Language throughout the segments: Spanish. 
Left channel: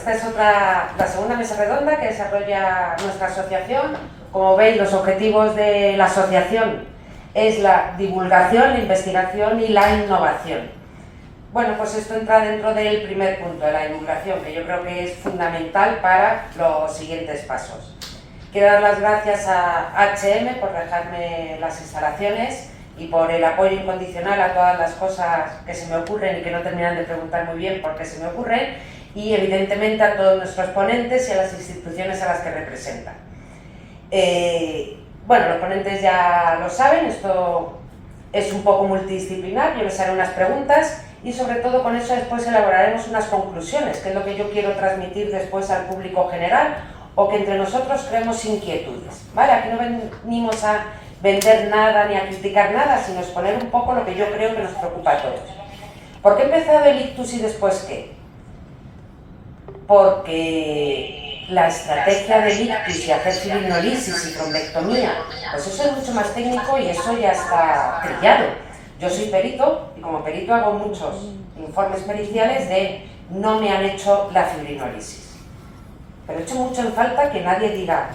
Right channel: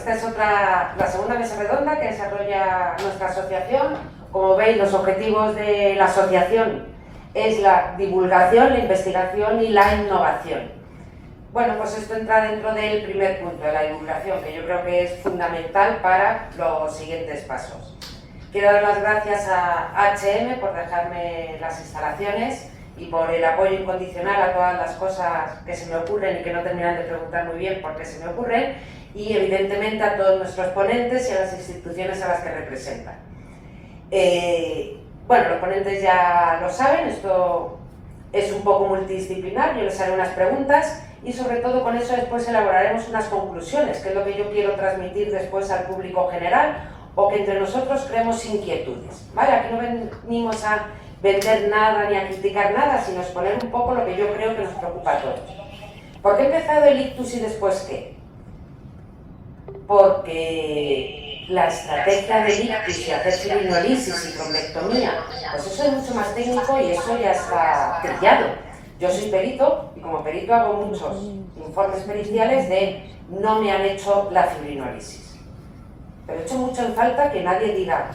esta es la segunda mesa redonda que desarrolla nuestra asociación. Como veis, los objetivos de la asociación es la divulgación, la investigación y la innovación. Bueno, pues esto entra dentro del primer punto, de la divulgación, que yo creo que es fundamental para los siguientes pasos. Quiero dar las gracias a H&M por dejarme las instalaciones y por el apoyo incondicional a todas las cosas que se me ocurren y que no terminan de preguntar muy bien por qué se me ocurren, y evidentemente a todos nuestros ponentes y a las instituciones a las que representan. Bueno, los ponentes ya lo saben, esto es un poco multidisciplinar, yo les haré unas preguntas y sobre todo con eso después elaboraremos unas conclusiones, que es lo que yo quiero transmitir después al público general, o que entre nosotros creemos inquietudes, ¿vale? Aquí no venimos a vender nada ni a criticar nada, sino a exponer un poco lo que yo creo que nos preocupa a todos. ¿Por qué he empezado el ictus y después qué? Porque la estrategia del ictus y hacer fibrinolisis y trombectomía, pues eso es mucho más técnico y eso ya está trillado. Yo soy perito y como perito hago muchos informes periciales de no me han hecho la fibrinolisis. Pero echo mucho en falta que nadie diga,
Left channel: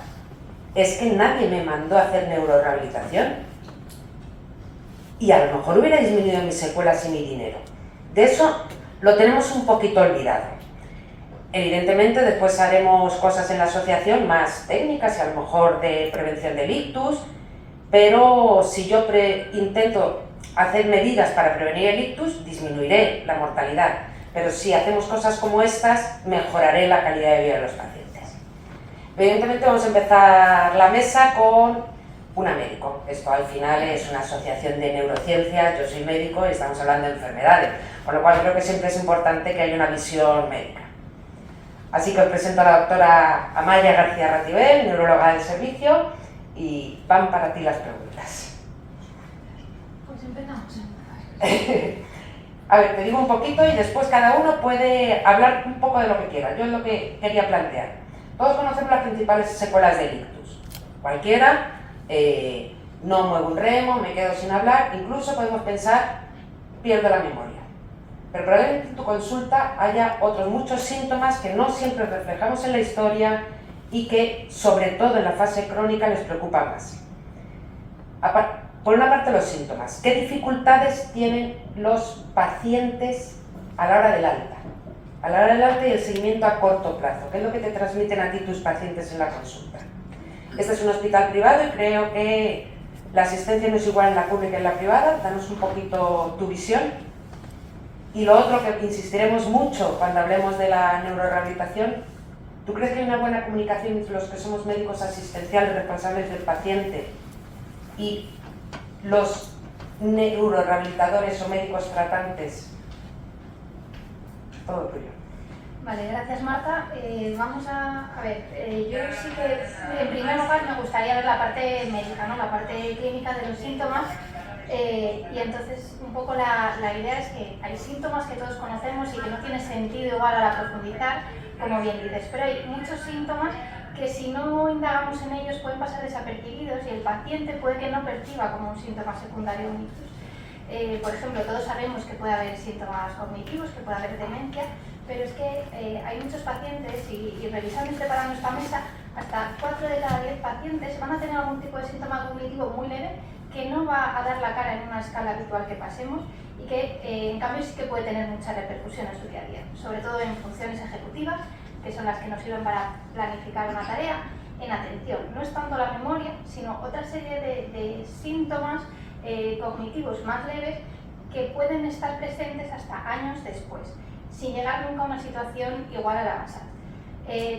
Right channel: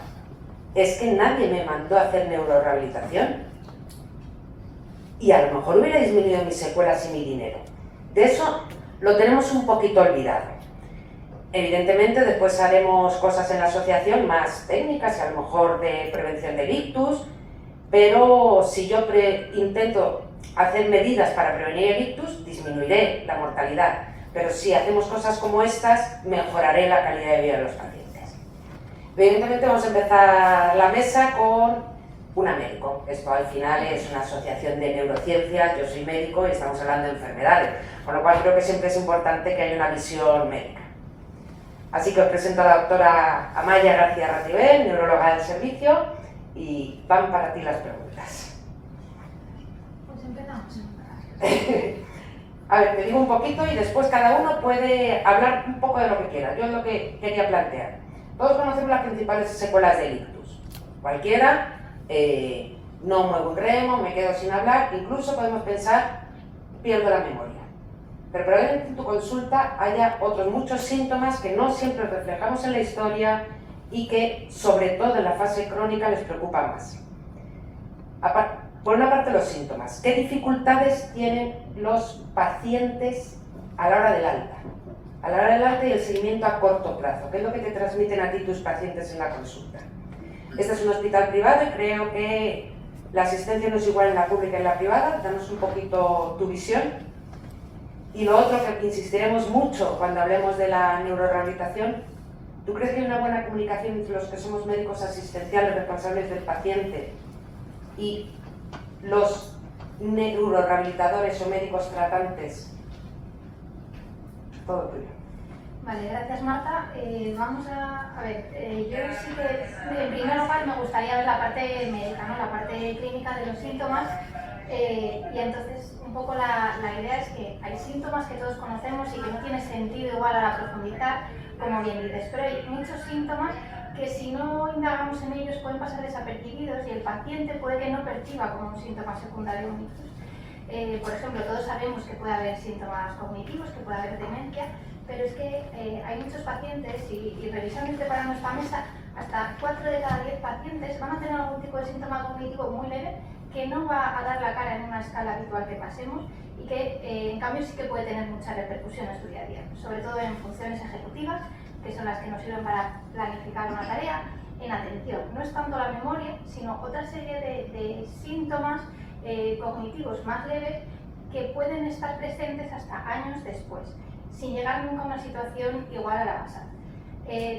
es que nadie me mandó a hacer neurorehabilitación y a lo mejor hubiera disminuido mis secuelas y mi dinero. De eso lo tenemos un poquito olvidado. Evidentemente después haremos cosas en la asociación más técnicas y a lo mejor de prevención del ictus, pero si yo intento hacer medidas para prevenir el ictus, disminuiré la mortalidad. Pero si hacemos cosas como estas, mejoraré la calidad de vida de los pacientes. Evidentemente vamos a empezar la mesa con una médico. Esto al final es una asociación de neurociencias, yo soy médico y estamos hablando de enfermedades, con lo cual creo que siempre es importante que haya una visión médica. Así que os presento a la doctora Amaya García Ratibel, neuróloga del servicio, y van para ti las preguntas. Pues empezamos. A ver, te digo un poquito y después cada uno puede hablar un poco de lo que quiera. Yo es lo que quería plantear. Todos conocemos las principales secuelas del ictus. Cualquiera, no muevo un remo, me quedo sin hablar, incluso podemos pensar, pierdo la memoria. Pero probablemente en tu consulta haya otros muchos síntomas que no siempre reflejamos en la historia y que, sobre todo en la fase crónica, les preocupa más. Por una parte, los síntomas. ¿Qué dificultades tienen los pacientes a la hora del alta? A la hora del alta y el seguimiento a corto plazo. ¿Qué es lo que te transmiten a ti tus pacientes en la consulta? Este es un hospital privado y creo que la asistencia no es igual en la pública y en la privada. Danos un poquito tu visión. Y lo otro que insistiremos mucho cuando hablemos de la neurorehabilitación, ¿tú crees que hay una buena comunicación entre los que somos médicos asistenciales responsables del paciente y los neurorehabilitadores o médicos tratantes? Todo tuyo. Vale, gracias Marta. Vamos a ver, yo sí que en primer lugar me gustaría ver la parte médica, ¿no? La parte clínica de los síntomas. Y entonces un poco la idea es que hay síntomas que todos conocemos y que no tiene sentido igual a la profundizar, como bien dices, pero hay muchos síntomas que si no indagamos en ellos pueden pasar desapercibidos y el paciente puede que no perciba como un síntoma secundario un ictus. Por ejemplo, todos sabemos que puede haber síntomas cognitivos, que puede haber demencia, pero es que hay muchos pacientes y revisando y preparando esta mesa, hasta 4 de cada 10 pacientes van a tener algún tipo de síntoma cognitivo muy leve que no va a dar la cara en una escala habitual que pasemos y que en cambio sí que puede tener mucha repercusión en su día a día, sobre todo en funciones ejecutivas, que son las que nos sirven para planificar una tarea, en atención. No es tanto la memoria, sino otra serie de síntomas cognitivos más leves que pueden estar presentes hasta años después, sin llegar nunca a una situación igual a la basal.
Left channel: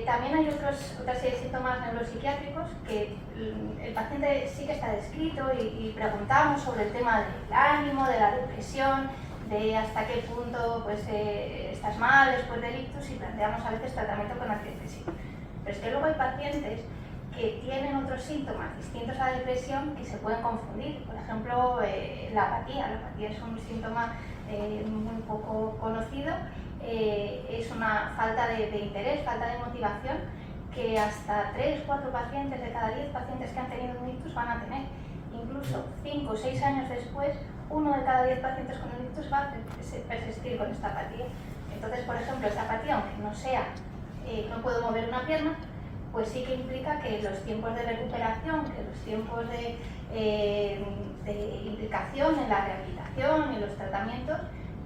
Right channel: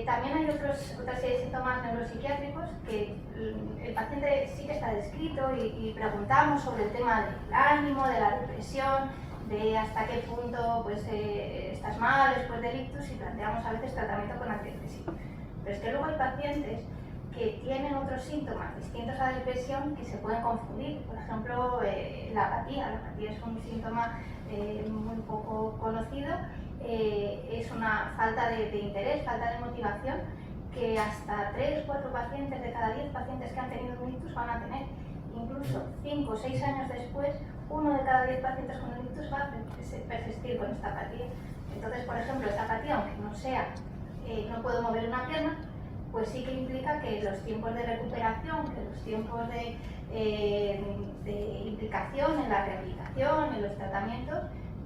También hay otra serie de síntomas neuropsiquiátricos que el paciente sí que está descrito y preguntamos sobre el tema del ánimo, de la depresión, de hasta qué punto pues, estás mal después del ictus y planteamos a veces tratamiento con antidepresivo. Pero es que luego hay pacientes que tienen otros síntomas distintos a la depresión que se pueden confundir. Por ejemplo, la apatía. La apatía es un síntoma muy poco conocido. Es una falta de interés, falta de motivación que hasta 3 o 4 pacientes de cada 10 pacientes que han tenido un ictus van a tener. Incluso 5 o 6 años después, 1 de cada 10 pacientes con el ictus va a persistir con esta apatía. Entonces, por ejemplo, esta apatía, aunque no sea no puedo mover una pierna, pues sí que implica que los tiempos de recuperación, que los tiempos de implicación en la rehabilitación, en los tratamientos,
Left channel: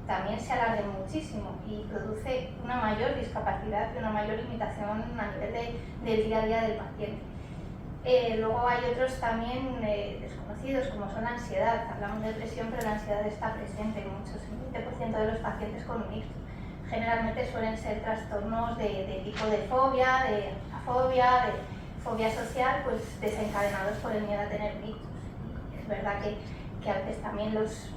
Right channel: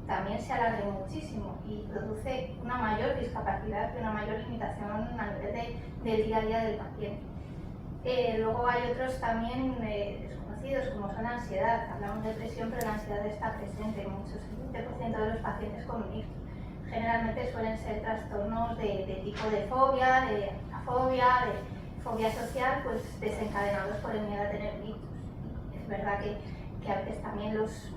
también se alarguen muchísimo y produce una mayor discapacidad y una mayor limitación a nivel del día a día del paciente. Luego hay otros también desconocidos, como son la ansiedad. Hablamos de depresión, pero la ansiedad está presente en muchos, el 20% de los pacientes con un ictus. Generalmente suelen ser trastornos de tipo de fobia, de afobia, de fobia social, pues desencadenados por el miedo a tener ictus. Es verdad que a veces también pues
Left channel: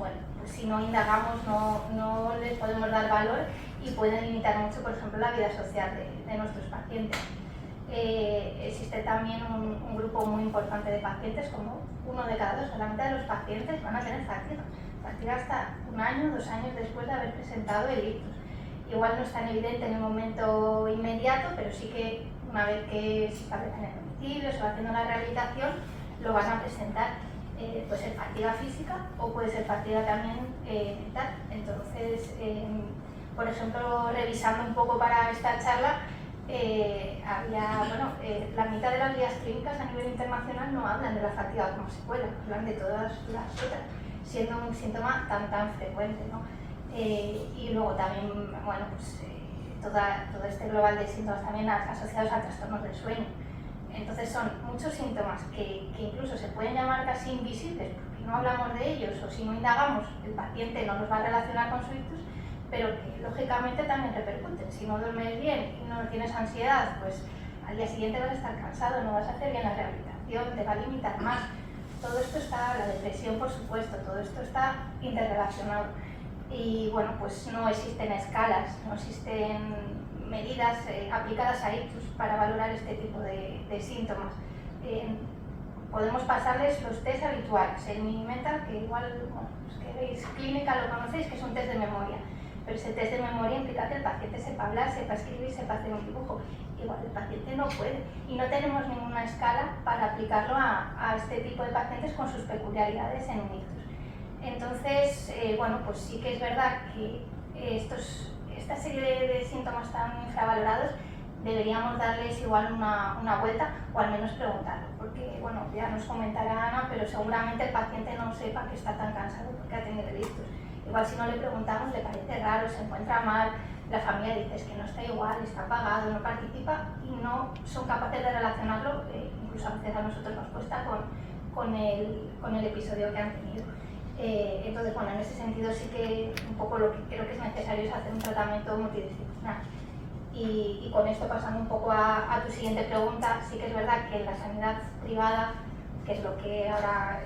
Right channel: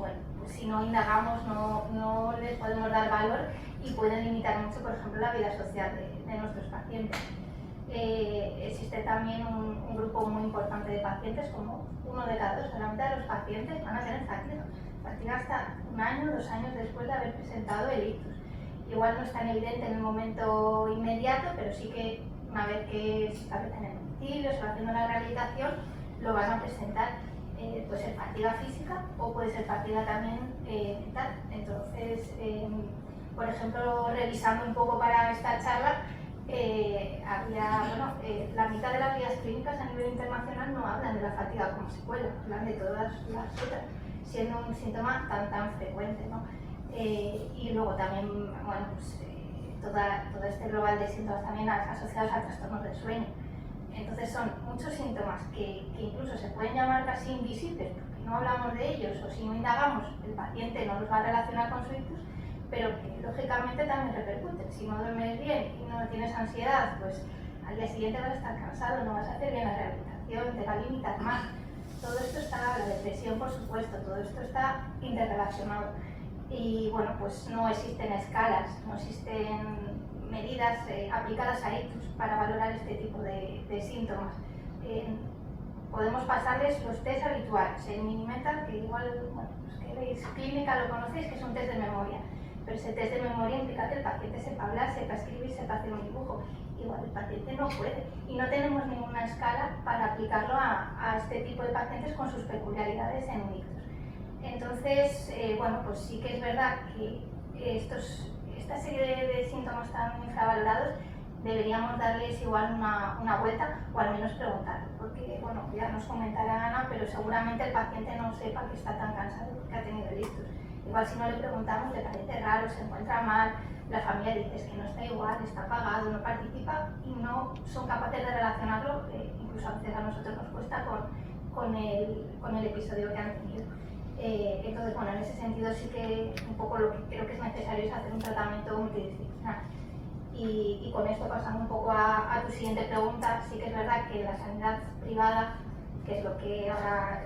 si no indagamos no les podemos dar valor y pueden limitar mucho, por ejemplo, la vida social de nuestros pacientes. Existe también un grupo muy importante de pacientes, como 1 de cada 2, solamente de los pacientes van a tener fatiga hasta 1 año, 2 años después de haber presentado el ictus. Igual no es tan evidente en el momento inmediato, pero sí que una vez que se establecen el domicilio, se va haciendo la rehabilitación, lo van a presentar. Puede ser fatiga física o puede ser fatiga también mental. Entonces, por ejemplo, revisando un poco para esta charla, la mitad de las guías clínicas a nivel internacional no hablan de la fatiga como secuela, hablan de todas las otras, siendo un síntoma tan frecuente, ¿no? Y luego también, bueno, pues todo este global de síntomas también asociados a trastornos del sueño. Entonces son muchos síntomas que incluso se pueden llamar casi invisibles porque no hablamos de ellos o si no indagamos el paciente no los va a relacionar con su ictus, pero que lógicamente también repercuten. Si no duermes bien y no tienes ansiedad, pues al día siguiente vas a estar cansado, no vas a hacer bien la rehabilitación, te va a limitar más. Todo esto está, la depresión por supuesto, todo esto está interrelacionado. Y bueno, pues no existen escalas, no existen medidas aplicadas a ictus para valorar este tipo de síntomas. Podemos pasarles los test habituales, el Minimeta, que igual, bueno, los que veis clínica lo conocéis, que es un test de memoria, pero ese test de memoria implica que el paciente sepa hablar, sepa escribir, sepa hacer un dibujo. Igual el paciente no puede y no tenemos ninguna escala para aplicarlo a este tipo de pacientes con sus peculiaridades en un ictus. Entonces, bueno, pues sí que es verdad que esta serie de síntomas tan infravalorados deberíamos darles igual una vuelta o al menos preguntarlo, porque bueno, ya nos comentará Ana, pero seguramente el paciente no sepa que está tan cansado porque ha tenido el ictus. Igual si no le preguntamos le parece raro, se encuentra mal, la familia dice es que no está igual, está apagado, no participa y no son capaces de relacionarlo, incluso a veces a nosotros nos cuesta con el episodio que han tenido. Entonces, bueno, en ese sentido sí que un poco lo que creo que es necesario es hacer un tratamiento multidisciplinar. Y con esto pasando un poco a tu siguiente pregunta, sí que es verdad que la sanidad privada, que es lo que ahora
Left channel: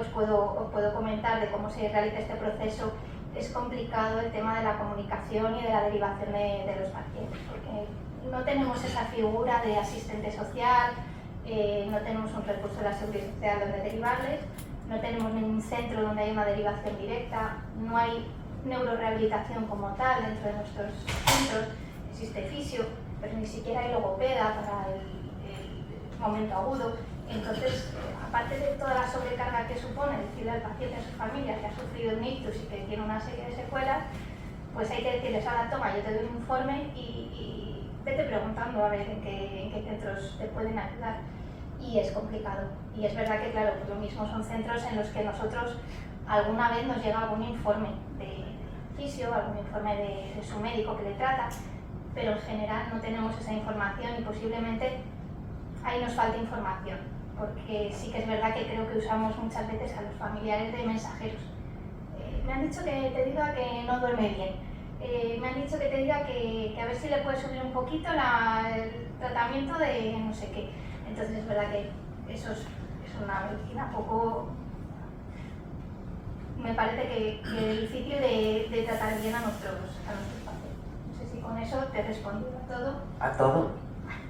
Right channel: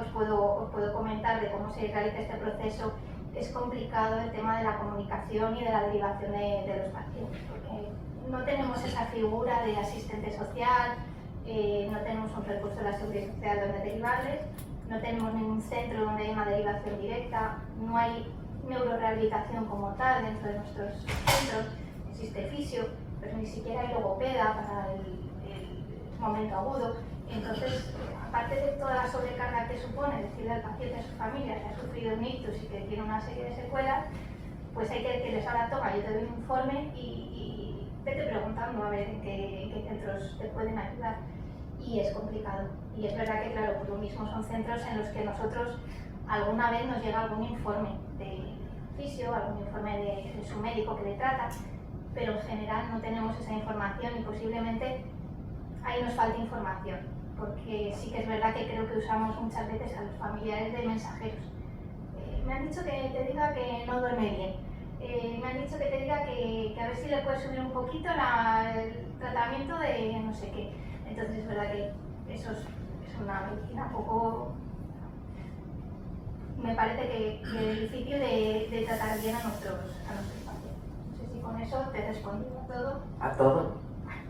os puedo comentar de cómo se realiza este proceso, es complicado el tema de la comunicación y de la derivación de los pacientes, porque no tenemos esa figura de asistente social, no tenemos un recurso de la seguridad social donde derivarles, no tenemos ningún centro donde hay una derivación directa, no hay neurorehabilitación como tal dentro de nuestros centros, existe fisio, pero ni siquiera hay logopeda para el momento agudo. Entonces, aparte de toda la sobrecarga que supone decirle al paciente, a su familia, que ha sufrido un ictus y que tiene una serie de secuelas, pues hay que decirles, ahora toma, yo te doy un informe y vete preguntando a ver en qué centros te pueden ayudar. Y es complicado. Y es verdad que, claro, pues lo mismo son centros en los que nosotros alguna vez nos llega algún informe de fisio, algún informe de su médico que le trata, pero en general no tenemos esa información y posiblemente ahí nos falta información, porque sí que es verdad que creo que usamos muchas veces a los familiares de mensajeros. Me han dicho que te diga que no duerme bien, me han dicho que te diga que a ver si le puedes subir un poquito el tratamiento de no sé qué. Entonces es verdad que eso es una medicina poco, me parece que es difícil de tratar bien a nuestros pacientes. No sé si con eso te he respondido a todo. A todo.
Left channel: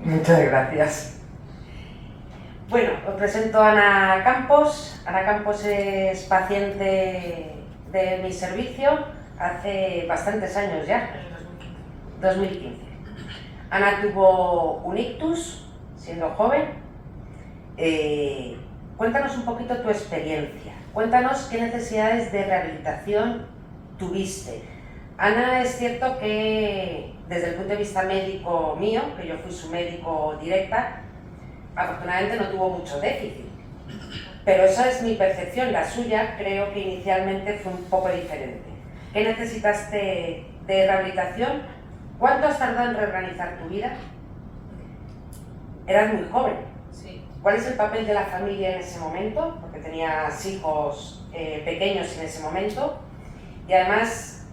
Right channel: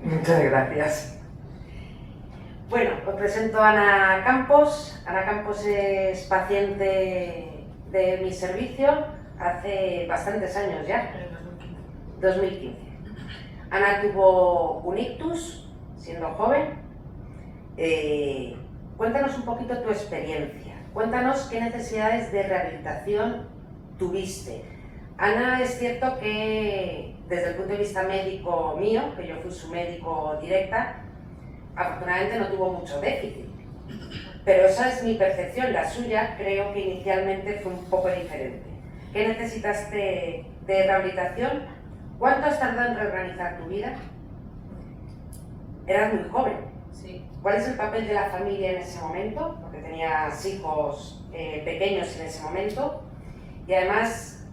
Muchas gracias. Bueno, os presento a Ana Campos. Ana Campos es paciente de mi servicio hace bastantes años ya. 2015. Ana tuvo un ictus siendo joven. Cuéntanos un poquito tu experiencia. Cuéntanos qué necesidades de rehabilitación tuviste. Ana es cierto que desde el punto de vista médico mío, que yo fui su médico directa, afortunadamente no tuvo mucho déficit. Pero esa es mi percepción, la suya creo que inicialmente fue un poco diferente. ¿Qué necesitaste de rehabilitación? ¿Cuánto has tardado en reorganizar tu vida? Eras muy joven. Sí. ¿Cuál es el papel de la familia en ese momento? Porque tenías hijos pequeños en ese momento. Y además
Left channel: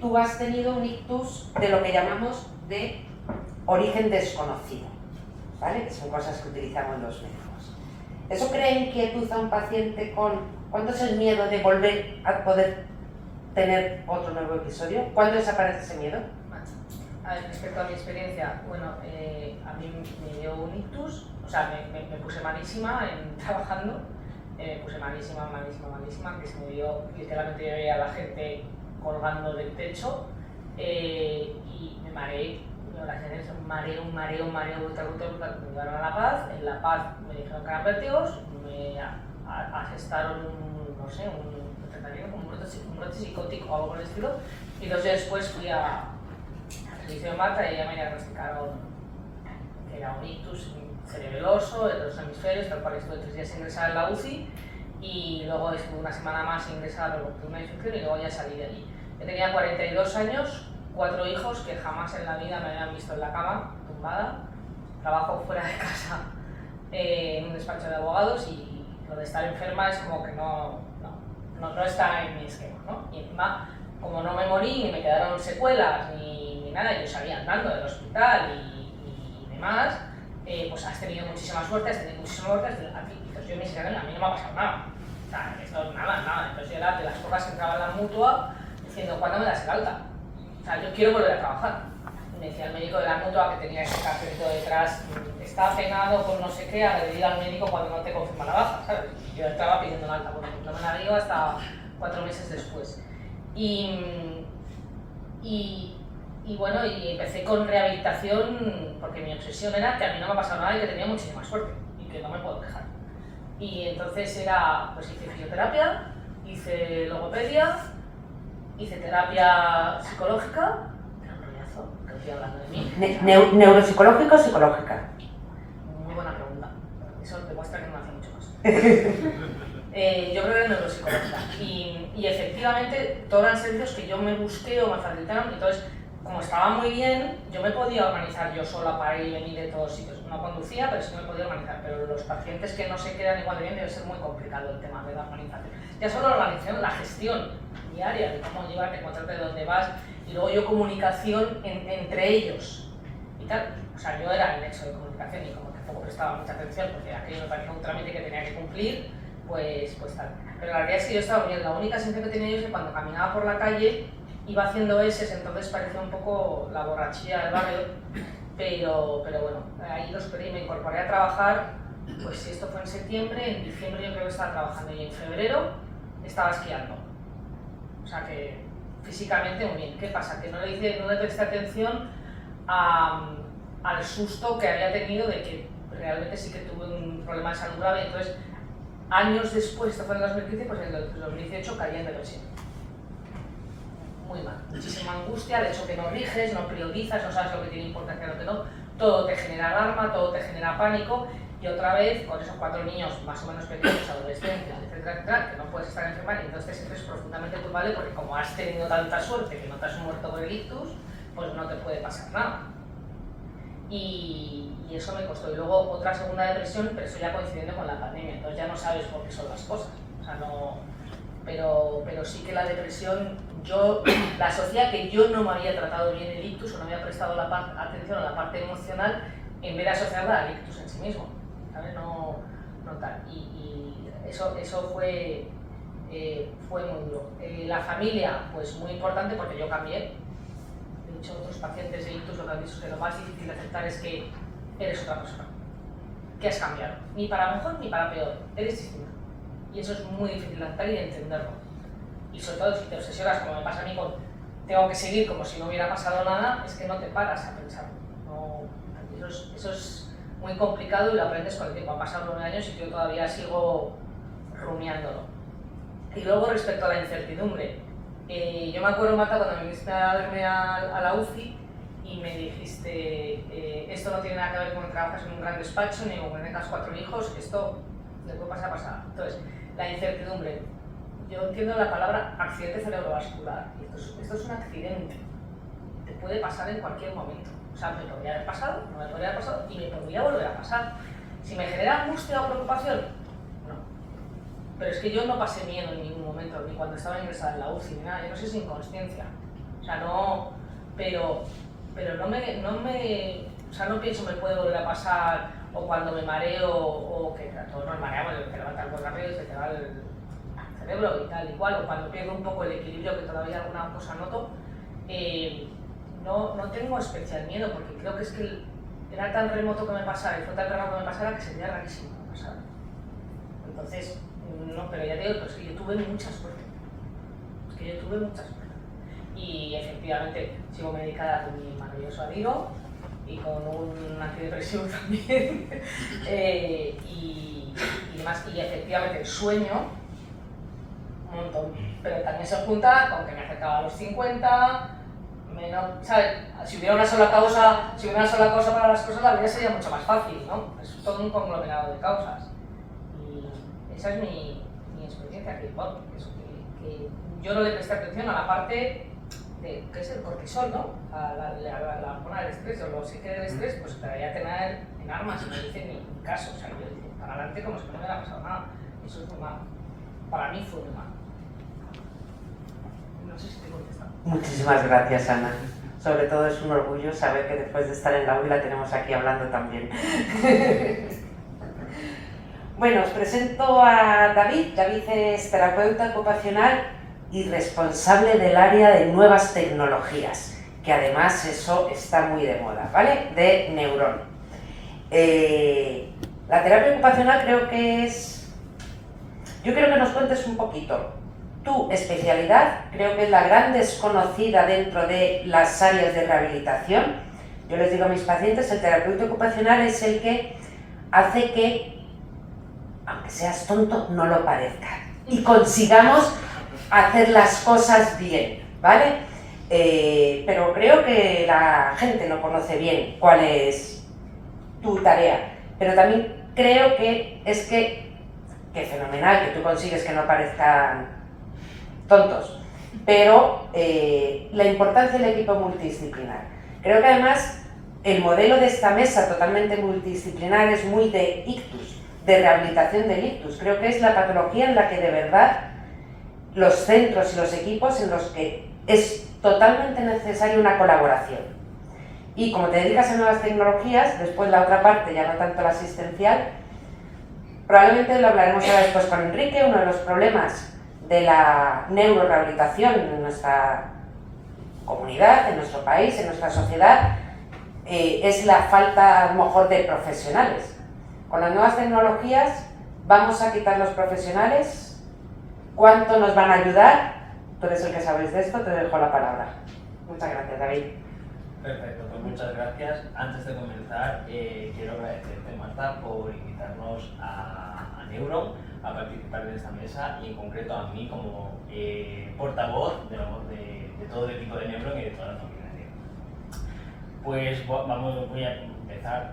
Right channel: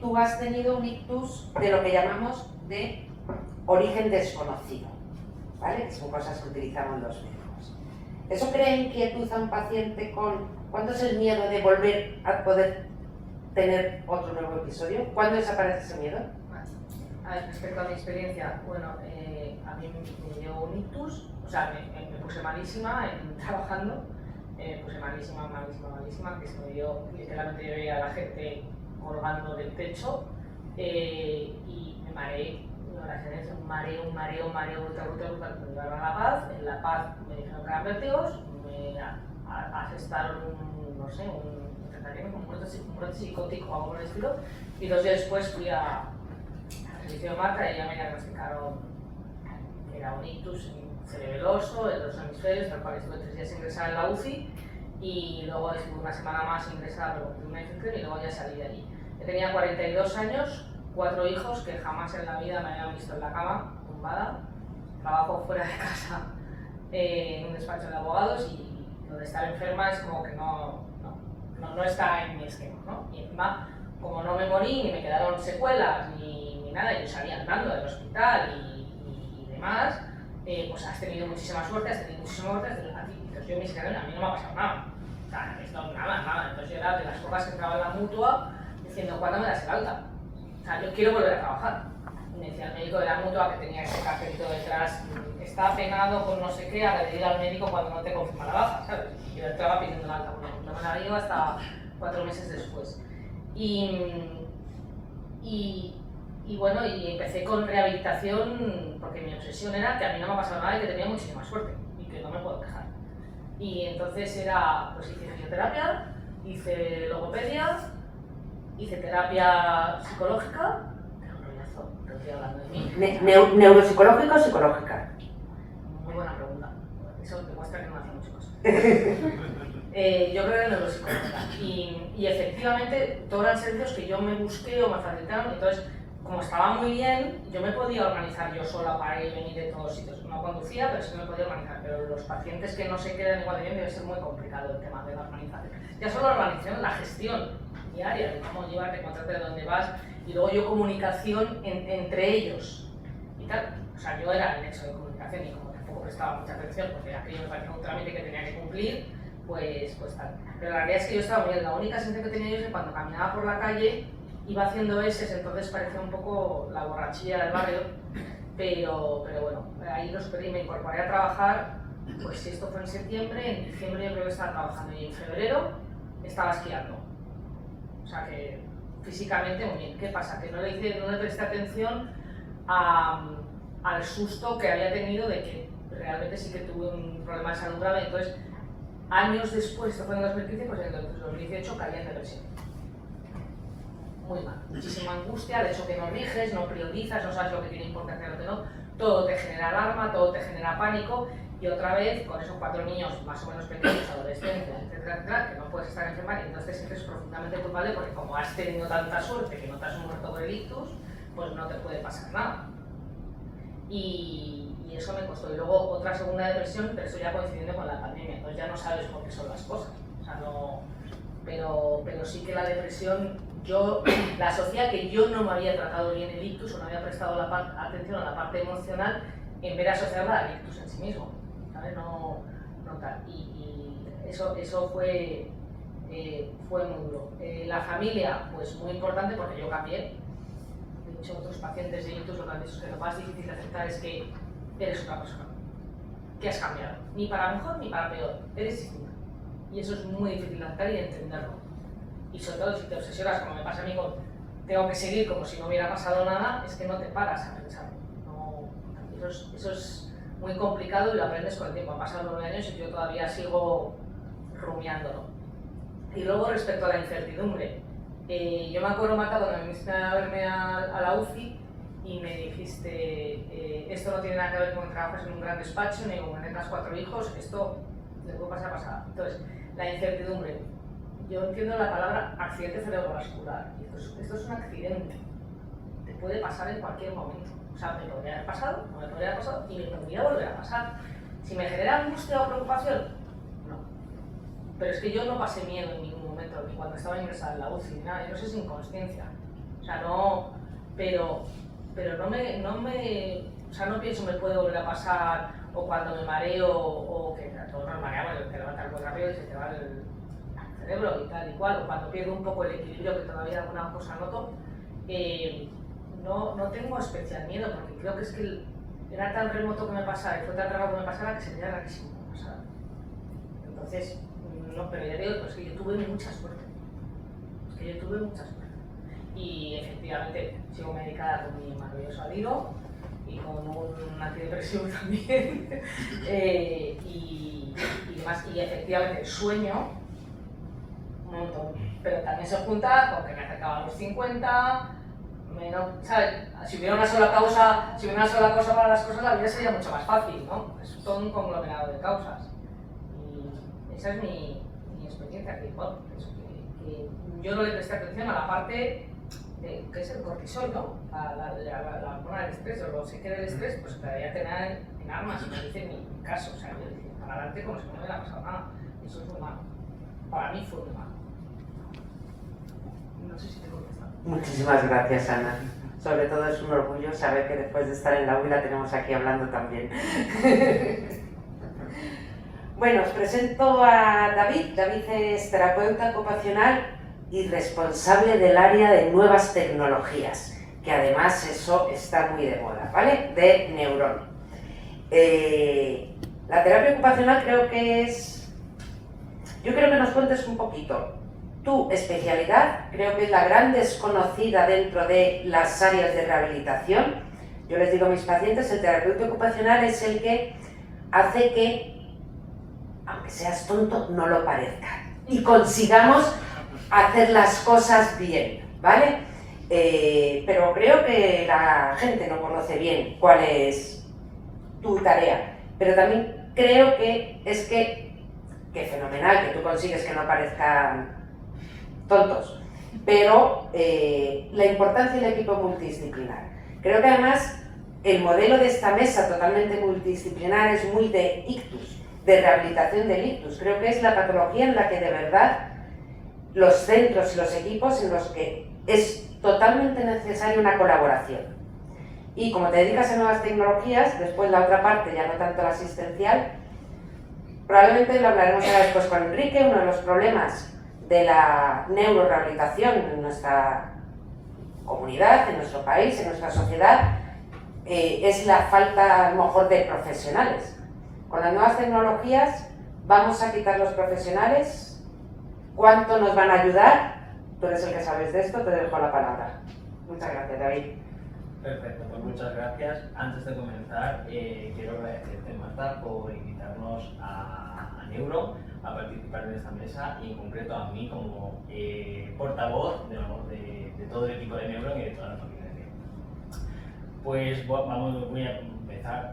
tú has tenido un ictus de lo que llamamos de origen desconocido, ¿vale? Que son cosas que utilizamos los médicos. ¿Eso crea inquietud a un paciente con cuándo es el miedo de volver a poder tener otro nuevo episodio? ¿Cuándo desaparece ese miedo? A ver, respecto a mi experiencia, bueno, a mí me dio un ictus, o sea, me puse malísima trabajando, me puse malísima, que se me dio, literalmente yo veía a la gente colgando del techo y me mareé. Un mareo brutal. Me llevaron a La Paz, en La Paz me dijeron que eran vértigos, me asestaron un tratamiento, como un brote psicótico o algo por el estilo, y 2 días después fui al servicio de Marta y ella me diagnosticaron que era un ictus cerebeloso en los hemisferios, tal cual estuve 3 días ingresada en la UCI y luego estuve una semana más ingresada por una infección y luego ya salí de allí. Yo tenía 42 años, 4 hijos que jamás en la vida me habían visto en la cama, tumbada. Trabajo fuera de casa en un despacho de abogados y lo de estar enferma es como que no está en mi esquema, ¿no? Y encima, como no me morí ni me quedaron secuelas ni nada, yo salía andando del hospital y demás, pues has tenido muchísima suerte, entonces yo me dije, a mí no me ha pasado nada. O sea, esto nada. Entonces yo era de las pocas que entraba en la mutua diciendo, ¿cuándo me das el alta? O sea, yo quiero volver a trabajar. Y me decía el médico de la mutua que tenía ese cartelito detrás, está penado con no sé qué, a ir al médico cuando no te confirma la baja, ¿sabes? Yo estaba pidiendo una alta, bueno, no me la dio hasta 4 meses después. Y bueno, y empecé con rehabilitación porque mi obsesión era que a mí no me ha pasado nada y que tenía muchísima suerte y que no me puedo quejar. Y entonces pues hice fisioterapia, hice logopedia, hice terapia psicológica, era un rollazo, que estoy hablando de mí. ¿Neuropsicológica o psicológica? Muy buena pregunta, eso demuestra que no me hace mucho caso. Yo creo que era neuropsicológica y efectivamente todos eran servicios que yo me busqué o me facilitaron, entonces como estaba muy bien, yo me podía organizar yo sola para ir y venir de todos sitios. No conducía, pero sí me podía organizar, pero los pacientes que no se quedan igual de bien debe ser muy complicado el tema de la organización. Ya solo la organización, la gestión diaria, de cómo llevarte, encontrarte de dónde vas, y luego yo comunicación entre ellos y tal. O sea, yo era el nexo de comunicación y como tampoco prestaba mucha atención porque aquello me parecía un trámite que tenía que cumplir, pues tal. Pero la realidad es que yo estaba bien, la única sensación que tenía yo es que cuando caminaba por la calle iba haciendo eses, entonces parecía un poco la borrachilla del barrio, pero bueno, ahí lo superé y me incorporé a trabajar, pues si esto fue en septiembre, en diciembre yo creo que estaba trabajando y en febrero estaba esquiando. O sea que físicamente muy bien. ¿Qué pasa? Que no le presté atención al susto que había tenido de que realmente sí que tuve un problema de salud grave. Entonces, años después, esto fue en 2015, pues en el 2018 caí en depresión. Muy mal, muchísima angustia, de hecho que no riges, no priorizas, no sabes lo que tiene importancia y lo que no, todo te genera alarma, todo te genera pánico y otra vez con esos 4 niños más o menos pequeños, adolescentes, etcétera, que no puedes estar enferma y entonces te sientes profundamente culpable porque como has tenido tanta suerte que no te has muerto por el ictus, pues no te puede pasar nada. Y eso me costó. Y luego otra segunda depresión, pero eso ya coincidiendo con la pandemia, entonces ya no sabes por qué son las cosas. O sea, no, pero sí que la depresión, yo la asocié a que yo no me había tratado bien el ictus o no había prestado atención a la parte emocional en vez de asociarla al ictus en sí mismo, ¿sabes? No tal. Y eso fue muy duro. La familia, pues muy importante porque yo cambié. De hecho, otros pacientes de ictus lo que han dicho es que lo más difícil de aceptar es que eres otra persona, que has cambiado, ni para mejor ni para peor, eres distinto. Y eso es muy difícil de aceptar y de entenderlo. Y sobre todo si te obsesionas, como me pasa a mí con tengo que seguir como si no hubiera pasado nada, es que no te paras a pensar. Eso es muy complicado y lo aprendes con el tiempo. Han pasado 9 años y yo todavía sigo rumiándolo. Y luego respecto a la incertidumbre, yo me acuerdo, Marta, cuando me viniste a verme a la UCI, y me dijiste, esto no tiene nada que ver con que trabajas en un gran despacho ni con que tengas 4 hijos, esto le puede pasar. Entonces, la incertidumbre. Yo entiendo la palabra accidente cerebrovascular. Esto es un accidente. Te puede pasar en cualquier momento. O sea, me podría haber pasado, no me podría haber pasado y me podría volver a pasar. Si me genera angustia o preocupación, no. Pero es que yo no pasé miedo en ningún momento, ni cuando estaba ingresada en la UCI, ni nada. Yo no sé, sin inconsciencia. O sea, no. Pero o sea, no pienso me puede volver a pasar o cuando me mareo o que a todos nos mareamos, que levanta el cuello arriba y se te va el cerebro y tal y cual, o cuando pierdo un poco el equilibrio, que todavía alguna cosa noto, no tengo especial miedo porque creo que es que era tan remoto que me pasara y fue tan raro que me pasara que sería rarísimo que me pasara. Entonces, no, pero ya te digo, es que yo tuve mucha suerte. Y efectivamente sigo medicada con mi maravilloso Adiro y con un antidepresivo también y demás. Y efectivamente el sueño, un montón, pero también se junta con que me acercaba a los 50, ¿sabes? Si hubiera una sola causa para las cosas, la vida sería mucho más fácil, ¿no? Es todo un conglomerado de causas. Y esa es mi experiencia, que yo no le presté atención a la parte que es el cortisol, ¿no? La hormona del estrés, o lo sé que del estrés, pues te debería tener en armas, y no dice ni caso. O sea, yo dije, para adelante como si no me hubiera pasado nada. Y eso es muy malo. Para mí fue muy malo. No sé si te he contestado. Muchísimas gracias, Ana. Sobre todo es un orgullo saber que después de estar en la UI la tenemos aquí hablando también. Bueno, os presento a David. David es terapeuta ocupacional y responsable del área de nuevas tecnologías, que además eso está muy de moda, ¿vale? De Neuron. La terapia ocupacional creo que es... Yo quiero que nos cuentes un poquito. Tu especialidad creo que es la gran desconocida dentro de las áreas de rehabilitación. Yo les digo a mis pacientes, el terapeuta ocupacional es el que hace que, aunque seas tonto, no lo parezca y consigamos hacer las cosas bien, ¿vale? Pero creo que la gente no conoce bien cuál es tu tarea, pero también creo que es que fenomenal que tú consigues que no parezcan tontos, pero la importancia del equipo multidisciplinar. Creo que además el modelo de esta mesa totalmente multidisciplinar es muy de ictus, de rehabilitación del ictus. Creo que es la patología en la que de verdad los centros y los equipos en los que es totalmente necesaria una colaboración. Y como te dedicas a nuevas tecnologías, después la otra parte, ya no tanto la asistencial, probablemente lo hablaremos ahora después con Enrique. Uno de los problemas de la neurorehabilitación en nuestra comunidad, en nuestro país, en nuestra sociedad, es la falta a lo mejor de profesionales. Con las nuevas tecnologías vamos a quitar los profesionales. ¿Cuánto nos van a ayudar? Tú eres el que sabes de esto, te dejo la palabra. Muchas gracias, David. Perfecto, pues muchas gracias. Antes de comenzar, quiero agradecerte, Marta, por invitarnos a Neuron a participar en esta mesa y en concreto a mí como portavoz de todo el equipo de Neuron y de toda la familia de Neuron. Pues voy a empezar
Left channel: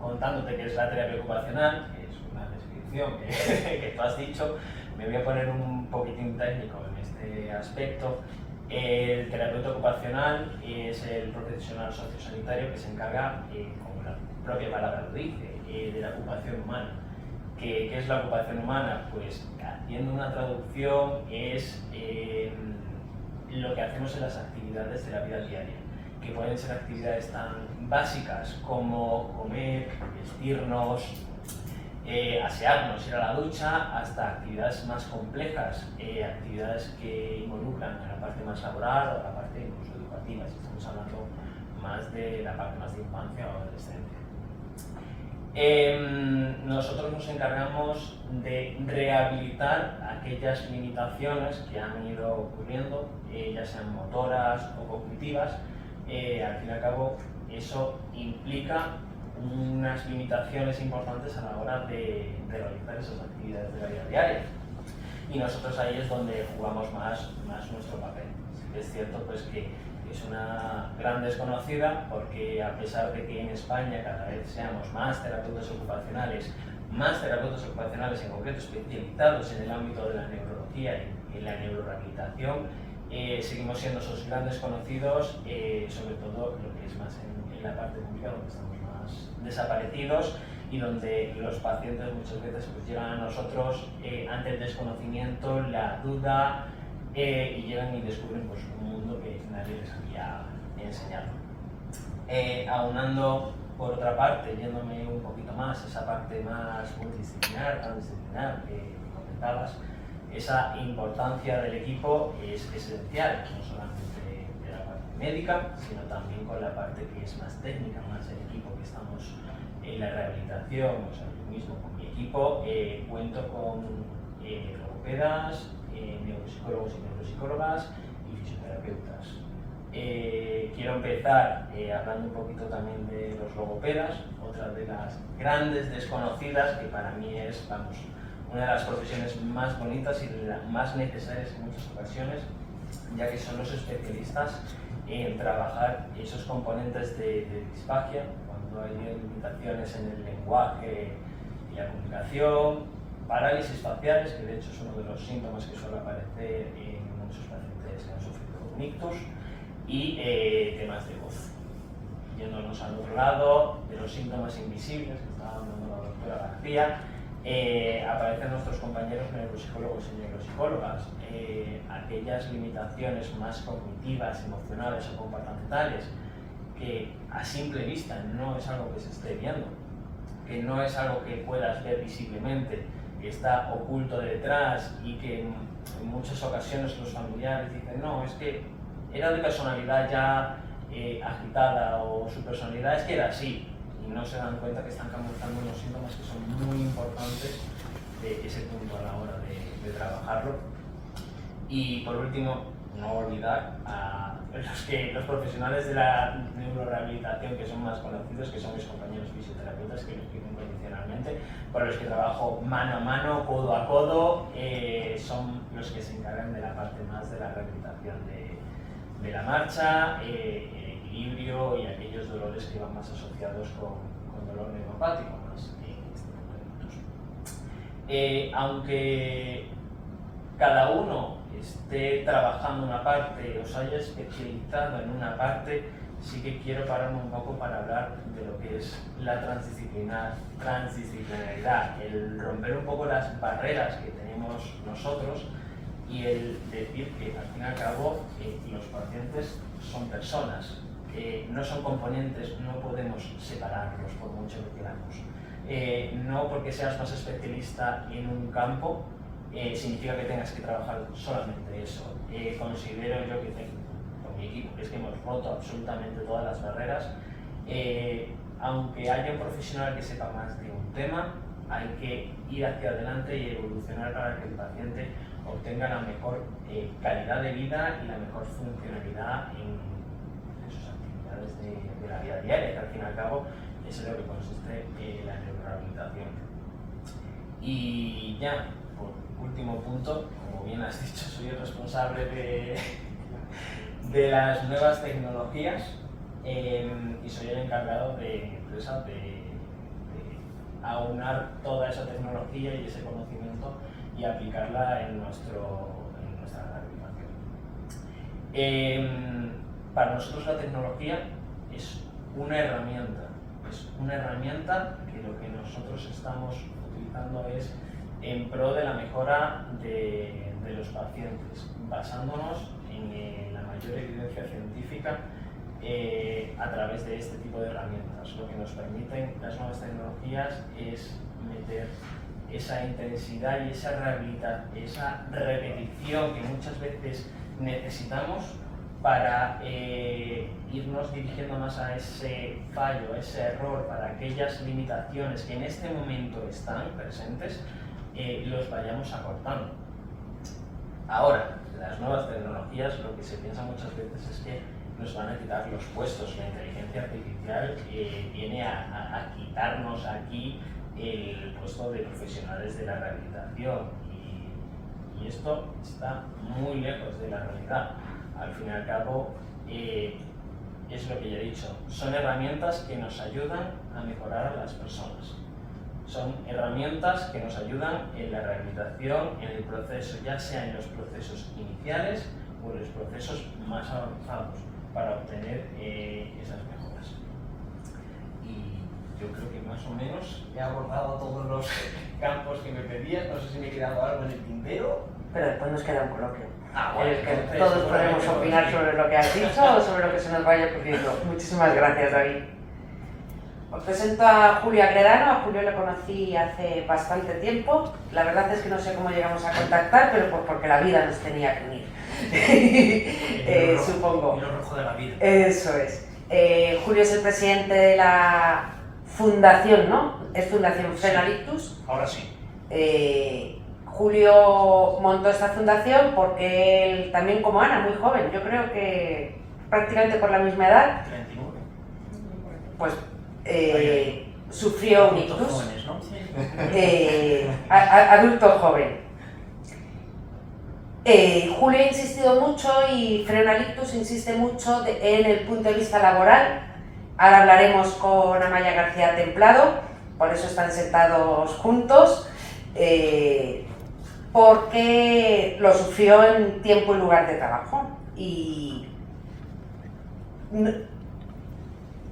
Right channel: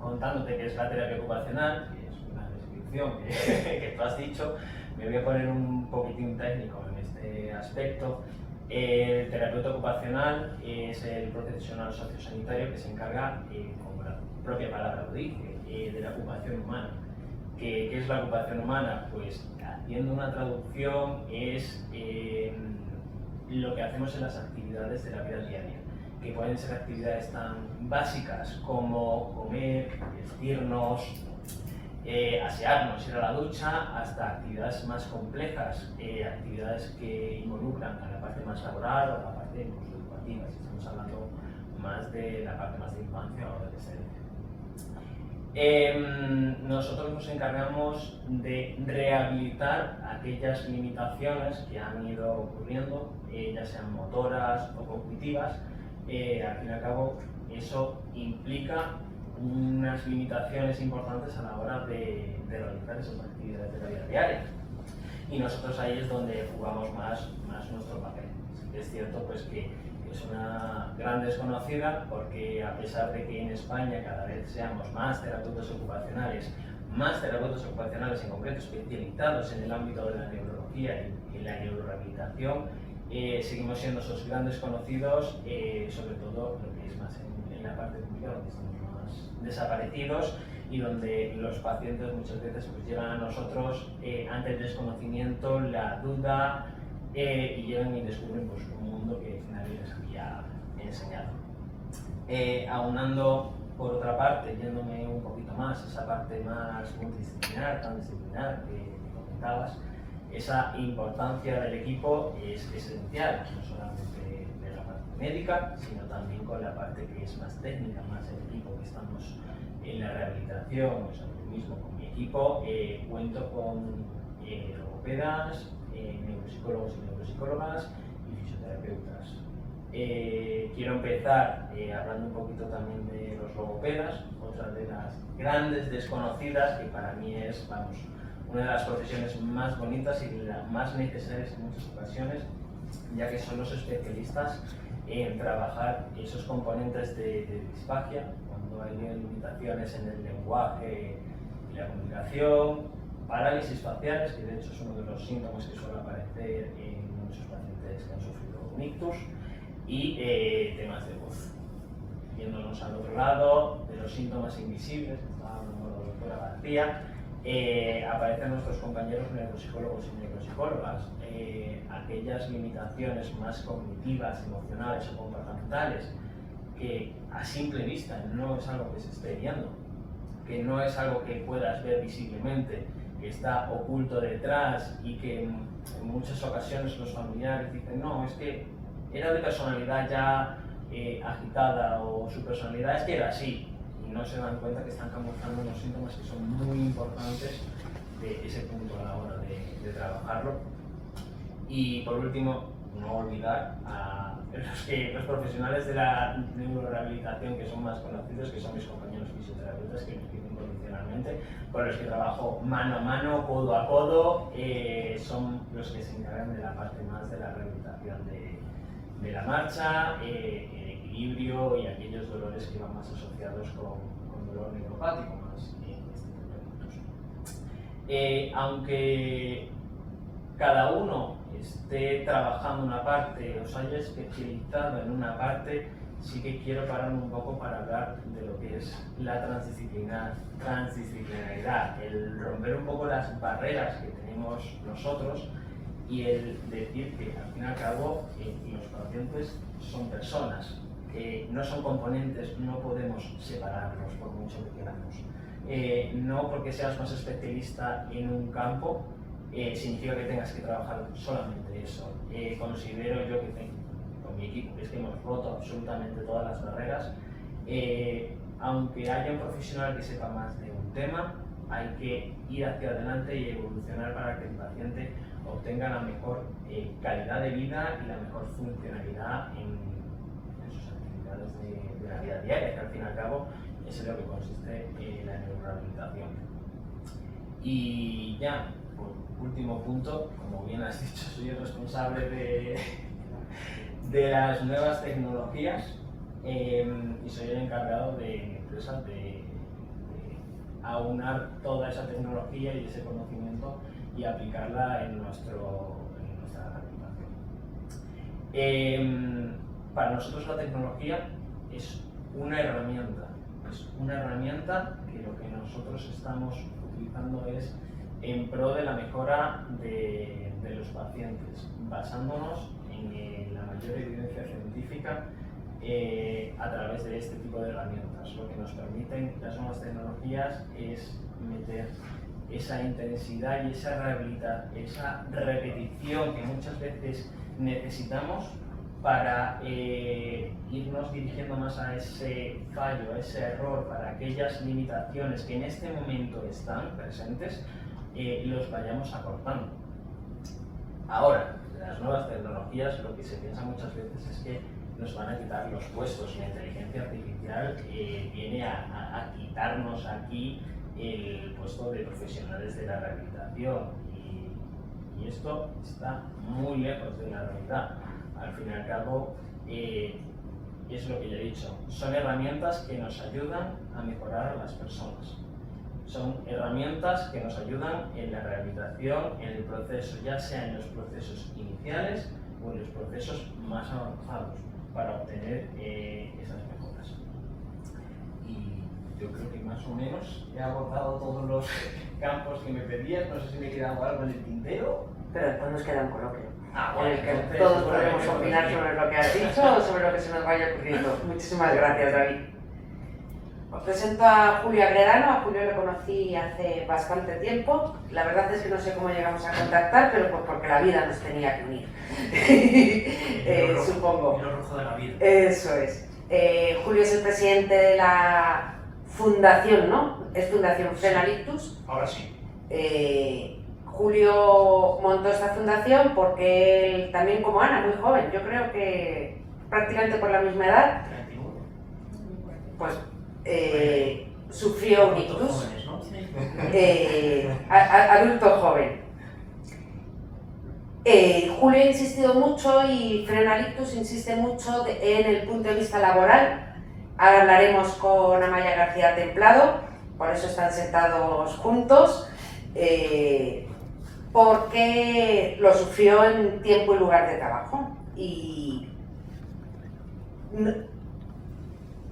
contándote qué es la terapia ocupacional, que es una descripción que tú has dicho. Me voy a poner un poquitín técnico en este aspecto. El terapeuta ocupacional es el profesional sociosanitario que se encarga, como la propia palabra lo dice, de la ocupación humana. ¿Qué es la ocupación humana? Pues haciendo una traducción es lo que hacemos en las actividades de la vida diaria, que pueden ser actividades tan básicas como comer, vestirnos, asearnos, ir a la ducha, hasta actividades más complejas, actividades que involucran a la parte más laboral o a la parte incluso educativa, si estamos hablando más de la parte más de infancia o adolescencia. Nosotros nos encargamos de rehabilitar aquellas limitaciones que han ido ocurriendo, ya sean motoras o cognitivas. Al fin y al cabo, eso implica unas limitaciones importantes a la hora de realizar esas actividades de la vida diaria. Y nosotros ahí es donde jugamos más nuestro papel. Sí que es cierto pues, que es una gran desconocida porque a pesar de que en España cada vez seamos más terapeutas ocupacionales en concreto especializados en el ámbito de la neurología y la neurorehabilitación, seguimos siendo esos grandes conocidos, sobre todo lo que es más en la parte pública, donde estamos más desaparecidos y donde los pacientes muchas veces pues, llegan a nosotros ante el desconocimiento, la duda, y llegan y descubren pues, un mundo que nadie les había enseñado. Aunando, por otra parte, yéndome un poquito más, esa parte más multidisciplinar, transdisciplinar que comentabas, esa importancia del equipo es esencial, no solamente de la parte médica, sino también con la parte que es más técnica, más el equipo que estamos en la rehabilitación. O sea, yo mismo con mi equipo cuento con logopedas, neuropsicólogos y neuropsicólogas y fisioterapeutas. Quiero empezar hablando un poquito también de los logopedas, otra de las grandes desconocidas que para mí es, vamos, una de las profesiones más bonitas y más necesarias en muchas ocasiones, ya que son los especialistas en trabajar esos componentes de disfagia, cuando hay limitaciones en el lenguaje y la comunicación, parálisis faciales, que de hecho es uno de los síntomas que suele aparecer en muchos pacientes que han sufrido un ictus, y temas de voz. Yéndonos al otro lado, de los síntomas invisibles, que estaba hablando la doctora García, aparecen nuestros compañeros neuropsicólogos y neuropsicólogas, aquellas limitaciones más cognitivas, emocionales o comportamentales, que a simple vista no es algo que se esté viendo, que no es algo que puedas ver visiblemente, que está oculto detrás y que en muchas ocasiones los familiares dicen no, es que era de personalidad ya agitada o su personalidad es que era así, y no se dan cuenta que están camuflando unos síntomas que son muy importantes de ese punto a la hora de trabajarlo. Y por último, no olvidar a los profesionales de la neurorehabilitación que son más conocidos, que son mis compañeros fisioterapeutas que me escriben condicionalmente, con los que trabajo mano a mano, codo a codo, son los que se encargan de la parte más de la rehabilitación de la marcha, el equilibrio y aquellos dolores que van más asociados con dolor neuropático, más este tipo de productos. Aunque cada uno esté trabajando una parte o se haya especializado en una parte, sí que quiero pararme un poco para hablar de lo que es la transdisciplinaridad, el romper un poco las barreras que tenemos nosotros y el decir que al fin y al cabo los pacientes son personas, no son componentes, no podemos separarlos por mucho que queramos. No porque seas más especialista en un campo significa que tengas que trabajar solamente eso. Considero yo que con mi equipo es que hemos roto absolutamente todas las barreras. Aunque haya un profesional que sepa más de un tema, hay que ir hacia adelante y evolucionar para que el paciente obtenga la mejor calidad de vida y la mejor funcionalidad en sus actividades de la vida diaria, que al fin y al cabo es en lo que consiste la neurorehabilitación. Y ya, por último punto, como bien has dicho, soy el responsable de las nuevas tecnologías y soy el encargado de mi empresa de aunar toda esa tecnología y ese conocimiento y aplicarla en nuestra rehabilitación. Para nosotros la tecnología es una herramienta que lo que nosotros estamos utilizando es en pro de la mejora de los pacientes, basándonos en la mayor evidencia científica a través de este tipo de herramientas. Lo que nos permiten las nuevas tecnologías es meter esa intensidad y esa repetición que muchas veces necesitamos para irnos dirigiendo más a ese fallo, a ese error, para aquellas limitaciones que en este momento están presentes, los vayamos acortando. Ahora, las nuevas tecnologías, lo que se piensa muchas veces es que nos van a quitar los puestos. La inteligencia artificial viene a quitarnos aquí el puesto de profesionales de la rehabilitación y esto está muy lejos de la realidad. Al fin y al cabo, es lo que ya he dicho, son herramientas que nos ayudan a mejorar a las personas. Son herramientas que nos ayudan en la rehabilitación, en el proceso, ya sea en los procesos iniciales o en los procesos más avanzados, para obtener esas mejoras. Y yo creo que más o menos he abordado todos los campos que me pedías, no sé si me he quedado algo en el tintero. Pero después nos queda un coloquio. Bueno, en el que entonces, todos seguramente podemos opinar sobre lo que has dicho o sobre lo que se nos vaya ocurriendo. Muchísimas gracias, David. Os presento a Julio Agredano. A Julio lo conocí hace bastante tiempo. La verdad es que no sé cómo llegamos a contactar, pero pues porque la vida nos tenía que unir. Supongo. Y lo rojo de la vida. Eso es. Julio es el presidente de la fundación, ¿no? Es Fundación Frenalitus. Ahora sí. Julio montó esta fundación porque él, también como Ana, muy joven, yo creo que prácticamente por la misma edad, 39. pues sufrió un ictus, Jóvenes, ¿no? adulto joven. Julio ha insistido mucho y Frenalitus insiste mucho en el punto de vista laboral. Ahora hablaremos con Amaya García Templado, por eso están sentados juntos. Porque lo sufrió en tiempo y lugar de trabajo. Y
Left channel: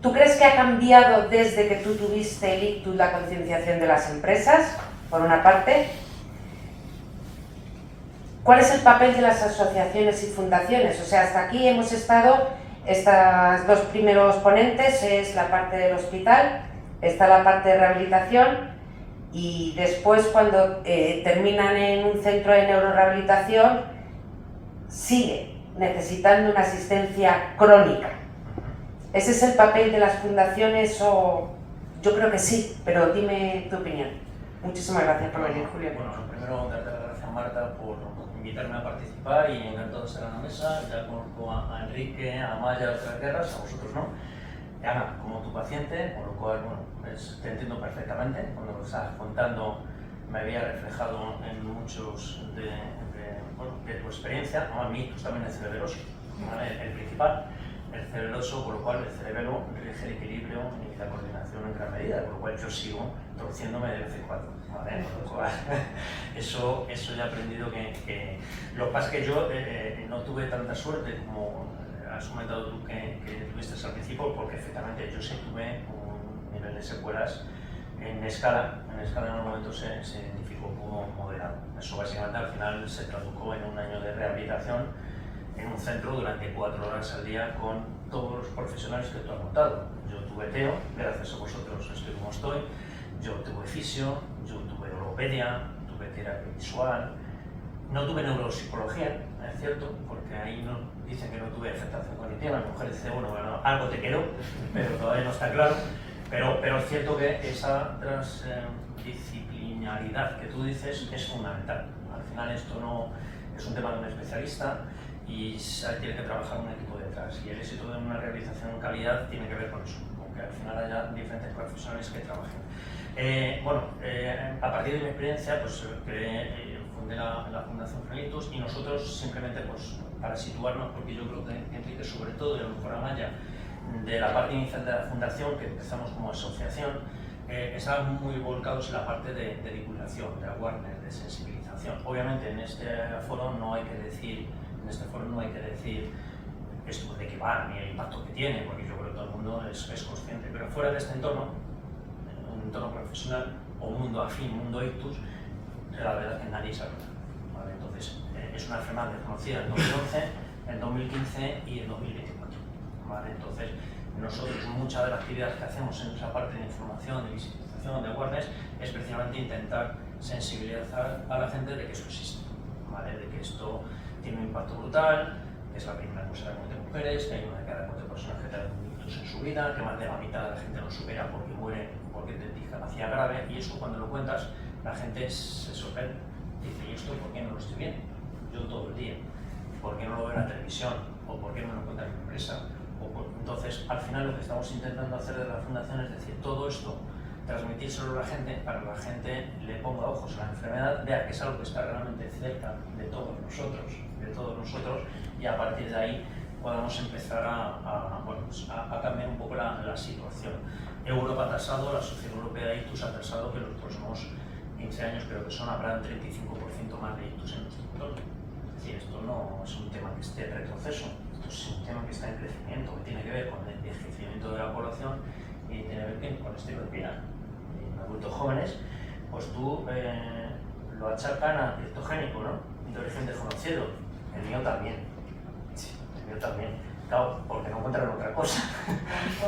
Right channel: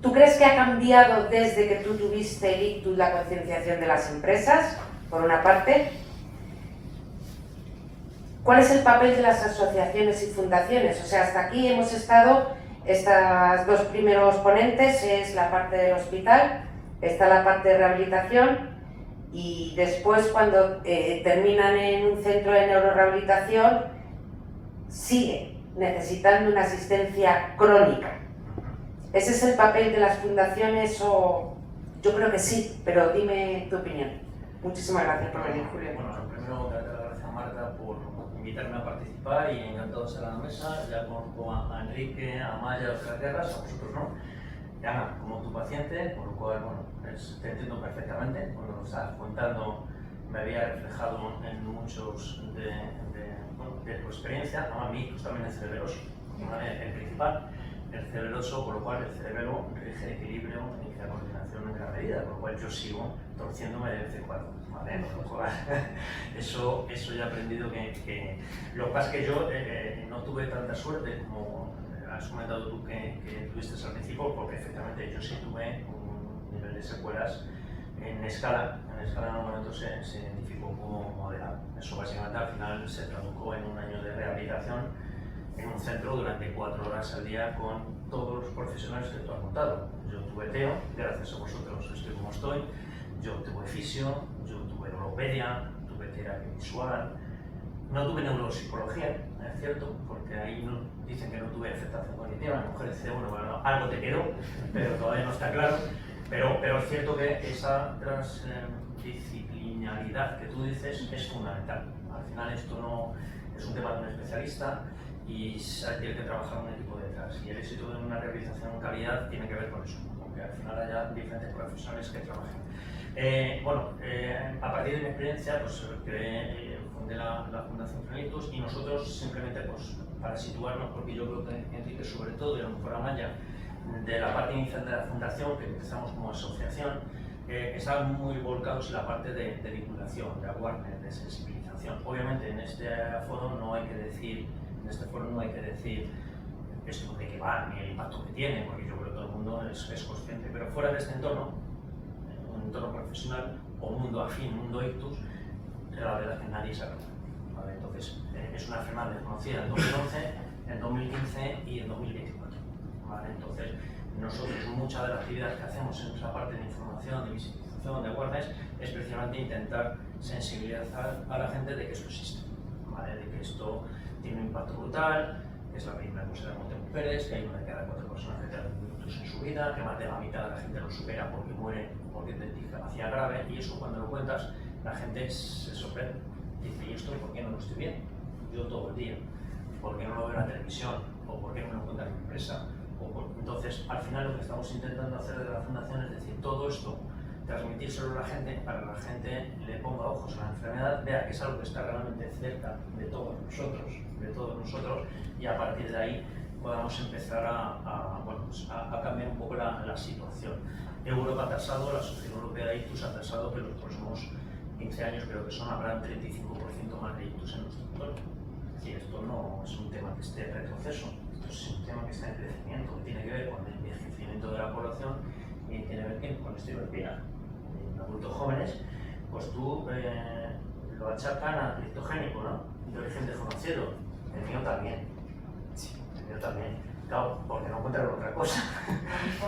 ¿tú crees que ha cambiado desde que tú tuviste el ictus la concienciación de las empresas, por una parte? ¿Cuál es el papel de las asociaciones y fundaciones? O sea, hasta aquí hemos estado, estas dos primeros ponentes, es la parte del hospital, está la parte de rehabilitación, y después cuando terminan en un centro de neurorehabilitación sigue necesitando una asistencia crónica. ¿Ese es el papel de las fundaciones o...? Yo creo que sí, pero dime tu opinión. Muchísimas gracias por venir, Julio. Bueno, lo primero, darte las gracias, Marta, por invitarme a participar y encantado de estar a la mesa. Ya conozco a Enrique, a Amaya de otras guerras, a vosotros no. Ana, como tu paciente, con lo cual, bueno, te entiendo perfectamente. Cuando lo estabas contando, me había reflejado en muchos de tu experiencia. No, a mí, pues también el cerebeloso, ¿vale? El principal, el cerebeloso, por lo cual el cerebelo rige el equilibrio y la coordinación en gran medida, por lo cual yo sigo torciéndome de vez en cuando, ¿vale? Por lo cual, eso ya he aprendido que lo que pasa es que yo no tuve tanta suerte como has comentado tú que tuviste al principio, porque efectivamente yo sí tuve un nivel de secuelas en escala. En escala en un momento se identificó como moderado. Eso básicamente al final se tradujo en un año de rehabilitación en un centro durante 4 horas al día con todos los profesionales que tú has montado. Yo tuve TEO, gracias a vosotros estoy como estoy. Yo tuve fisio, yo tuve oropedia, tuve terapia visual. No tuve neuropsicología, es cierto, porque ahí no, dicen que no tuve afectación cognitiva. Mi mujer dice, bueno, algo te quedó, pero todavía no está claro. Pero es cierto que esa transdisciplinaridad que tú dices es fundamental. Al final esto no es un tema de un especialista y tiene que trabajar un equipo detrás. Y el éxito de una rehabilitación en calidad tiene que ver con eso, aunque al final haya diferentes profesionales que trabajen. A partir de mi experiencia, pues fundé la Fundación Frenalitus y nosotros simplemente, pues, para situarnos, porque yo creo que Enrique, sobre todo, y a lo mejor Amaya, de la parte inicial de la fundación, que empezamos como asociación, estaban muy volcados en la parte de divulgación, de awareness, de sensibilización. Obviamente en este foro no hay que decir esto de qué va ni el impacto que tiene, porque yo creo que todo el mundo es consciente, pero fuera de este entorno, un entorno profesional o un mundo afín, un mundo ictus, la verdad es que nadie sabe nada, ¿vale? Entonces es una enfermedad desconocida en 2011, en 2015 y en 2024, ¿vale? Entonces nosotros muchas de las actividades que hacemos en esa parte de información, de visibilización, de awareness, es precisamente intentar sensibilizar a la gente de que esto existe, ¿vale? De que esto tiene un impacto brutal, que es la primera cosa de las mujeres, que hay una de cada 4 personas que tienen un ictus en su vida, que más de la mitad de la gente lo supera porque muere porque tiene discapacidad grave, y eso cuando lo cuentas la gente se sorprende, dice, ¿y esto por qué no lo estoy viendo? Yo todo el día, ¿por qué no lo veo en la televisión? ¿O por qué no lo cuenta en mi empresa? Entonces, al final lo que estamos intentando hacer desde la fundación es decir, todo esto, transmitírselo a la gente, para que la gente le ponga ojos a la enfermedad, vea que es algo que está realmente cerca de todos nosotros, y a partir de ahí podamos empezar a cambiar un poco la situación. Europa ha tasado, la Sociedad Europea de Ictus ha tasado que en los próximos 15 años creo que habrá 35% más de ictus en nuestro entorno. Es decir, esto no es un tema que esté en retroceso, esto es un tema que está en crecimiento, que tiene que ver con el envejecimiento de la población y tiene que ver con el estilo de vida. En adultos jóvenes, pues tú lo achacan a criptogénico, ¿no? De origen desconocido. El mío también. El mío también. Claro, porque no encontraron otra cosa.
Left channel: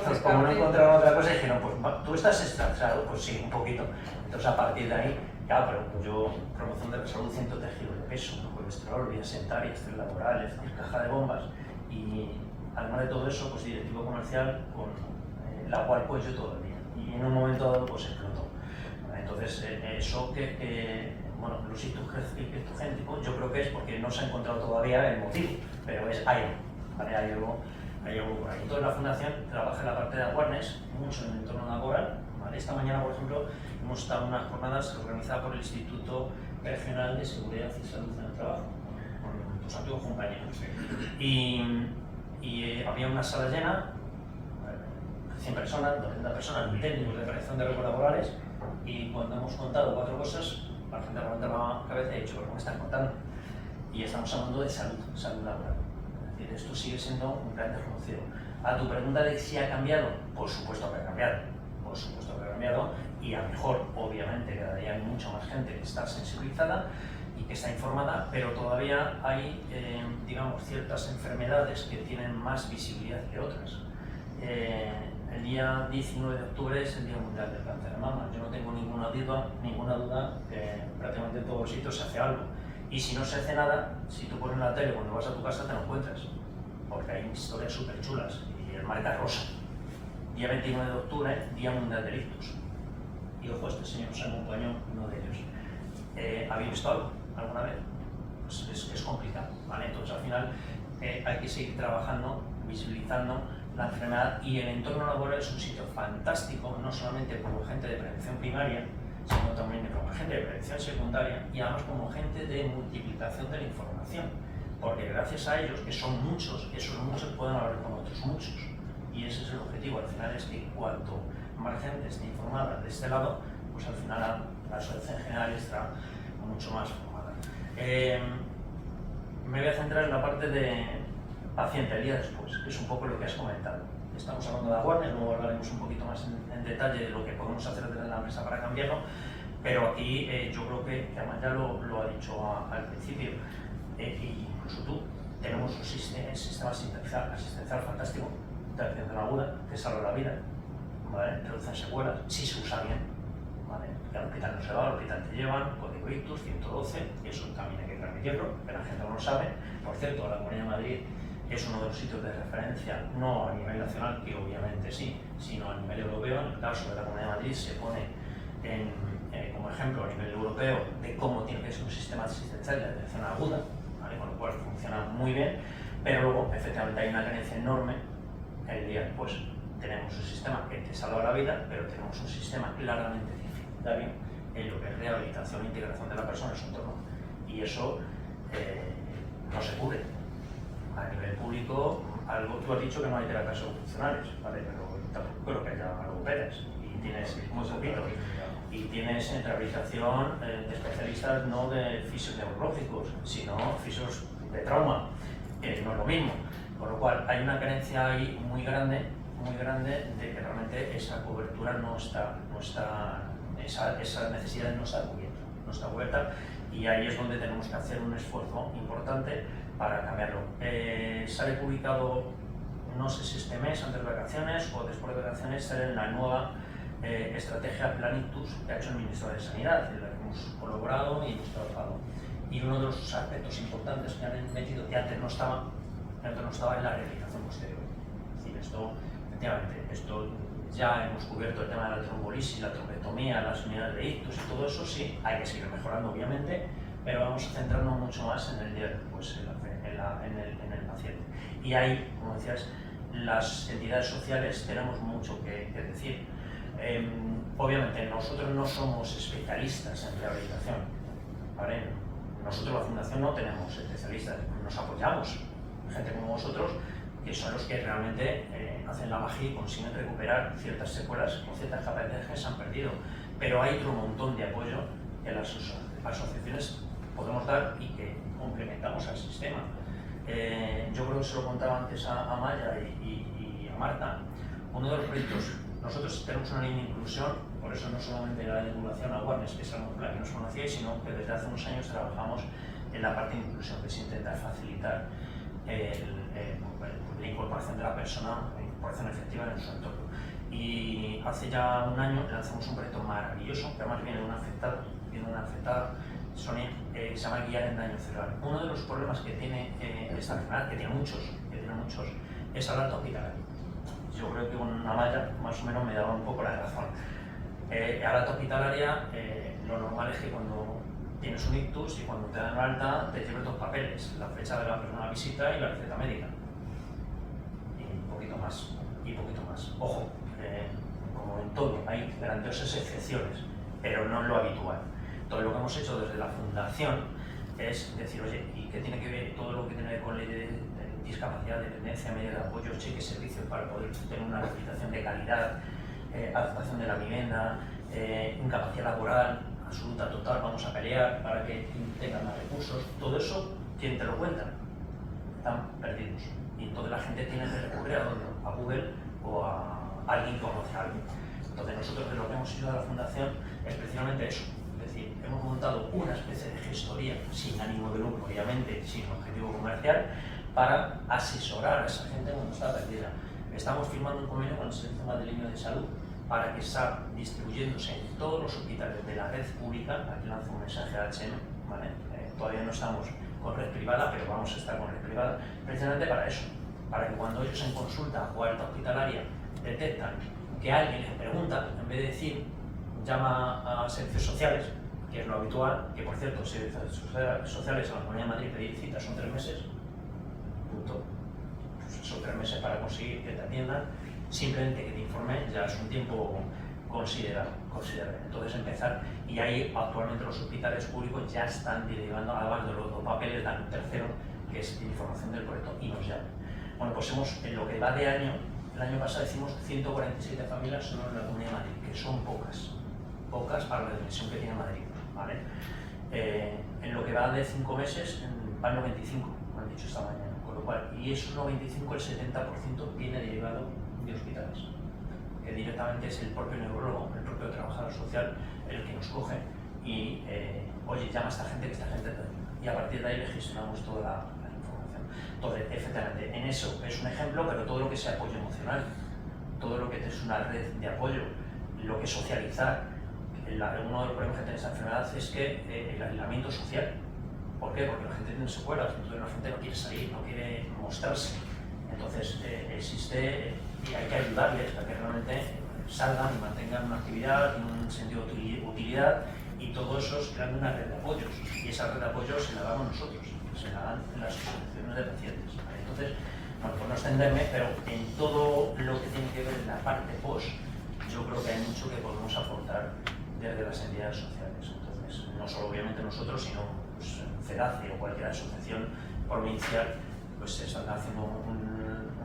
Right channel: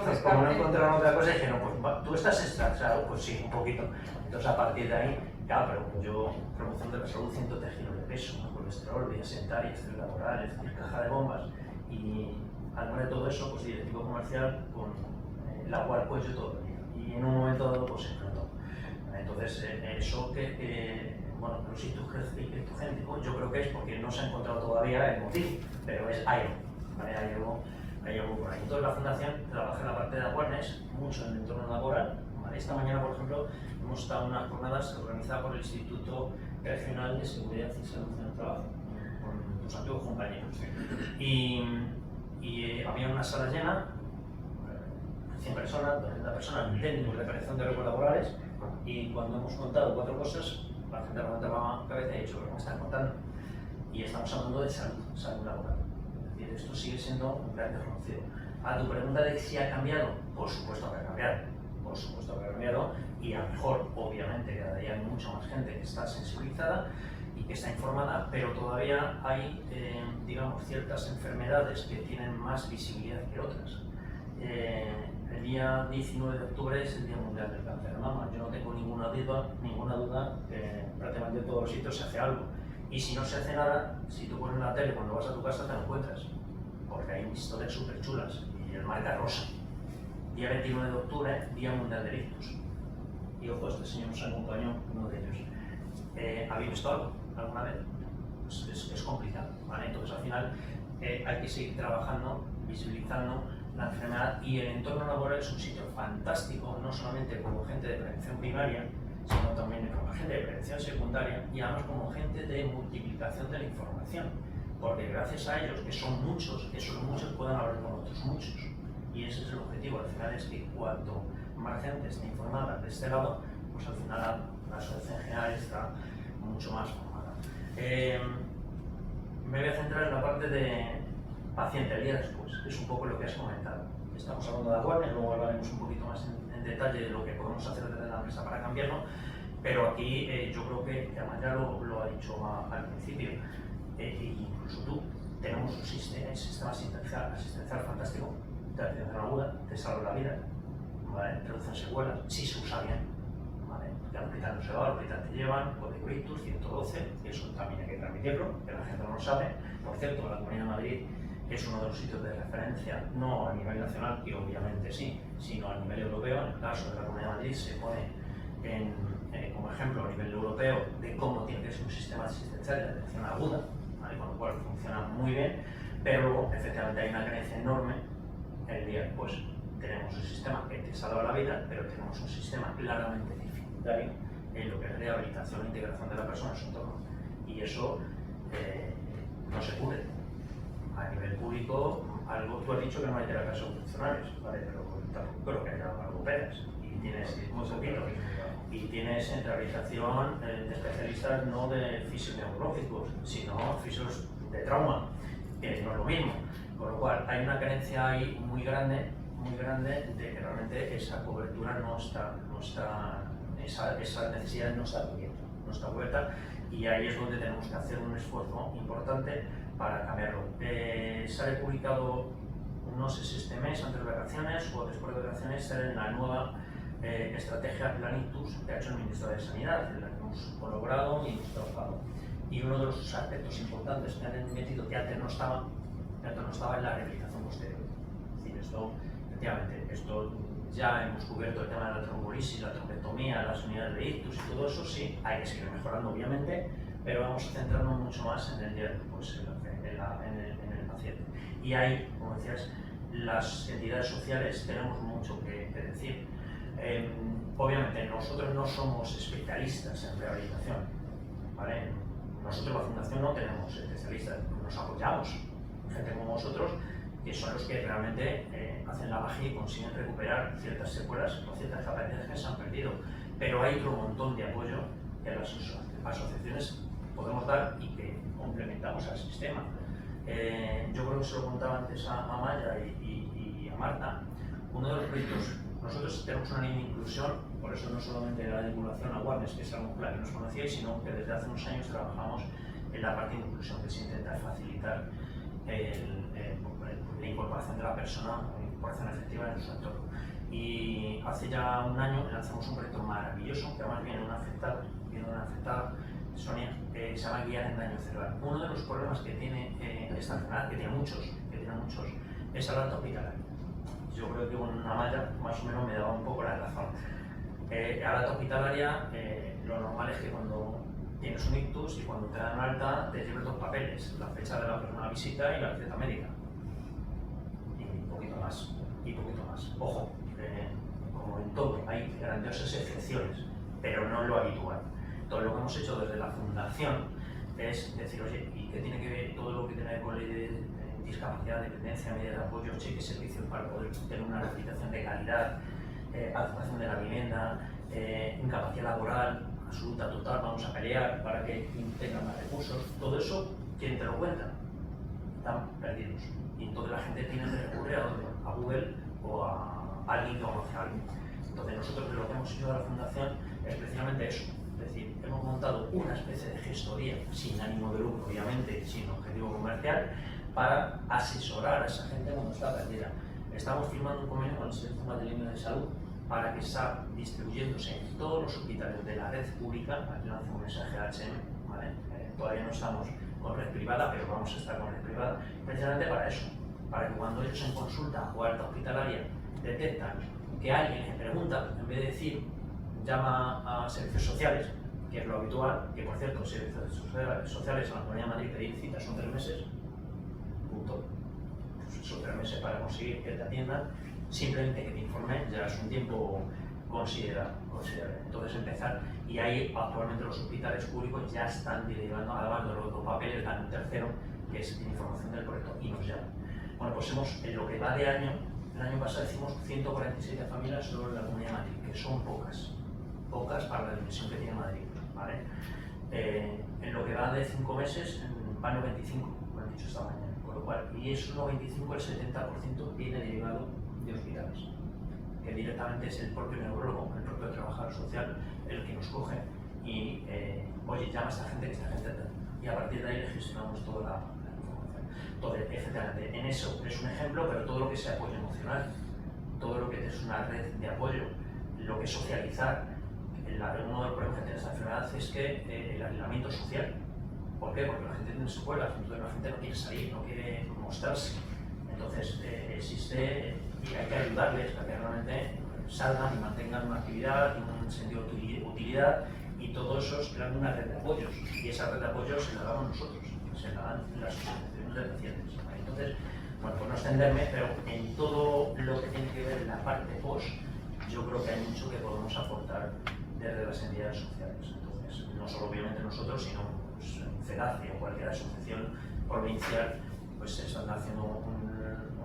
Pues como no encontraron otra cosa, dije, no, pues tú estás estresado, pues sí, un poquito. Entonces a partir de ahí, claro, pero pues yo, promoción de la salud, 103 kilos de peso, colesterol, vía sedentaria, estrés laboral, es decir, caja de bombas. Y además de todo eso, pues directivo comercial con la cual pues yo todo el día. Y en un momento dado pues explotó. Entonces eso bueno, los criptogénicos yo creo que es porque no se ha encontrado todavía el motivo, pero hay algo por ahí. Entonces la fundación trabaja en la parte de awareness, mucho en el entorno laboral. ¿Vale? Esta mañana, por ejemplo, hemos estado en unas jornadas organizadas por el Instituto Regional de Seguridad y Salud en el Trabajo, con tus antiguos compañeros. Y había una sala llena, 100 personas, 200 personas, técnicos de prevención de riesgos laborales, y cuando hemos contado 4 cosas, la gente ha levantado la cabeza y ha dicho, ¿qué me están contando? Y estamos hablando de salud laboral. Es decir, esto sigue siendo un gran desconocido. A tu pregunta de si ha cambiado, por supuesto que ha cambiado. Por supuesto que ha cambiado, y a lo mejor, obviamente, cada día hay mucha más gente que está sensibilizada y que está informada, pero todavía hay, digamos, ciertas enfermedades que tienen más visibilidad que otras. El día 19 de octubre es el Día Mundial del Cáncer de Mama. Yo no tengo ninguna duda que prácticamente en todos los sitios se hace algo. Y si no se hace nada, si tú pones la tele cuando vas a tu casa te lo encuentras, porque hay historias súper chulas y el marca rosa. Día 29 de octubre, Día Mundial del Ictus. Y ojo, este señor nos acompañó, uno de ellos. ¿Habéis visto algo alguna vez? Pues es complicado, ¿vale? Entonces al final hay que seguir trabajando, visibilizando la enfermedad, y el entorno laboral es un sitio fantástico, no solamente como gente de prevención primaria, sino también como gente de prevención secundaria y además como gente de multiplicación de la información, porque gracias a ellos, que son muchos, esos muchos pueden hablar con otros muchos, y ese es el objetivo. Al final es que cuanto más gente esté informada de este lado, pues al final la sociedad en general está mucho más formada. Me voy a centrar en la parte de paciente el día después, que es un poco lo que has comentado. Estamos hablando de awareness, luego hablaremos un poquito más en detalle de lo que podemos hacer desde la empresa para cambiarlo, pero aquí yo creo que además ya lo ha dicho al principio, y incluso tú, tenemos un sistema asistencial fantástico de atención aguda que salva la vida, ¿vale? Reducen secuelas, si se usa bien, ¿vale? Que al hospital no se va, al hospital te llevan, código ictus 112, eso también hay que transmitirlo, que la gente no lo sabe. Por cierto, la Comunidad de Madrid es uno de los sitios de referencia, no a nivel nacional, que obviamente sí, sino a nivel europeo. En el caso de la Comunidad de Madrid se pone como ejemplo a nivel europeo de cómo tiene que ser un sistema asistencial de atención aguda, ¿vale? Con lo cual funciona muy bien, pero luego efectivamente hay una carencia enorme el día después. Tenemos un sistema que te salva la vida, pero tenemos un sistema claramente deficitario en lo que es rehabilitación e integración de la persona en su entorno, y eso no se cubre. A nivel público, tú has dicho que no hay terapias ocupacionales, ¿vale? Pero tampoco creo que haya logopedas, y tienes muy poquito, y tienes rehabilitación de especialistas no de fisios neurológicos, sino fisios de trauma, que no es lo mismo, con lo cual hay una carencia ahí muy grande de que realmente esa cobertura no está esa necesidad no está cubierta, y ahí es donde tenemos que hacer un esfuerzo importante para cambiarlo. Sale publicado, no sé si este mes, antes de vacaciones o después de vacaciones, sale la nueva estrategia Plan Ictus que ha hecho el Ministerio de Sanidad, en la que hemos colaborado y hemos trabajado. Y uno de los aspectos importantes que han metido, que antes no estaba en la rehabilitación posterior. Es decir, esto ya hemos cubierto el tema de la trombolisis, la trombectomía, las unidades de ictus y todo eso, sí, hay que seguir mejorando obviamente, pero vamos a centrarnos mucho más en el día después, en el paciente. Y ahí, como decías, las entidades sociales tenemos mucho que decir. Obviamente nosotros no somos especialistas en rehabilitación, ¿vale? Nosotros la Fundación no tenemos especialistas, nos apoyamos, gente como vosotros, que son los que realmente hacen la magia y consiguen recuperar ciertas secuelas o ciertas capacidades que se han perdido. Pero hay otro montón de apoyo que las asociaciones podemos dar y que complementamos al sistema. Yo creo que se lo contaba antes a Maya y a Marta. Uno de los proyectos, nosotros tenemos una línea de inclusión, por eso no solamente la vinculación a Awareness, que es la que nos conocíais, sino que desde hace unos años trabajamos en la parte de inclusión, que es intentar facilitar la incorporación de la persona, la incorporación efectiva en su entorno. Y hace ya un año lanzamos un proyecto maravilloso, que además viene de una afectada, Sonia, que se llama Guiar en Daño Cerebral. Uno de los problemas que tiene esta enfermedad, que tiene muchos, es la alta hospitalaria. Yo creo que una Maya más o menos me daba un poco la razón. A la alta hospitalaria, lo normal es que cuando tienes un ictus y cuando te dan alta te lleves dos papeles, la fecha de la primera visita y la receta médica. Y un poquito más. Ojo, como en todo, hay grandiosas excepciones, pero no es lo habitual. Entonces lo que hemos hecho desde la fundación es decir, oye, ¿y qué tiene que ver todo lo que tiene que ver con ley de discapacidad, dependencia, medidas de apoyo, cheques, servicios para poder tener una rehabilitación de calidad, adaptación de la vivienda, incapacidad laboral absoluta, total, vamos a pelear para que tengan más recursos? Todo eso, ¿quién te lo cuenta? Están perdidos. Y entonces la gente tiene que recurrir a Google o a alguien que conoce a alguien. Entonces nosotros lo que hemos hecho de la fundación es precisamente eso. Es decir, hemos montado una especie de gestoría sin ánimo de lucro, obviamente, sin objetivo comercial, para asesorar a esa gente cuando está perdida. Estamos firmando un convenio con el Sistema de Líneas de Salud para que está distribuyéndose en todos los hospitales de la red pública. Aquí lanzo un mensaje a HM, ¿vale? Todavía no estamos con red privada, pero vamos a estar con red privada, precisamente para eso, para que cuando ellos en consulta o alta hospitalaria detectan que alguien les pregunta, en vez de decir llama a servicios sociales, que es lo habitual, que por cierto, servicios sociales en la Comunidad de Madrid pedir citas son 3 meses, punto. Pues son 3 meses para conseguir que te atiendan, simplemente que te informen ya es un tiempo considerable. Entonces empezar, y ahí actualmente los hospitales públicos ya están derivando, además de los 2 papeles, dan un tercero, que es información del proyecto, y nos llaman. Bueno, pues en lo que va de año, el año pasado hicimos 147 familias solo en la Comunidad de Madrid, que son pocas para la dimensión que tiene Madrid, ¿vale? En lo que va de 5 meses van 95, lo han dicho esta mañana, con lo cual, y esos 95, el 70% viene derivado de hospitales, que directamente es el propio neurólogo, el propio trabajador social el que nos coge y, oye, llama a esta gente, y a partir de ahí le gestionamos toda la información. Entonces, efectivamente, en eso es un ejemplo, pero todo lo que sea apoyo emocional, todo lo que es una red de apoyo, lo que es socializar. Uno de los problemas que tiene esta enfermedad es que el aislamiento social. ¿Por qué? Porque la gente tiene secuelas, entonces la gente no quiere salir, no quiere mostrarse. Entonces existe y hay que ayudarles a que realmente salgan y mantengan una actividad, un sentido de utilidad, y todo eso es creando una red de apoyos. Y esa red de apoyos se la damos nosotros, se la dan las asociaciones de pacientes. Entonces, bueno, por no extenderme, pero en todo lo que tiene que ver en la parte post, yo creo que hay mucho que podemos aportar desde las entidades sociales. Entonces, no solo obviamente nosotros, sino pues, CEDACE o cualquier asociación provincial, pues están haciendo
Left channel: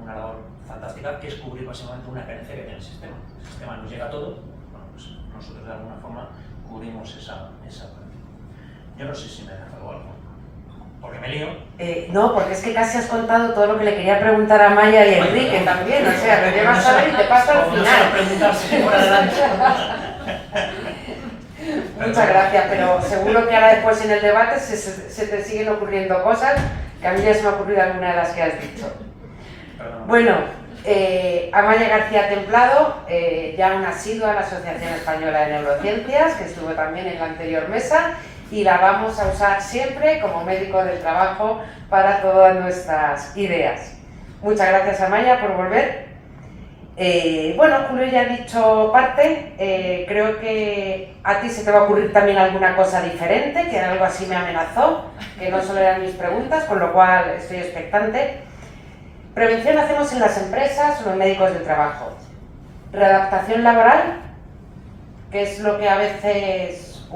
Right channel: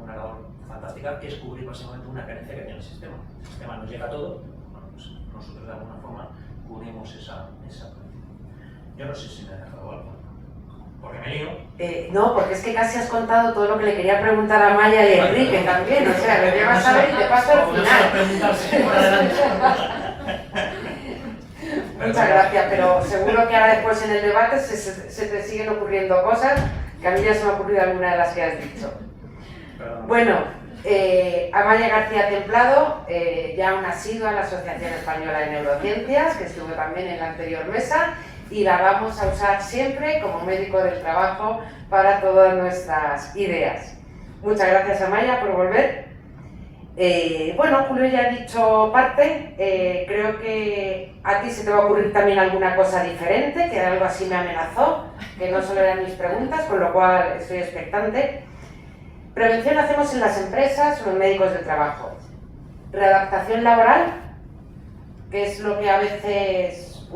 una labor fantástica, que es cubrir básicamente una carencia que tiene el sistema. El sistema nos llega a todo, bueno, pues nosotros de alguna forma cubrimos esa parte. Yo no sé si me he dejado algo, porque me lío. No, porque es que casi has contado todo lo que le quería preguntar a Maya y a Enrique también, o sea, lo llevas a ver y te paso al No se lo final. preguntas por adelante. Muchas gracias, pero seguro que ahora después en el debate se te siguen ocurriendo cosas, que a mí ya se me ha ocurrido alguna de las que has dicho. Perdón. Bueno, Amaya García Templado, ya una asidua a la Asociación Española de Neurociencias, que estuvo también en la anterior mesa, y la vamos a usar siempre como médico del trabajo para todas nuestras ideas. Muchas gracias, Amaya, por volver. Bueno, Julio ya ha dicho parte, creo que a ti se te va a ocurrir también alguna cosa diferente, que algo así me amenazó, que no solo eran mis preguntas, con lo cual estoy expectante. Prevención hacemos en las empresas o en médicos del trabajo. Readaptación laboral, que es lo que a veces,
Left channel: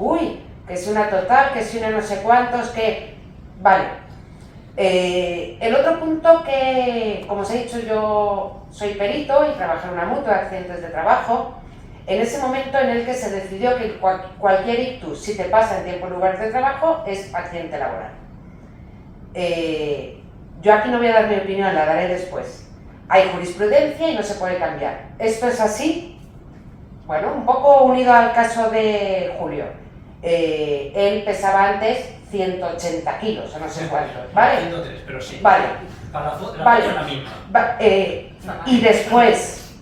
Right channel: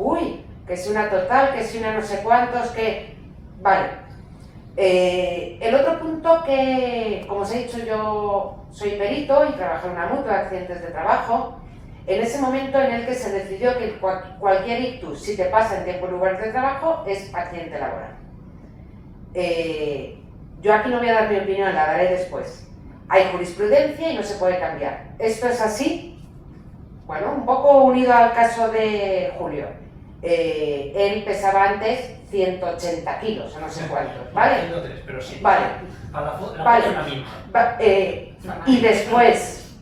que si una total, que si una no sé cuántos, que... Vale. El otro punto que, como os he dicho, yo soy perito y trabajo en una mutua de accidentes de trabajo. En ese momento en el que se decidió que cualquier ictus, si te pasa en tiempo y lugar de trabajo, es accidente laboral. Yo aquí no voy a dar mi opinión, la daré después. Hay jurisprudencia y no se puede cambiar. ¿Esto es así? Bueno, un poco unido al caso de Julio. Él pesaba antes 180 kilos, o no sé cuánto, ¿vale? 103, pero sí. Vale. Para la foto Vale. es la misma. Y después,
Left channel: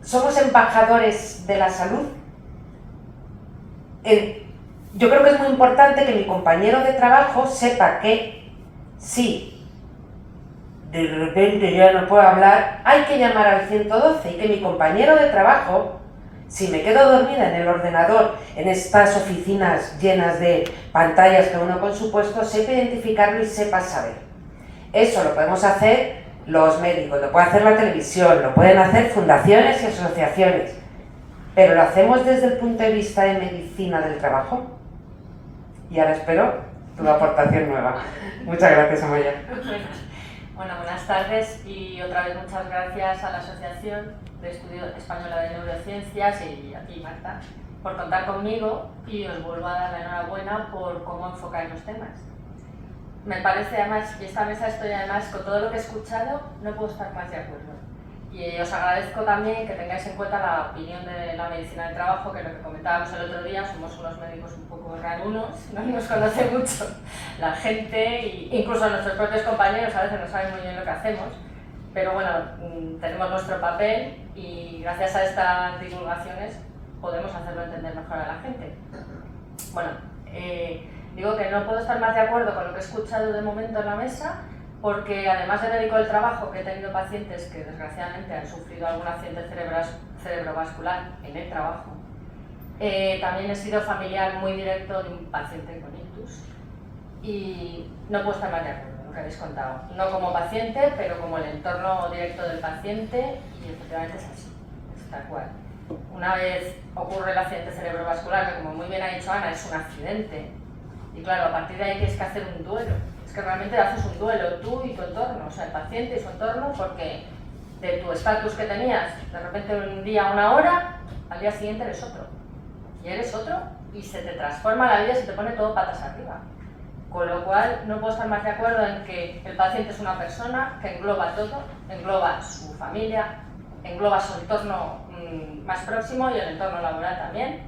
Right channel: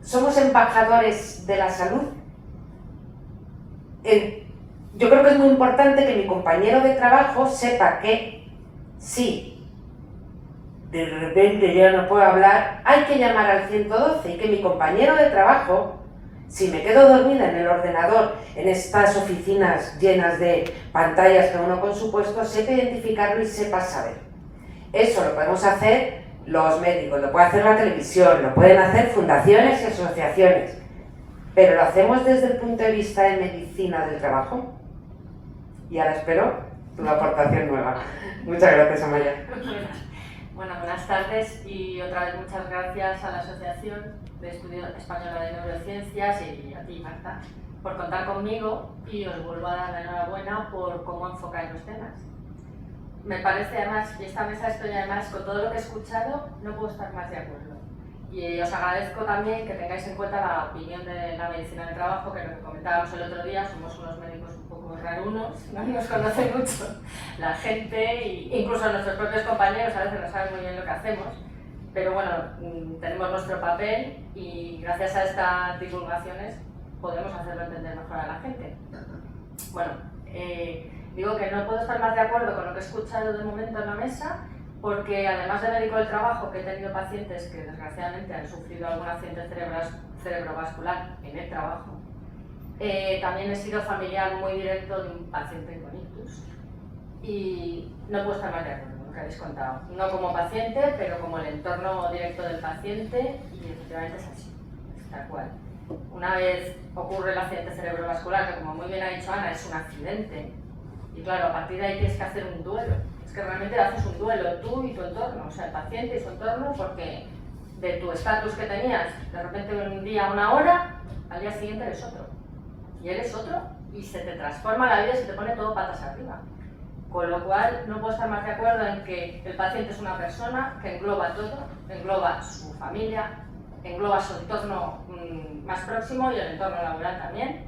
¿somos embajadores de la salud? Yo creo que es muy importante que mi compañero de trabajo sepa que si de repente ya no puedo hablar, hay que llamar al 112 y que mi compañero de trabajo, si me quedo dormida en el ordenador, en estas oficinas llenas de pantallas que uno con su puesto, sepa identificarlo y sepa saber. Eso lo podemos hacer los médicos, lo puede hacer la televisión, lo pueden hacer fundaciones y asociaciones, pero lo hacemos desde el punto de vista de medicina del trabajo. Y ahora espero tu aportación nueva. Muchas gracias, Amaya. Bueno, buenas tardes y otra vez muchas gracias a la Asociación de Estudio Española de Neurociencias y a ti, Marta, por contar conmigo, y os vuelvo a dar la enhorabuena por cómo enfocáis los temas. Me parece además, y esta mesa estoy además, con todo lo que he escuchado, no puedo estar más de acuerdo. Y os agradezco también que tengáis en cuenta la opinión de la medicina del trabajo, que lo que comentábamos el otro día, somos unos médicos un poco rarunos, no nos conoce mucho la gente, e incluso nuestros propios compañeros a veces no saben muy bien lo que hacemos, pero bueno, tenemos nuestro papel y gracias a estas divulgaciones podemos hacerlo entender mejor a la gente. Bueno, digo que no puedo estar más de acuerdo con lo que he escuchado de momento en la mesa, porque además de médico del trabajo, que he tenido pacientes que desgraciadamente han sufrido algún accidente cerebrovascular en el trabajo, también he sido familiar muy directo de un paciente con ictus y no puedo estar más de acuerdo con lo que habéis contado. No como paciente, pero como el entorno directo del paciente, y efectivamente es así, es tal cual. Una vez ocurre el accidente cerebrovascular, que como muy bien ha dicho Ana, es un accidente, y claro, a partir de ahí tienes que hacer un duelo. Es que realmente haces un duelo, tú y tu entorno, o sea, el paciente y su entorno, porque de tu estatus que tenías, de repente un día, una hora, al día siguiente eres otro. Y eres otro, y se te transforma la vida y se te pone todo patas arriba. Con lo cual, no puedo estar más de acuerdo en que el paciente es una persona que engloba todo, engloba su familia, engloba su entorno más próximo y el entorno laboral también.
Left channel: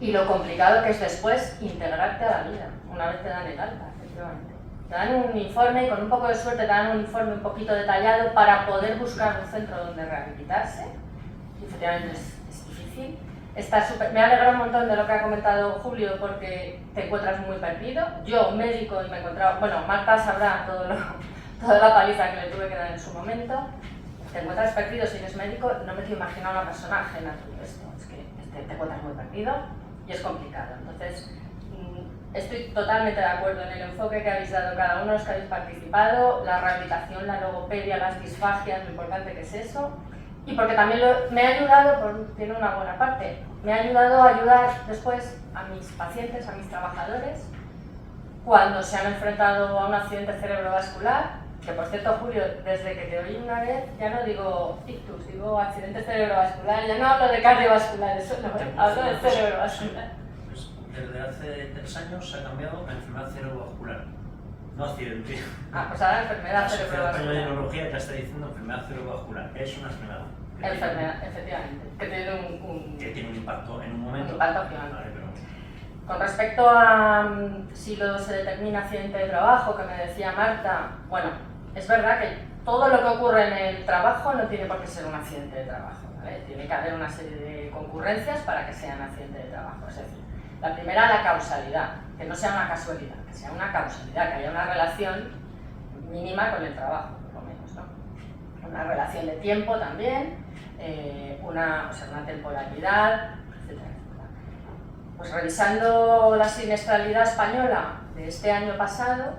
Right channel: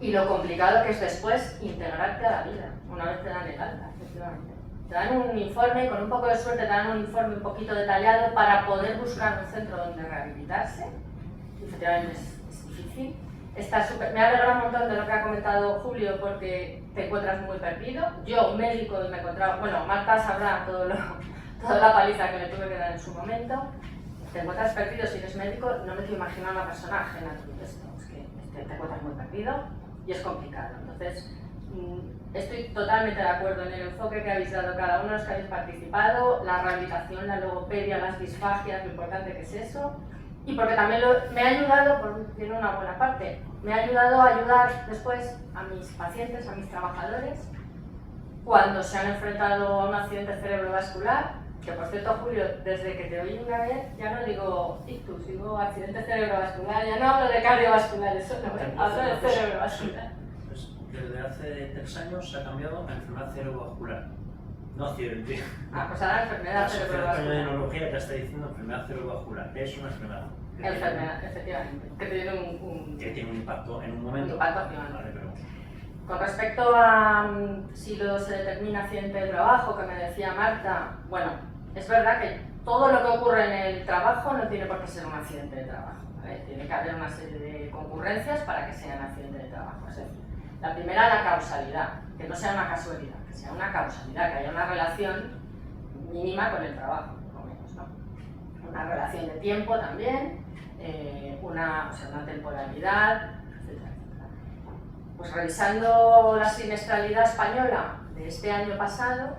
Y lo complicado que es después integrarte a la vida, una vez te dan el alta, efectivamente. Te dan un informe y con un poco de suerte te dan un informe un poquito detallado para poder buscar un centro donde rehabilitarse. Y efectivamente es difícil. Me ha alegrado un montón de lo que ha comentado Julio porque te encuentras muy perdido. Yo, médico, y me he encontrado, bueno, Marta sabrá toda la paliza que le tuve que dar en su momento. Te encuentras perdido si eres médico, no me quiero imaginar una persona ajena a todo esto. Es que te encuentras muy perdido y es complicado. Entonces, estoy totalmente de acuerdo en el enfoque que habéis dado cada uno de los que habéis participado, la rehabilitación, la logopedia, las disfagias, lo importante que es eso. Y porque también me ha ayudado, tiene una buena parte, me ha ayudado a ayudar después a mis pacientes, a mis trabajadores, cuando se han enfrentado a un accidente cerebrovascular, que por cierto, Julio, desde que te oí una vez, ya no digo ictus, digo accidente cerebrovascular, ya no hablo de cardiovascular, eso no, hablo de cerebrovascular. Pues desde hace 3 años se ha cambiado a enfermedad cerebrovascular, no accidente. Ah, pues ahora enfermedad La Sociedad Española de cerebrovascular. Neurología ya está diciendo enfermedad cerebrovascular, que es una enfermedad. Enfermedad, efectivamente, que tiene que tiene un impacto en un un momento. impacto gigante. Vale, pero... Con respecto a si se determina accidente de trabajo, que me decía Marta, bueno, es verdad que todo lo que ocurre en el trabajo no tiene por qué ser un accidente de trabajo, ¿vale? Tiene que haber una serie de concurrencias para que sea un accidente de trabajo. Es decir, la primera, la causalidad, que no sea una casualidad, que sea una causalidad, que haya una relación mínima con el trabajo, por lo menos, ¿no? Una relación de tiempo también, una temporalidad, etcétera. Pues revisando la siniestralidad española de este año pasado,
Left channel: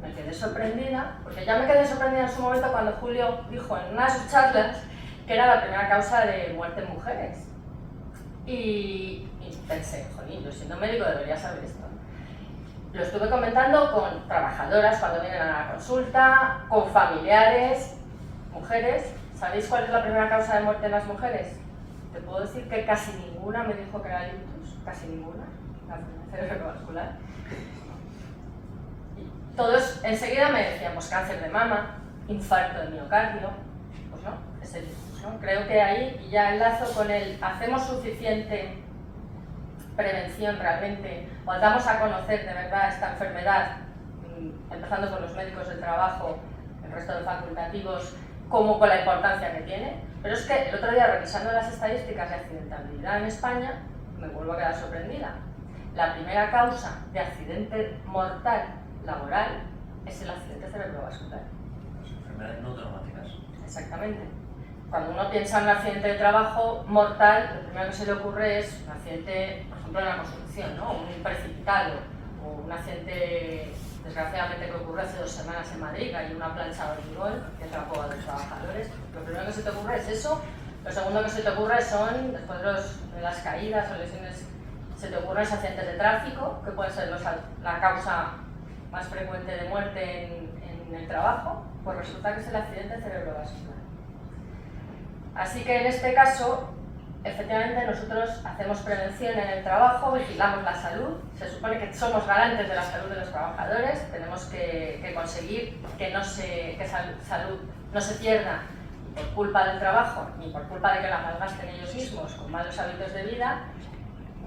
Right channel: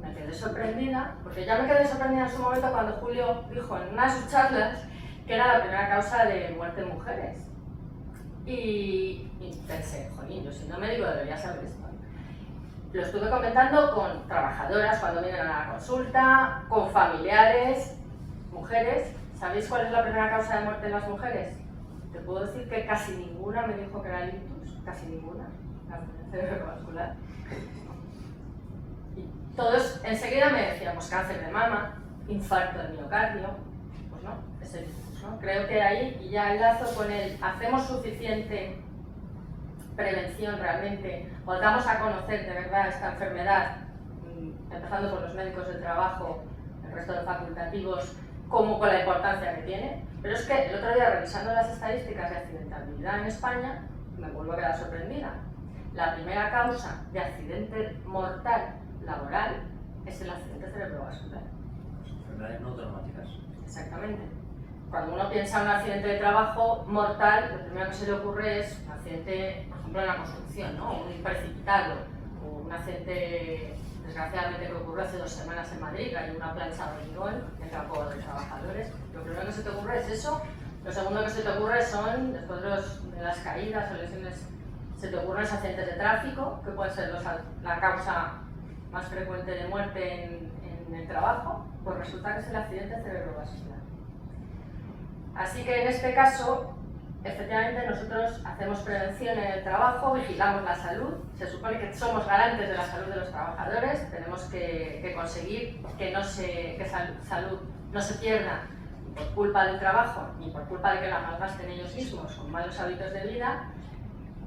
me quedé sorprendida, porque ya me quedé sorprendida en su momento cuando Julio dijo en una de sus charlas que era la primera causa de muerte en mujeres. Y pensé, jolín, yo siendo médico debería saber esto. lo estuve comentando con trabajadoras cuando vienen a la consulta, con familiares, mujeres. ¿Sabéis cuál es la primera causa de muerte en las mujeres? Te puedo decir que casi ninguna me dijo que era el ictus, casi ninguna, la cerebrovascular. Y todos enseguida me decían, pues cáncer de mama, infarto de miocardio, pues no, es el ictus, ¿no? Creo que ahí, y ya enlazo con el, ¿hacemos suficiente prevención realmente? ¿O damos a conocer de verdad esta enfermedad, empezando por los médicos del trabajo, el resto de facultativos, como con la importancia que tiene? Pero es que el otro día, revisando las estadísticas de accidentabilidad en España, me vuelvo a quedar sorprendida. La primera causa de accidente mortal laboral es el accidente cerebrovascular. Las enfermedades no traumáticas. Exactamente. Cuando uno piensa en un accidente de trabajo mortal, lo primero que se le ocurre es un accidente, por ejemplo, en la construcción, ¿no? Un precipitado, o un accidente, desgraciadamente, que ocurrió hace 2 semanas en Madrid, hay una plancha de hormigón y atrapó a 2 trabajadores. Lo primero que se te ocurre es eso. Lo segundo que se te ocurre son, después de las caídas o lesiones, se te ocurren los accidentes de tráfico, que pueden ser la causa más frecuente de muerte en el trabajo. Pues resulta que es el accidente cerebrovascular. Así que en este caso, efectivamente, nosotros hacemos prevención en el trabajo, vigilamos la salud, se supone que somos garantes de la salud de los trabajadores, tenemos que conseguir que salud no se pierda ni por culpa del trabajo, ni por culpa de que la malgasten ellos mismos con malos hábitos de vida,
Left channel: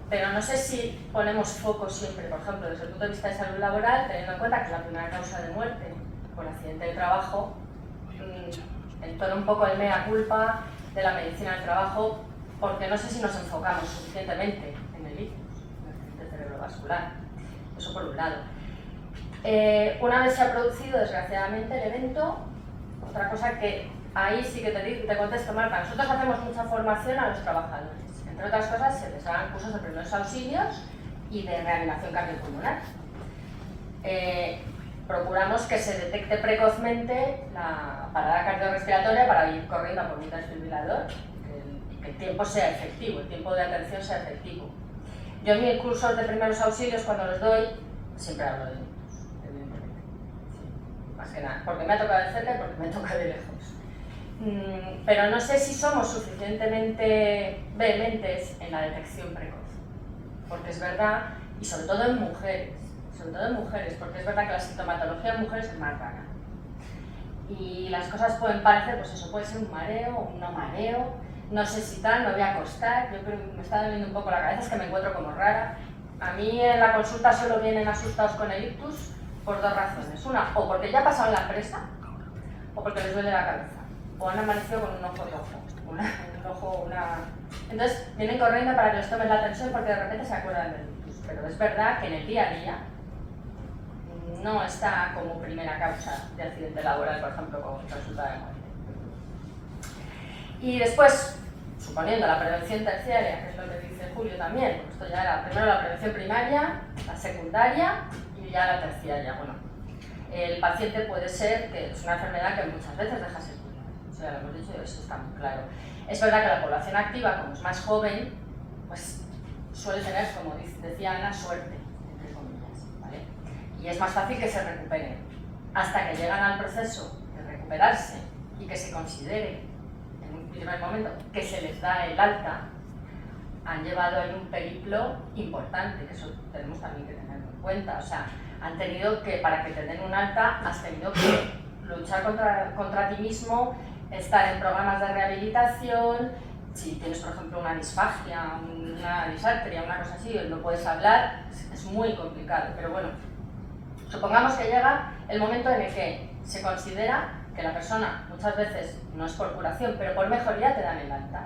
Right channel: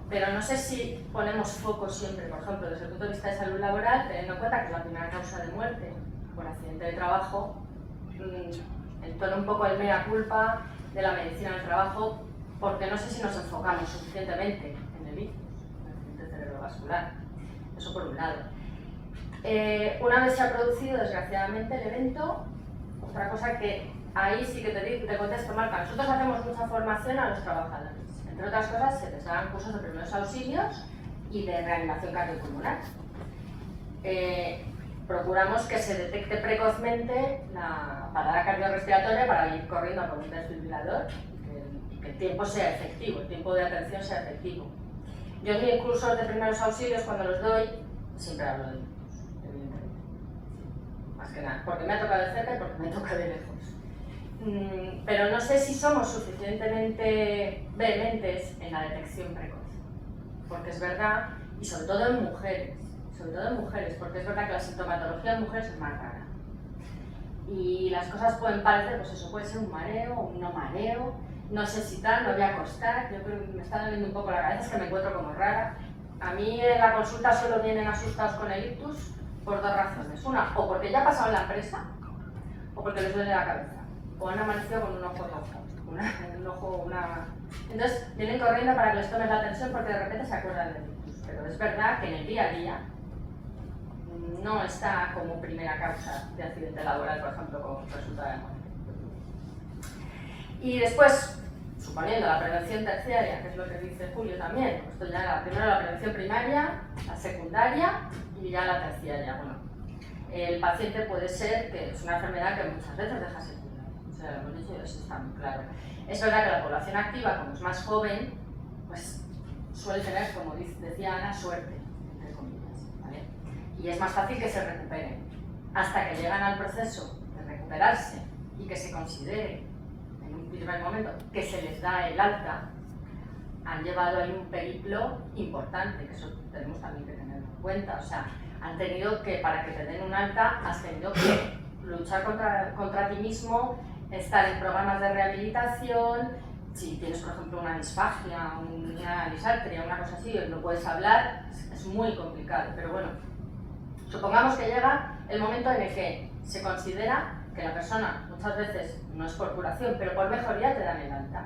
pero no sé si ponemos foco siempre, por ejemplo, desde el punto de vista de salud laboral, teniendo en cuenta que es la primera causa de muerte por accidente de trabajo, entona un poco el mea culpa de la medicina del trabajo, porque no sé si nos enfocamos suficientemente en el ictus, en el accidente cerebrovascular. Eso por un lado. Una vez se ha producido, desgraciadamente, el evento, otra cosa que ahí sí que te contesto, Marta, nosotros hacemos mucha formación a los trabajadores. Entre otras cosas, se les dan cursos de primeros auxilios y de reanimación cardiopulmonar. Procuramos que se detecte precozmente la parada cardiorrespiratoria para ir corriendo a por un desfibrilador y que el tiempo sea efectivo, el tiempo de atención sea efectivo. Yo en mis cursos de primeros auxilios, cuando los doy, siempre hablo de ictus, evidentemente. Sí, más que nada, porque me ha tocado de cerca y porque me toca de lejos. Pero no sé si somos suficientemente vehementes en la detección precoz, porque es verdad, y sobre todo en mujeres, porque es verdad que la sintomatología en mujeres es más rara. Y las cosas pueden parecer, pues eso, puede ser un mareo o un no mareo, no sé si tal, me voy a acostar, yo creo que me está doliendo un poco la cabeza, es que me encuentro como rara. A mí en la consulta solo vienen asustados con el ictus por 2 razones. Una, o porque ya pasaron la presa, o porque les duele la cabeza, o han amanecido con un ojo rojo, Entonces vienen corriendo para que les tomes la atención porque de repente se acuerdan del ictus. Pero es verdad que en el día a día no está como primera causa de accidente laboral, por ejemplo, como resultado de muerte. Y después, suponiendo la prevención terciaria, que es lo que dice Julio también, esto ya primero la prevención primaria, la secundaria y ya la terciaria. Bueno, el paciente puede ser que es una enfermedad que muchas veces deja secuelas, eso ya lo hemos dicho y eso está muy claro. Es verdad que la población activa, como es más joven, pues suele tener, como decía Ana, suerte, entre comillas, ¿vale? Y es más fácil que se recuperen. Hasta que llegan al proceso de recuperarse y que se considere en un primer momento que se les da el alta, han llevado ahí un periplo importante, que eso tenemos también que tenerlo en cuenta. O sea, han tenido que, para que te den un alta, has tenido que luchar contra ti mismo, estar en programas de rehabilitación. Si tienes, por ejemplo, una disfagia, una disartria, una cosa así, no puedes hablar, es muy complicado. Pero bueno, supongamos que llega el momento en el que se considera que la persona, muchas veces, no es por curación, pero por mejoría te dan el alta.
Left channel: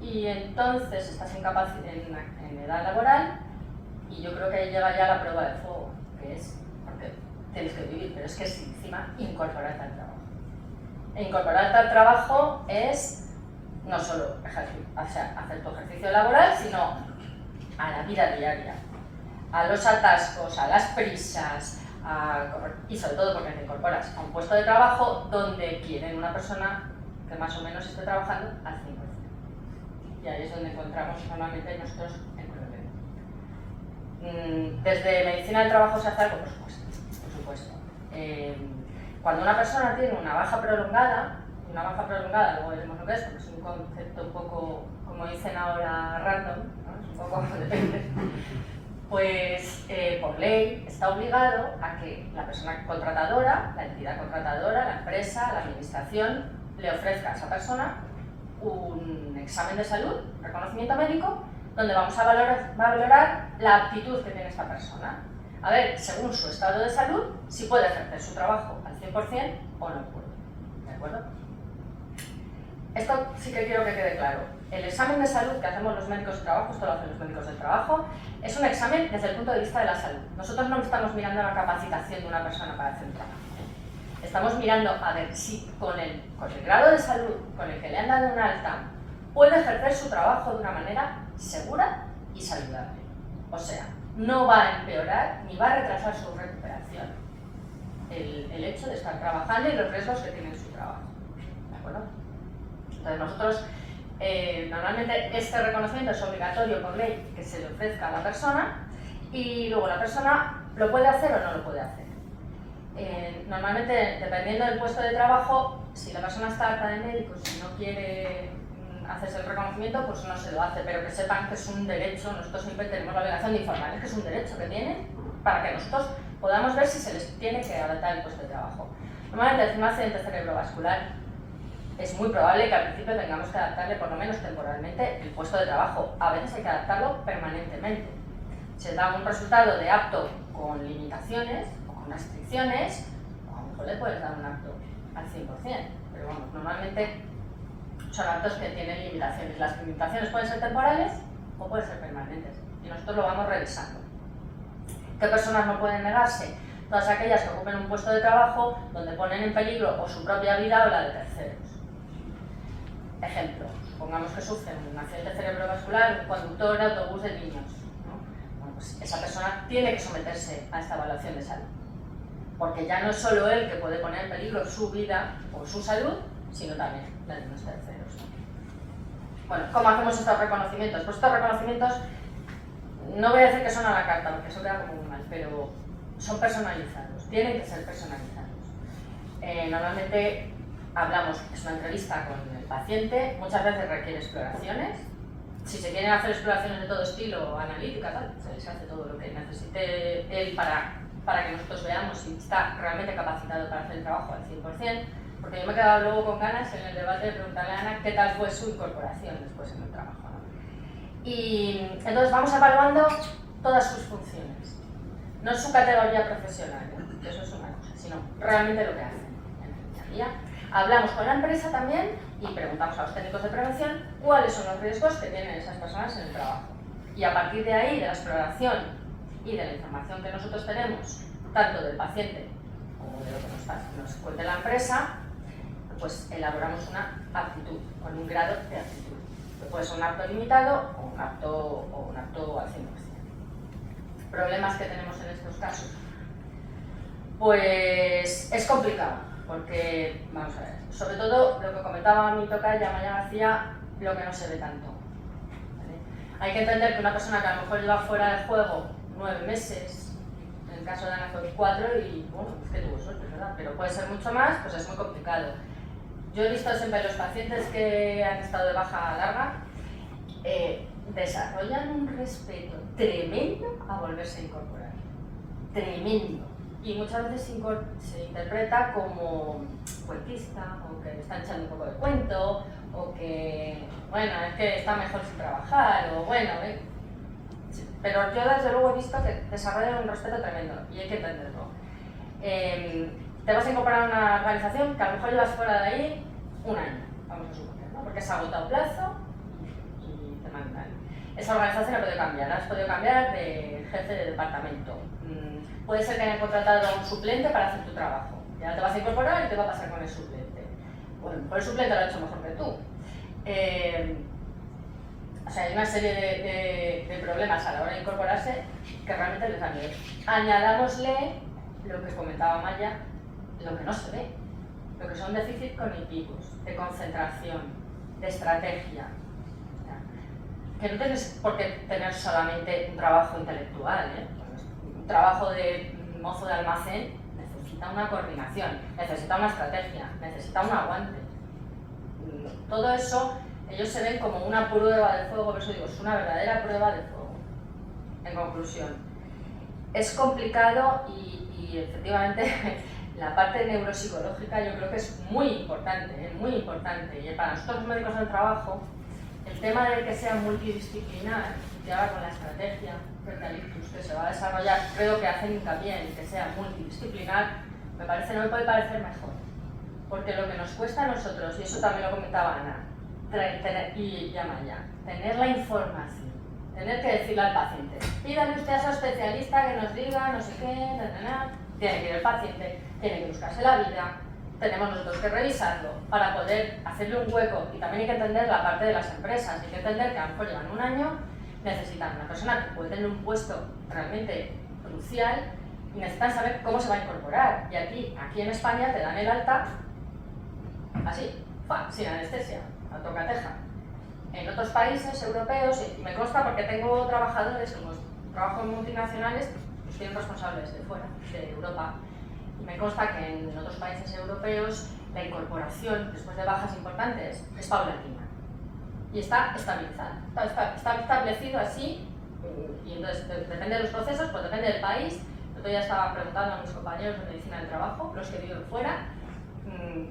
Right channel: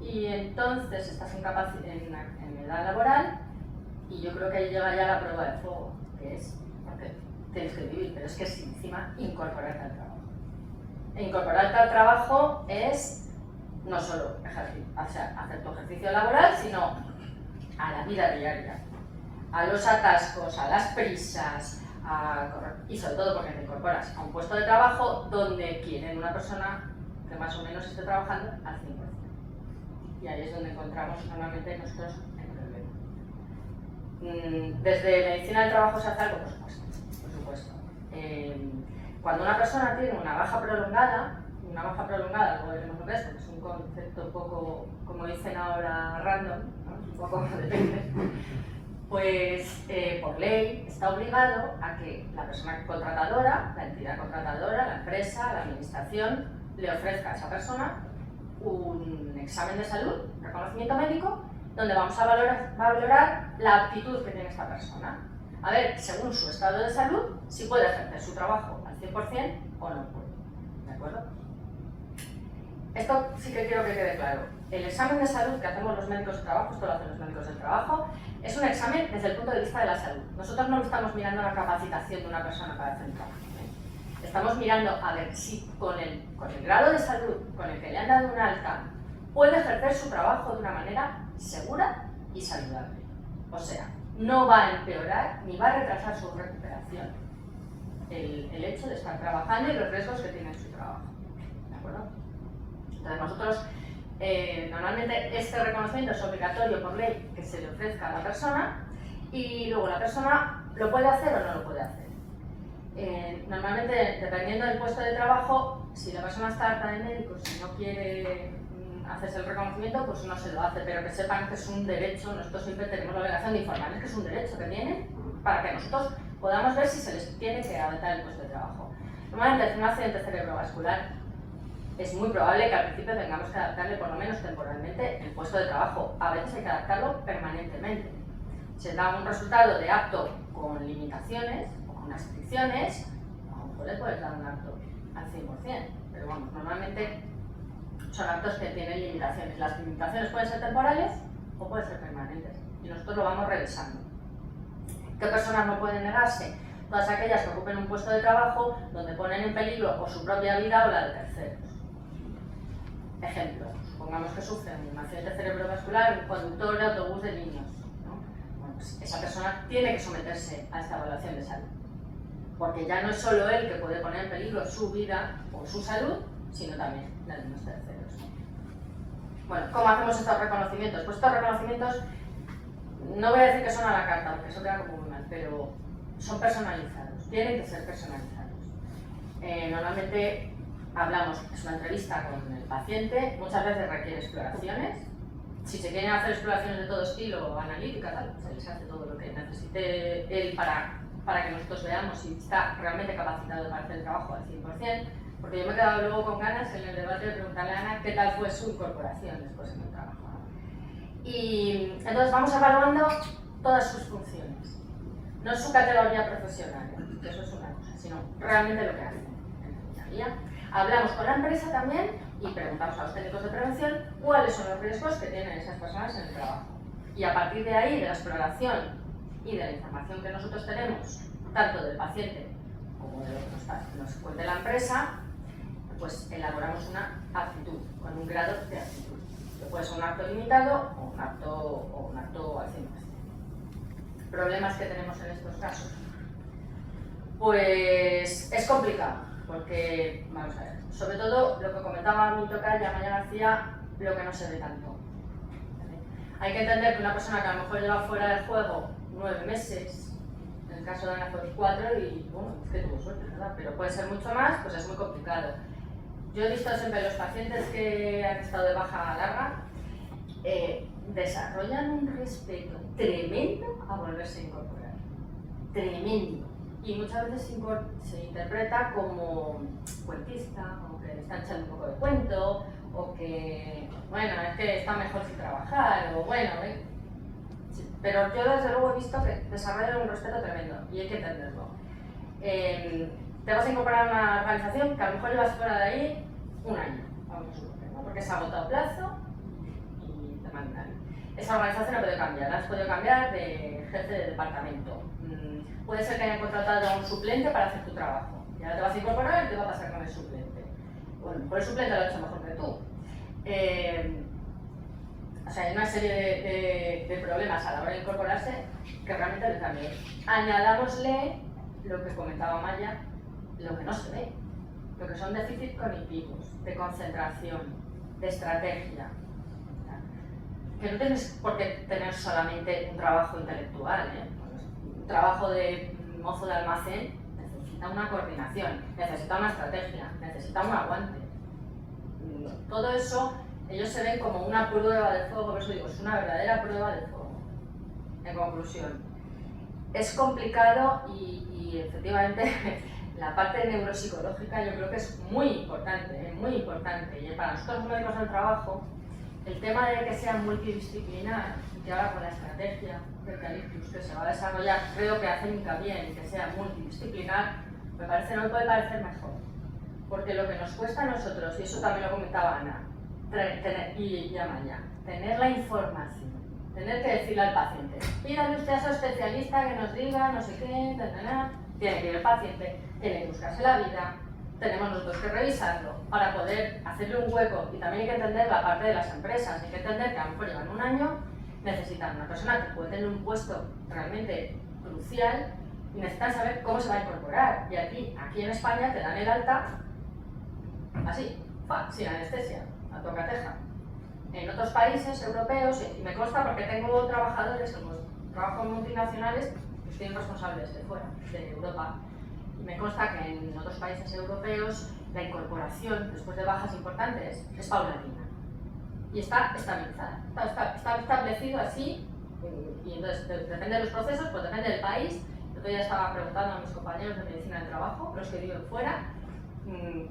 Y entonces estás en edad laboral y yo creo que ahí llega ya la prueba de fuego, que es, porque tienes que vivir, pero es que es encima incorporarte al trabajo. E incorporarte al trabajo es no solo hacer tu ejercicio laboral, sino a la vida diaria, a los atascos, a las prisas, y sobre todo porque te incorporas a un puesto de trabajo donde quieren una persona que más o menos esté trabajando al 100%. Y ahí es donde encontramos normalmente nosotros el problema. Desde medicina del trabajo se hace algo, por supuesto. Cuando una persona tiene una baja prolongada, luego veremos lo que es, porque es un concepto un poco, como dicen ahora, random, ¿no? Es un poco depende. Pues por ley está obligado a que la persona contratadora, la entidad contratadora, la empresa, la administración, le ofrezca a esa persona un examen de salud, un reconocimiento médico, donde vamos a valorar la actitud que tiene esta persona. A ver, según su estado de salud, si puede ejercer su trabajo al 100% o no puede. ¿De acuerdo? Esto sí que quiero que quede claro. El examen de salud que hacemos los médicos de trabajo, esto lo hacen los médicos del trabajo, es un examen desde el punto de vista de la salud. Nosotros no estamos mirando la capacitación de una persona para hacer un trabajo. Estamos mirando a ver si con el grado de salud con el que le han dado una alta puede ejercer su trabajo de una manera segura y saludable. O sea, no va a empeorar ni va a retrasar su recuperación el hecho de estar trabajando y los riesgos que tiene en su trabajo. ¿De acuerdo? Entonces nosotros, normalmente este reconocimiento es obligatorio por ley que se le ofrezca a la persona y luego la persona lo puede hacer o no lo puede hacer. Normalmente, dependiendo del puesto de trabajo, si la persona está harta de médicos y no quiere hacerse el reconocimiento, pues no se lo hace, pero que sepan que es un derecho. Nosotros siempre tenemos la obligación de informarles que es un derecho que tienen para que nosotros podamos ver si se les tiene que adaptar el puesto de trabajo. Normalmente, en un accidente cerebrovascular es muy probable que al principio tengamos que adaptarle por lo menos temporalmente el puesto de trabajo. A veces hay que adaptarlo permanentemente. Se da un resultado de apto con limitaciones, con restricciones, a lo mejor le puedes dar un apto al 100%, pero vamos, normalmente son aptos que tienen limitaciones. Las limitaciones pueden ser temporales o pueden ser permanentes y nosotros lo vamos revisando. ¿Qué personas no pueden negarse? Todas aquellas que ocupen un puesto de trabajo donde ponen en peligro o su propia vida o la de terceros. Ejemplo, supongamos que sufre un accidente cerebrovascular un conductor de autobús de niños, ¿no? Bueno, pues esa persona tiene que someterse a esta evaluación de salud, porque ya no es solo él que puede poner en peligro su vida o su salud, sino también la de los terceros. Bueno, ¿cómo hacemos estos reconocimientos? Pues estos reconocimientos, no voy a decir que son a la carta, porque eso queda como muy mal, pero son personalizados, tienen que ser personalizados. Normalmente hablamos, es una entrevista con el paciente, muchas veces requiere exploraciones. Si se quieren hacer exploraciones de todo estilo, analíticas, se les hace todo lo que necesite él para que nosotros veamos si está realmente capacitado para hacer el trabajo al 100%, porque yo me he quedado luego con ganas en el debate de preguntarle a Ana qué tal fue su incorporación después en el trabajo, ¿no? Y entonces vamos evaluando todas sus funciones, no su categoría profesional, que eso es una cosa, sino realmente lo que hacen en el día a día. Hablamos con la empresa también y preguntamos a los técnicos de prevención cuáles son los riesgos que tienen esas personas en el trabajo. Y a partir de ahí, de la exploración y de la información que nosotros tenemos, tanto del paciente como de lo que nos cuente la empresa, pues elaboramos una aptitud, con un grado de aptitud. Que puede ser un apto limitado o un apto al 100%. ¿Problemas que tenemos en estos casos? Pues es complicado. Porque, vamos a ver, sobre todo lo que comentaba mi tocaya Maya García, lo que no se ve tanto. ¿Vale? Hay que entender que una persona que a lo mejor lleva fuera del juego 9 meses, en el caso de Ana fue 4 y bueno, es que tuvo suerte, ¿verdad? Pero puede ser mucho más, pues es muy complicado. Yo he visto siempre los pacientes que han estado de baja larga, desarrollan un respeto tremendo a volverse a incorporar. Tremendo. Y muchas veces se interpreta como cuentista, o que le están echando un poco de cuento, o que, bueno, es que está mejor sin trabajar, o bueno, sí, pero yo desde luego he visto que desarrollan un respeto tremendo, y hay que entenderlo. Te vas a incorporar a una organización que a lo mejor llevas fuera de ahí un año, vamos a suponer, ¿no? Porque se ha agotado plazo y te mandan. Esa organización la puede cambiar, la has podido cambiar de jefe de departamento. Puede ser que hayan contratado a un suplente para hacer tu trabajo. Y ahora te vas a incorporar y te va a pasar con el suplente. Bueno, pues el suplente lo ha hecho mejor que tú. O sea, hay una serie de problemas a la hora de incorporarse que realmente les da miedo. Añadámosle lo que comentaba Maya, lo que no se ve. Lo que son déficits cognitivos, de concentración, de estrategia. que no tienes por qué tener solamente un trabajo intelectual, ¿eh? Un trabajo de mozo de almacén necesita una coordinación, necesita una estrategia, necesita un aguante. Todo eso, ellos se ven como una prueba de fuego, por eso digo, es una verdadera prueba de fuego. En conclusión, es complicado y efectivamente la parte neuropsicológica yo creo que es muy importante, muy importante. Y para nosotros los médicos del trabajo, el tema de que sea multidisciplinar, que ahora con la estrategia frente al ictus que se va a desarrollar, creo que hacen hincapié en que sea multidisciplinar, no me puede parecer mejor. Porque lo que nos cuesta a nosotros, y eso también lo comentaba Ana, y Amaya, tener la información, tener que decirle al paciente, pídale usted a ese especialista que nos diga no sé qué, tiene que ir el paciente, tiene que buscarse la vida, tenemos nosotros que revisarlo para poder hacerle un hueco. Y también hay que entender la parte de las empresas, hay que entender que a lo mejor llevan un año, necesitan una persona que puede tener un puesto realmente crucial y necesitan saber cómo se va a incorporar. Y aquí en España te dan el alta así, sin anestesia, a tocateja. En otros países europeos, y me consta porque tengo trabajadores, como trabajo en multinacionales, pues tienen responsables de fuera, de Europa. Y me consta que en otros países europeos la incorporación después de bajas importantes es paulatina. Y está estabilizada, está establecido así, y entonces depende de los procesos, pues depende del país. Yo ya estaba preguntando a mis compañeros de medicina del trabajo, los que viven fuera,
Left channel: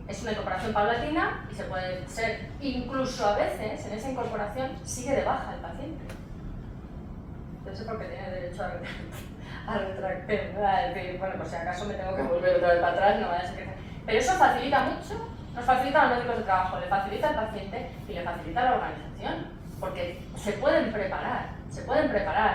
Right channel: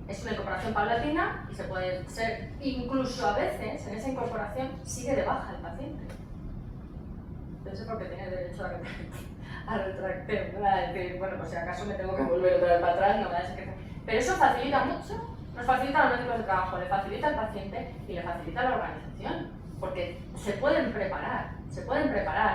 es una incorporación paulatina y se puede ser, incluso a veces en esa incorporación sigue de baja el paciente. Entonces porque tiene derecho a retractar, ¿no? A decir, bueno, pues si acaso me tengo que volver otra vez para atrás, no vaya a ser que... Pero eso facilita mucho, nos facilita a los médicos de trabajo, le facilita al paciente y le facilita a la organización, porque se pueden preparar,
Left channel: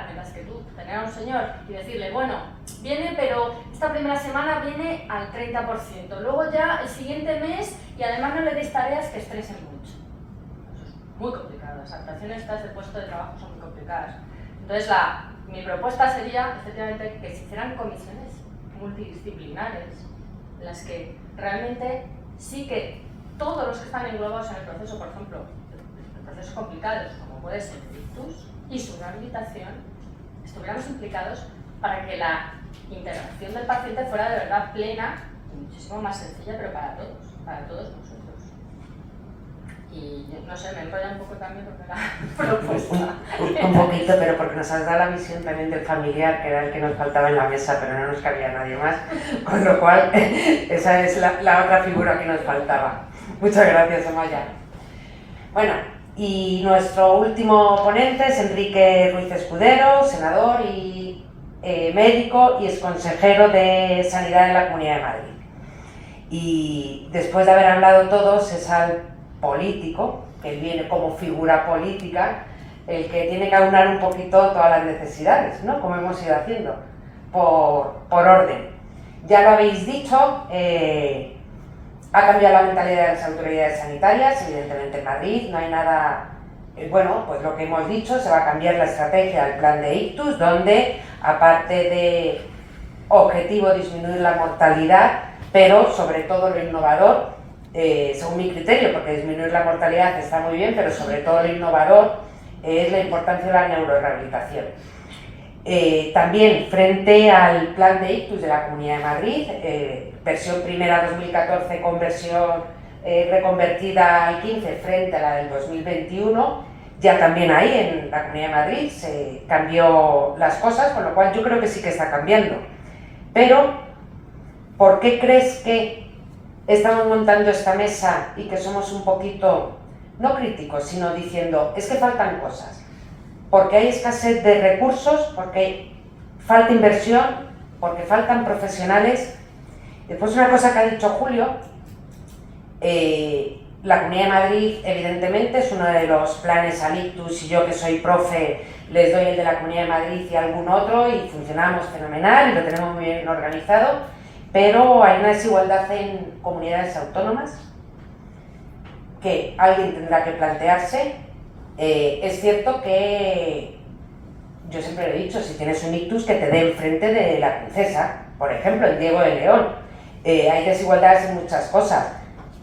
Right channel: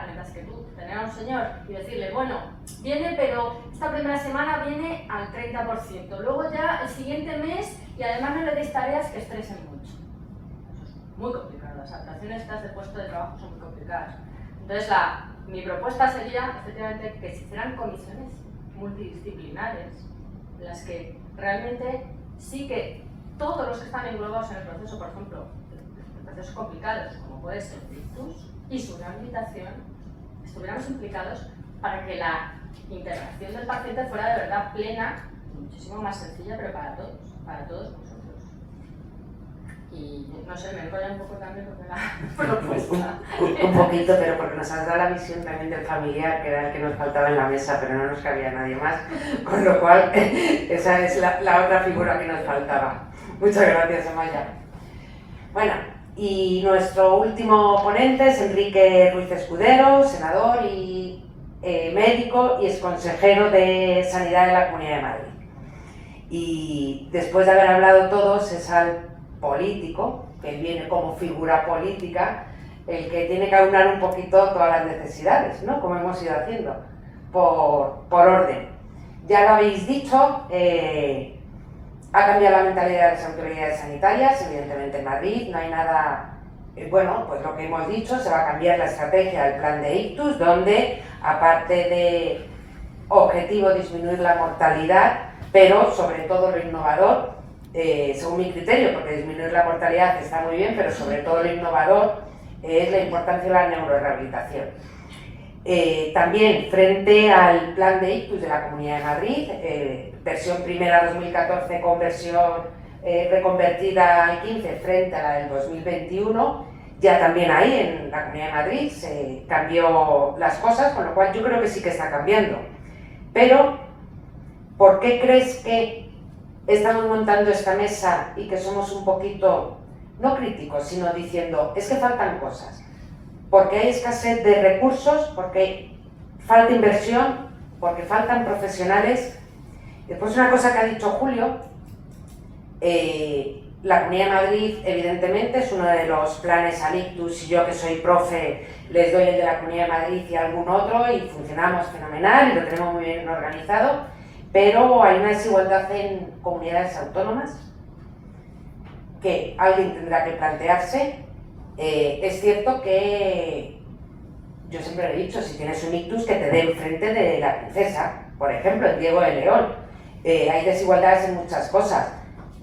mientras que tú tener a un señor y decirle, bueno, viene, pero esta primera semana viene al 30%, luego ya el siguiente mes, y además no le deis tareas que estresen mucho. Eso es muy complicado, las adaptaciones estas de puesto de trabajo son muy complicadas. Entonces mi propuesta sería, efectivamente, que se hicieran comisiones multidisciplinares, en las que realmente sí que todos los que están englobados en el proceso, por ejemplo, en procesos complicados, como puede ser el ictus y su rehabilitación, estuviéramos implicados para que la integración del paciente fuera de verdad plena y muchísimo más sencilla, pero para todos nosotros. Y no sé, me enrollo un poco también porque la propuesta. Un poquito, pero porque nos has dado la visión también del familiar, que era el que nos faltaba en la mesa, pero no nos cabía nadie más, con lo cual esa es la otra figura que nos faltaba. Muchas gracias, Amaya. Bueno, y nuestro último ponente es Enrique Ruiz Escudero, senador y médico y exconsejero de Sanidad de la Comunidad de Madrid. Y después de haber hablado todos, es al político, que viene como figura política, el que tiene que aunar un poquito todas las necesidades, ¿no? Como hemos ido haciendo, por orden. Ya lo habéis dicho, ha cambiado la mentalidad de las autoridades sanitarias, evidentemente en Madrid, no hay nada, bueno, pues lo que hemos dicho, se va a cambiar la estrategia del plan de ictus, donde, aparte de objetivo disminuir la mortalidad, pero sobre todo lo innovador, según mi criterio, porque disminuir la mortalidad está muy bien, pero sobre todo lo innovador es la importancia de la neurorehabilitación. También frente al plan de ictus de la Comunidad de Madrid, versión primera 2014 con versión reconvertida al 15 frente a la del 2021, ya también ahí en la Comunidad de Madrid se cambió las cosas, con lo cual yo creo que sí que está cambiando. Pero, ¿por qué crees que estamos montando esta mesa y que somos un poquito, no críticos, sino diciendo, es que faltan cosas? Porque hay escasez de recursos, porque falta inversión, porque faltan profesionales. Después una cosa que ha dicho Julio, la Comunidad de Madrid evidentemente es uno de los planes al ictus, y yo que soy profe les doy el de la Comunidad de Madrid y algún otro y funcionamos fenomenal y lo tenemos muy bien organizado, pero hay una desigualdad en comunidades autónomas que alguien tendrá que plantearse. Es cierto que yo siempre he dicho, si tienes un ictus, que te dé enfrente de la princesa, por ejemplo, en Diego de León. Hay desigualdades en muchas cosas,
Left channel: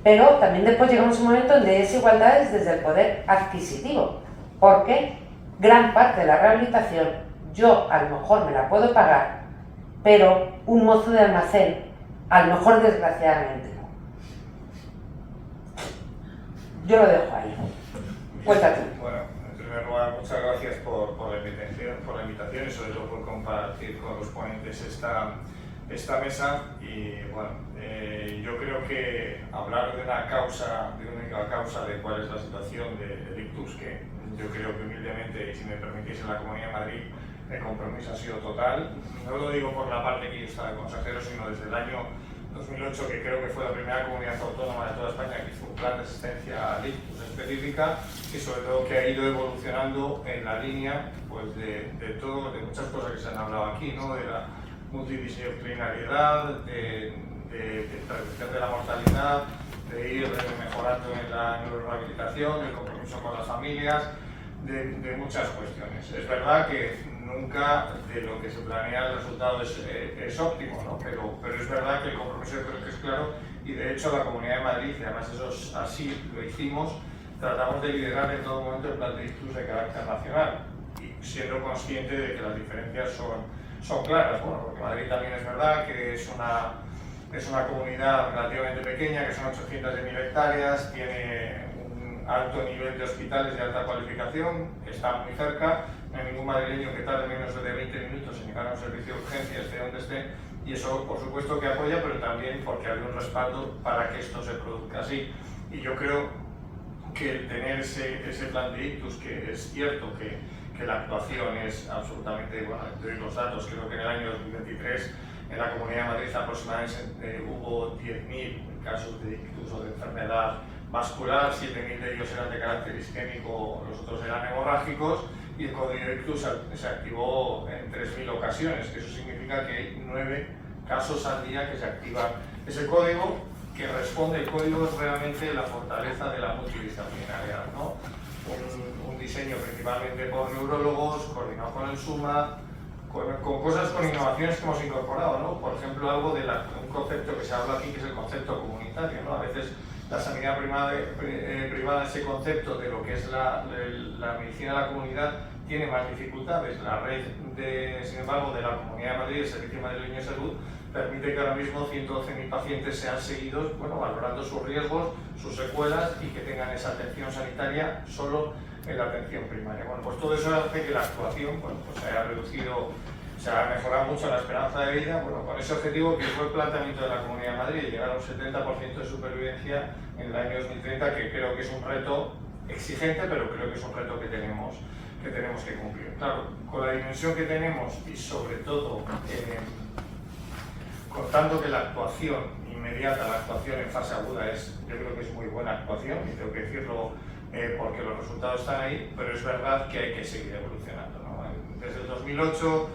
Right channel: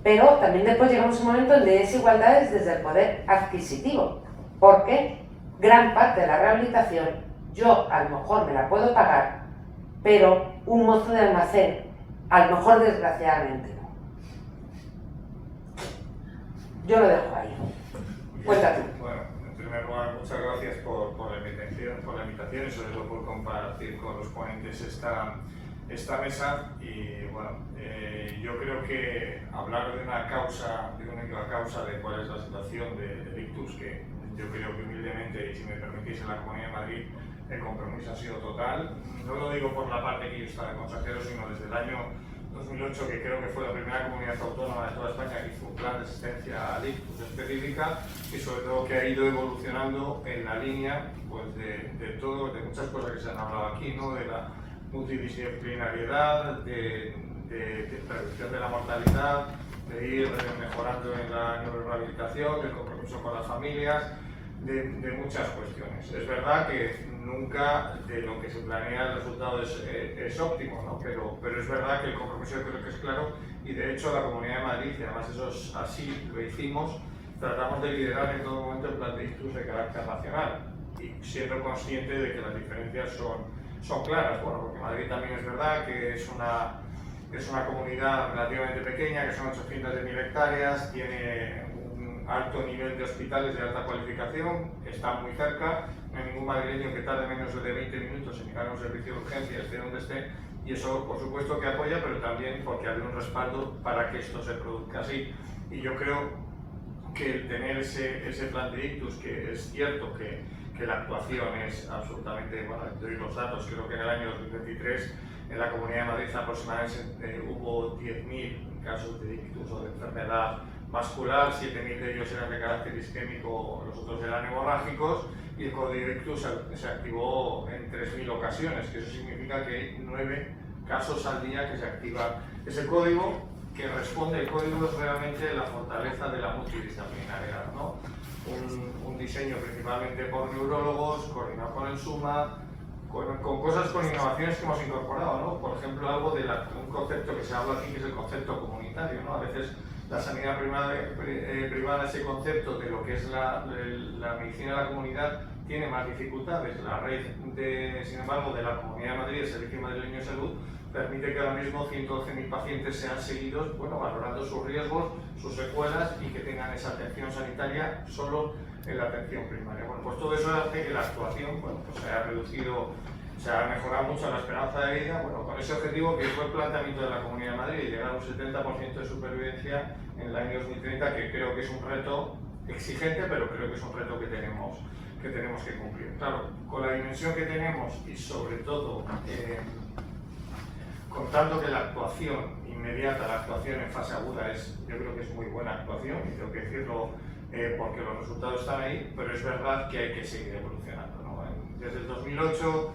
pero también después llegamos a un momento donde hay desigualdades desde el poder adquisitivo, porque gran parte de la rehabilitación yo a lo mejor me la puedo pagar, pero un mozo de almacén, a lo mejor desgraciadamente no. Yo lo dejo ahí. Cuéntate. Bueno, en primer lugar, muchas gracias por la invitación y sobre todo por compartir con los ponentes esta mesa. Y bueno, yo creo que hablar de una única causa de cuál es la situación del ictus, que yo creo que humildemente, y si me permitís, en la Comunidad de Madrid el compromiso ha sido total. No lo digo por la parte que yo estaba de consejero, sino desde el año 2008, que creo que fue la primera comunidad autónoma de toda España que hizo un plan de asistencia al ictus específica, y sobre todo que ha ido evolucionando en la línea pues, de muchas cosas que se han hablado aquí, ¿no? De la multidisciplinariedad, de reducción de la mortalidad, de ir mejorando en la neurorehabilitación, el compromiso con las familias, de muchas cuestiones. Es verdad que nunca de lo que se planea el resultado es óptimo, ¿no? Pero es verdad que el compromiso yo creo que es claro, y de hecho la Comunidad de Madrid, y además eso así lo hicimos, tratamos de liderar en todo momento el plan de ictus de carácter nacional, y siendo consciente de que las diferencias son claras. Bueno, porque Madrid también es verdad que es una comunidad relativamente pequeña, que son 800.000 hectáreas, tiene un alto nivel de hospitales de alta cualificación, está muy cerca, no hay ningún madrileño que tarde menos de 20 minutos en llegar a un servicio de urgencia, esté donde esté, y eso por supuesto que apoya, pero también porque hay un respaldo para que esto se produzca así. Y yo creo que el tener ese plan de ictus, que es cierto que la actuación es absolutamente, bueno, doy los datos, creo que en el año 2023 en la Comunidad de Madrid aproximadamente hubo 10.000 casos de ictus o de enfermedad vascular, 7.000 de ellos eran de carácter isquémico, los otros eran hemorrágicos, y el código ictus se activó en 3.000 ocasiones, que eso significa que hay 9 casos al día que se activa ese código, que responde. El código es realmente la fortaleza de la multidisciplinariedad, ¿no? Un diseño principalmente por neurólogos, coordinado con el SUMA, con cosas, con innovaciones que hemos incorporado, ¿no? Por ejemplo, algo de un concepto que se habla aquí, que es el concepto comunitario, ¿no? A veces la sanidad privada, ese concepto de lo que es la medicina de la comunidad, tiene más dificultades. La red, sin embargo, de la Comunidad de Madrid, el Servicio Madrileño de Salud, permite que ahora mismo 112.000 pacientes sean seguidos, bueno, valorando sus riesgos, sus secuelas, y que tengan esa atención sanitaria solo en la atención primaria. Bueno, pues todo eso hace que la actuación, bueno, pues se haya reducido, se ha mejorado mucho la esperanza de vida, bueno, con ese objetivo que fue el planteamiento de la Comunidad de Madrid, llegar a un 70% de supervivencia en el año 2030, que creo que es un reto exigente, pero creo que es un reto que tenemos que cumplir. Claro, con la dimensión que tenemos y sobre todo contando que la actuación inmediata, la actuación en fase aguda yo creo que es muy buena actuación, y tengo que decirlo porque los resultados están ahí, pero es verdad que hay que seguir evolucionando, ¿no? Desde el 2008,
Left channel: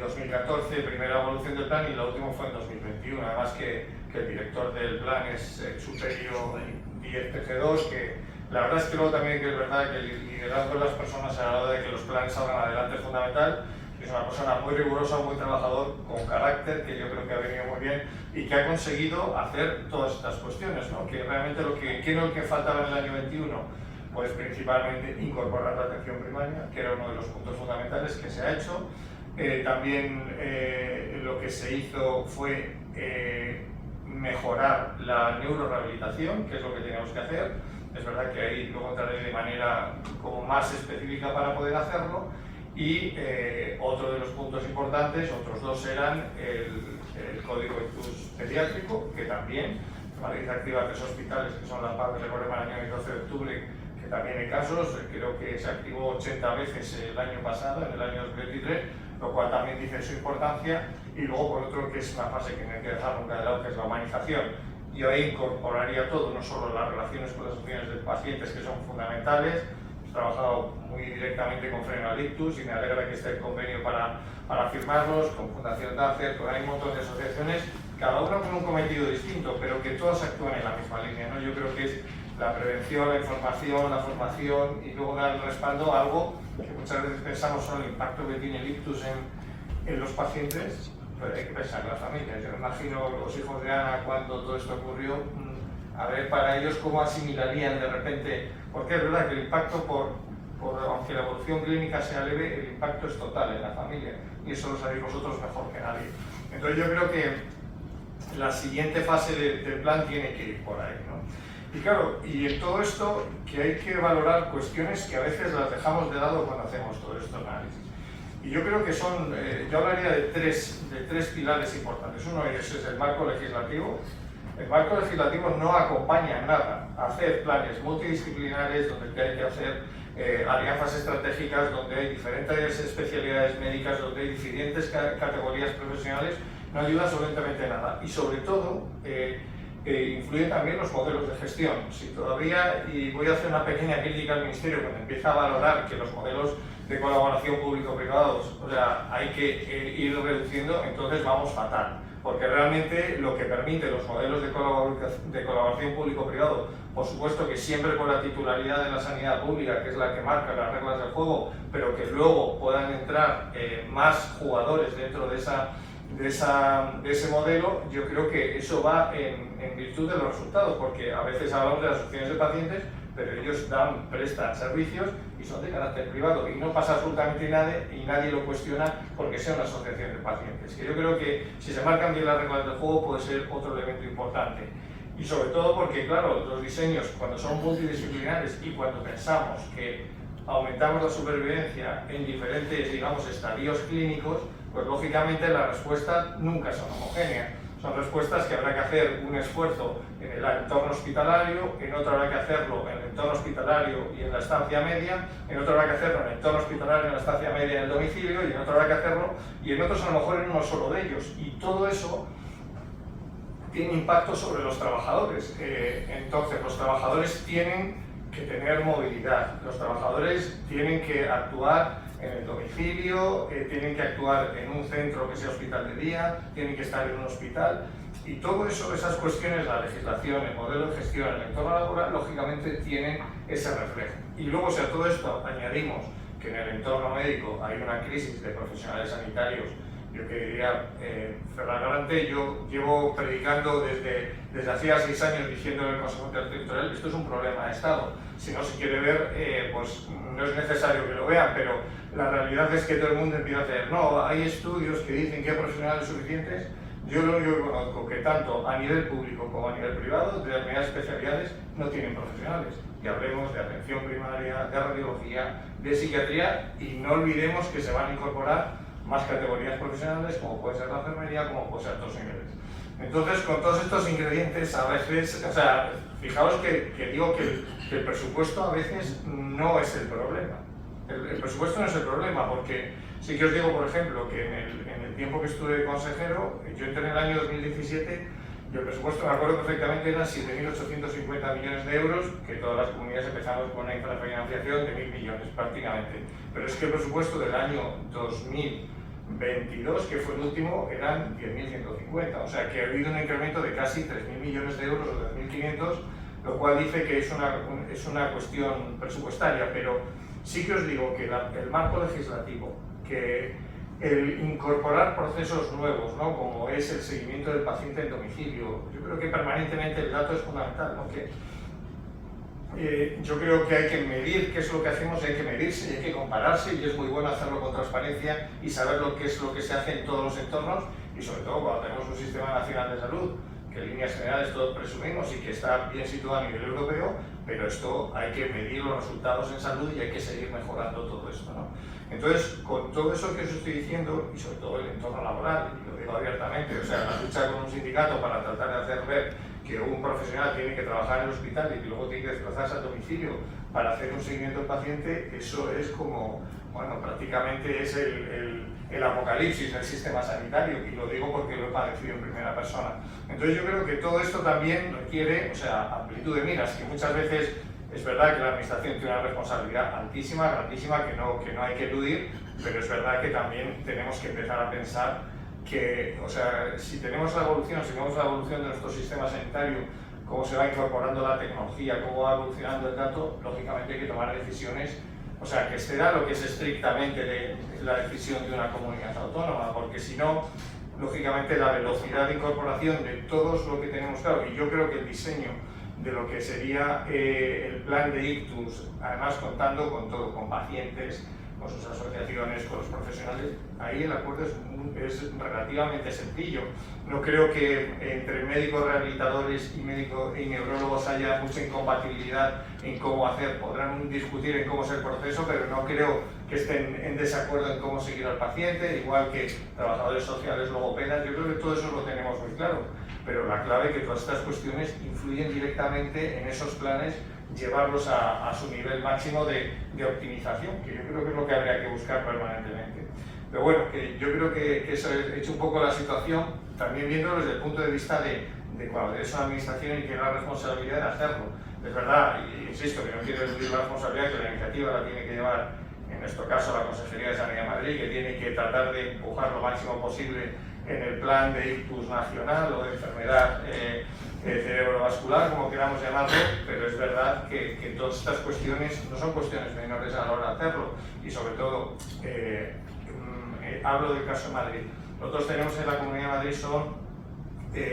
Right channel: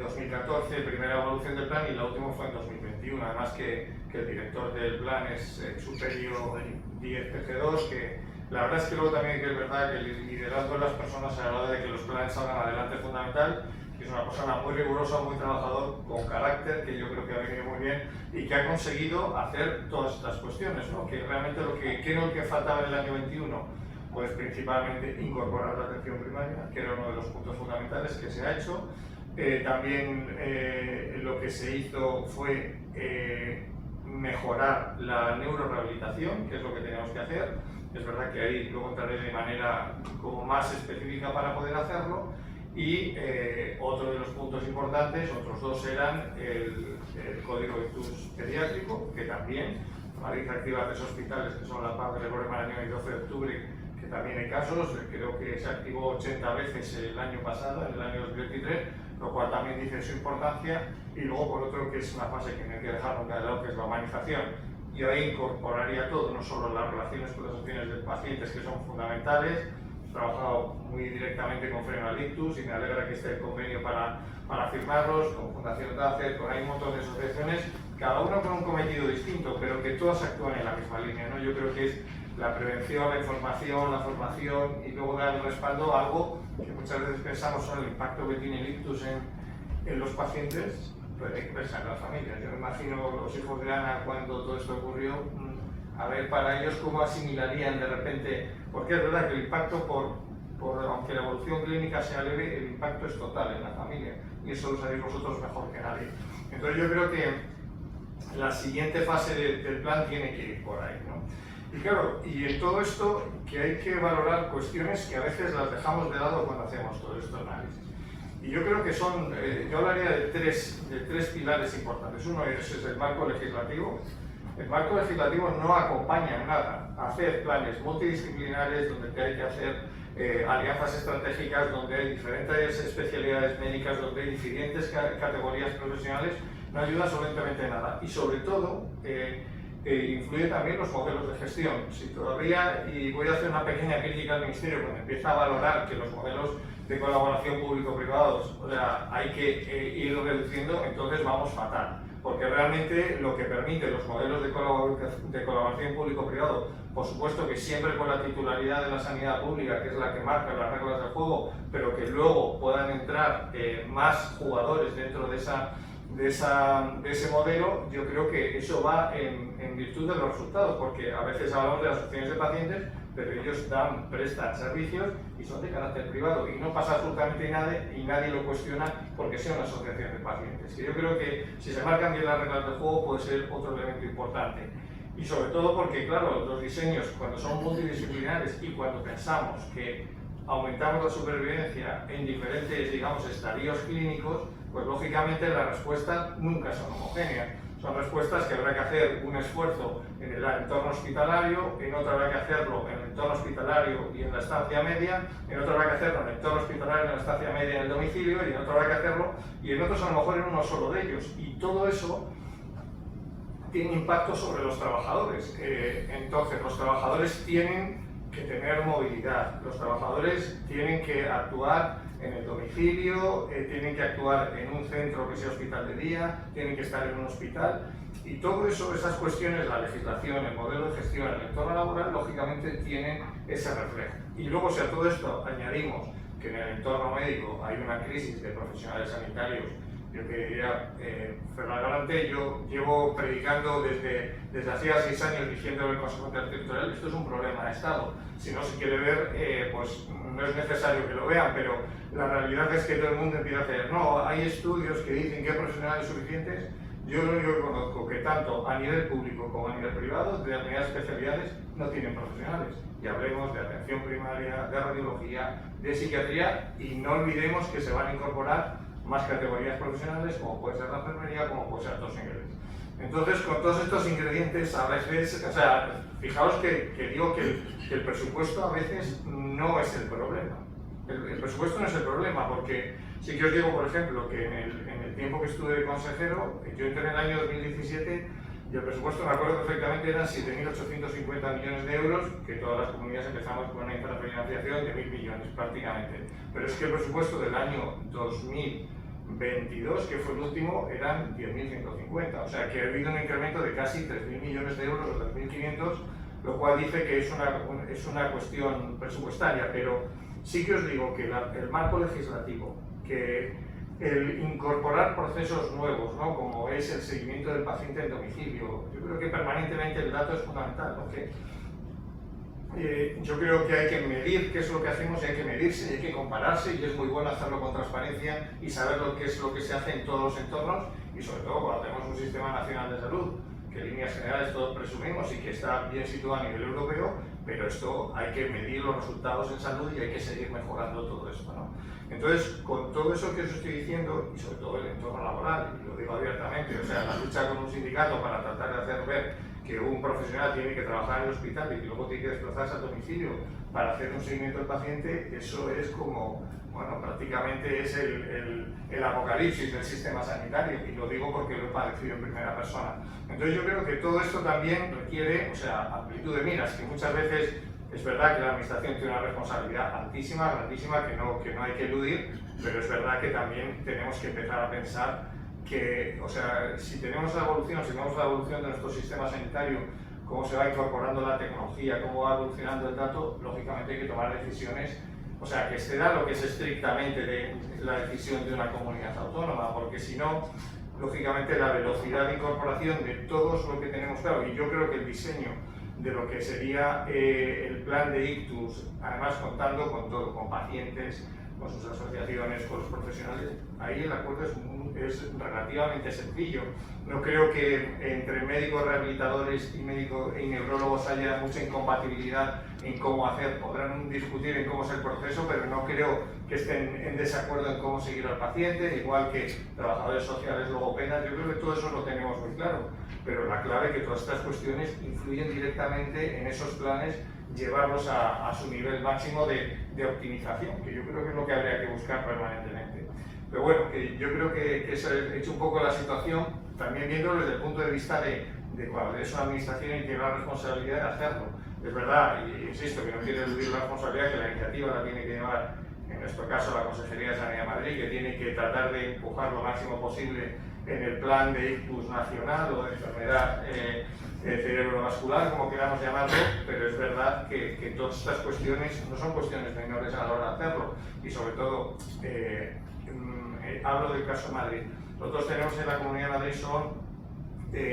2014, primera evolución del plan, y la última fue en 2021, además que el director del plan es Superior 10 PG2, que la verdad es que luego también es verdad que el liderazgo de las personas a la hora de que los planes salgan adelante es fundamental. Es una persona muy rigurosa, muy trabajador, con carácter, que yo creo que ha venido muy bien y que ha conseguido hacer todas estas cuestiones, ¿no? Que realmente ¿qué es lo que faltaba en el año 21? Pues principalmente incorporar la atención primaria, que era uno de los puntos fundamentales que se ha hecho. También lo que se hizo fue mejorar la neurorehabilitación, que es lo que teníamos que hacer. Es verdad que ahí luego entraré de manera como más específica para poder hacerlo. Y otro de los puntos importantes, otros dos, eran el código ictus pediátrico, que también Madrid activa 3 hospitales, que son La Paz, Gregorio Marañón y 12 de octubre, que también hay casos. Creo que se activó 80 veces el año pasado, en el año 2023, lo cual también dice su importancia. Y luego, por otro, que es una fase que no hay que dejar nunca de lado, que es la humanización. Yo ahí incorporaría todo, no solo las relaciones con las opciones de pacientes, que son fundamentales. He trabajado muy directamente con Freno al Ictus y me alegra que esté el convenio para firmarlos, con Fundación DACER, con hay un montón de asociaciones, cada una con un cometido distinto, pero que todas actúan en la misma línea, ¿no? Yo creo que es la prevención, la información, la formación, y luego dar el respaldo a algo que muchas veces pensamos solo el impacto que tiene el ictus en los pacientes, pero hay que pensar en las familias. Yo me imagino los hijos de Ana cuando todo esto ocurrió, a ver para ellos cómo asimilarían de repente, porque es verdad que el impacto por aunque la evolución clínica sea leve, el impacto es total en la familia, y eso lo sabéis vosotros mejor que nadie. Entonces yo creo que la siguiente fase del plan tiene que ir por ahí, ¿no? Y claro, y en todo esto que hay que valorar cuestiones que a veces las dejamos de lado cuando hacemos todo estos análisis. Y yo creo que son, yo hablaría de tres pilares importantes. Uno es el marco legislativo. El marco legislativo no acompaña en nada a hacer planes multidisciplinares donde hay que hacer alianzas estratégicas, donde hay diferentes especialidades médicas, donde hay diferentes categorías profesionales, no ayuda absolutamente nada. Y sobre todo, influyen también los modelos de gestión. Si todavía, y voy a hacer una pequeña crítica al Ministerio, cuando empieza a valorar que los modelos de colaboración público-privados, o sea, hay que ir reduciendo, entonces vamos fatal. Porque realmente lo que permite los modelos de colaboración público-privado, por supuesto que siempre con la titularidad de la sanidad pública, que es la que marca las reglas del juego, pero que luego puedan entrar más jugadores dentro de ese modelo, yo creo que eso va en virtud de los resultados, porque a veces hablamos de las asociaciones de pacientes, pero ellos prestan servicios y son de carácter privado y no pasa absolutamente nada y nadie lo cuestiona porque sea una asociación de pacientes. Que yo creo que si se marcan bien las reglas del juego puede ser otro elemento importante. Y sobre todo porque, claro, los diseños cuando son multidisciplinares y cuando pensamos que aumentamos la supervivencia en diferentes, digamos, estadios clínicos, pues lógicamente las respuestas nunca son homogéneas. Son respuestas que habrá que hacer un esfuerzo en el entorno hospitalario, en otro habrá que hacerlo en el entorno hospitalario y en la estancia media, en otro habrá que hacerlo en el entorno hospitalario, en la estancia media, en el domicilio, y en otro habrá que hacerlo, y en otros a lo mejor en uno solo de ellos. Y todo eso tiene impacto sobre los trabajadores. Entonces, los trabajadores tienen que tener movilidad, los trabajadores tienen que actuar en el domicilio, tienen que actuar en un centro que sea hospital de día, tienen que estar en un hospital, y todo eso, esas cuestiones, la legislación, el modelo de gestión, el entorno laboral, lógicamente tienen ese reflejo. Y luego, si a todo esto añadimos que en el entorno médico hay una crisis de profesionales sanitarios, yo que diría, Ferran Galante, yo llevo predicando desde hacía 6 años diciendo en el Consejo Territorial que esto es un problema de Estado. Si no se quiere ver, pues no es necesario que lo vean, pero la realidad es que todo el mundo empieza a hacer, no, hay estudios que dicen que hay profesionales suficientes. Yo lo único que conozco que tanto a nivel público como a nivel privado, de determinadas especialidades, no tienen profesionales. Y hablemos de atención primaria, de radiología, de psiquiatría, y no olvidemos que se van a incorporar más categorías profesionales, como puede ser la enfermería, como puede ser otros niveles. Entonces, con todos estos ingredientes, a veces, o sea, fijaos que digo que el presupuesto a veces no es el problema. El presupuesto no es el problema, porque sí que os digo, por ejemplo, que en el tiempo que estuve consejero, yo entré en el año 2017 y el presupuesto, me acuerdo perfectamente, eran 7.850 millones de euros, que todas las comunidades empezamos con una infrafinanciación de 1.000 millones prácticamente. Pero es que el presupuesto del año 2022, que fue el último, eran 10.150. O sea que ha habido un incremento de casi 3.000 millones de euros o 2.500, lo cual dice que es una cuestión presupuestaria. Pero sí que os digo que el marco legislativo, que el incorporar procesos nuevos, ¿no? Como es el seguimiento del paciente en domicilio, yo creo que permanentemente el dato es fundamental, ¿no? Yo creo que hay que medir qué es lo que hacemos, hay que medirse, hay que compararse, y es muy bueno hacerlo con transparencia y saber qué es lo que se hace en todos los entornos, y sobre todo cuando tenemos un sistema nacional de salud que en líneas generales todos presumimos y que está bien situado a nivel europeo, pero esto hay que medir los resultados en salud y hay que seguir mejorando todo esto, ¿no? Entonces, con todo eso que os estoy diciendo, y sobre todo el entorno laboral, y lo digo abiertamente, o sea, la lucha con un sindicato para tratar de hacer ver que un profesional tiene que trabajar en el hospital y que luego tiene que desplazarse al domicilio para hacer un seguimiento del paciente, eso es como, bueno, prácticamente es el apocalipsis del sistema sanitario, y lo digo porque lo he padecido en primera persona. Entonces yo creo que todo esto también requiere, o sea, amplitud de miras, que muchas veces es verdad que la administración tiene una responsabilidad altísima, grandísima, que no hay que eludir, pero es verdad que también tenemos que empezar a pensar que, o sea, si tenemos la evolución de nuestro sistema sanitario, cómo se va incorporando la tecnología, cómo va evolucionando el dato, lógicamente hay que tomar decisiones, o sea, que exceda lo que es estrictamente la decisión de una comunidad autónoma, porque si no, lógicamente la velocidad de incorporación de todo lo que tenemos claro, y yo creo que el diseño de lo que sería el plan de ictus, además contando con todo, con pacientes, con sus asociaciones, con los profesionales. Ahí el acuerdo es relativamente sencillo. No creo que entre médicos rehabilitadores y neurólogos haya mucha incompatibilidad en cómo hacer. Podrán discutir en cómo es el proceso, pero no creo que estén en desacuerdo en cómo seguir al paciente, igual que trabajadores sociales, logopedas. Yo creo que todo eso lo tenemos muy claro, pero la clave es que todas estas cuestiones influyen directamente en esos planes, llevarlos a su nivel máximo de optimización, que yo creo que es lo que habría que buscar permanentemente. Pero bueno, que yo creo que eso ha hecho un poco la situación, también viéndolo desde el punto de vista de cuando eres una administración y tiene la responsabilidad de hacerlo. Es verdad, y insisto, que no quiero eludir la responsabilidad, que la iniciativa la tiene que llevar, en nuestro caso, la Consejería de Sanidad de Madrid, que tiene que tratar de empujar lo máximo posible en el plan de ictus nacional o de enfermedad cerebrovascular, como queramos llamarlo, pero es verdad que todas estas cuestiones no son cuestiones menores a la hora de hacerlo, y sobre todo, hablo del caso de Madrid. Nosotros tenemos en la Comunidad de Madrid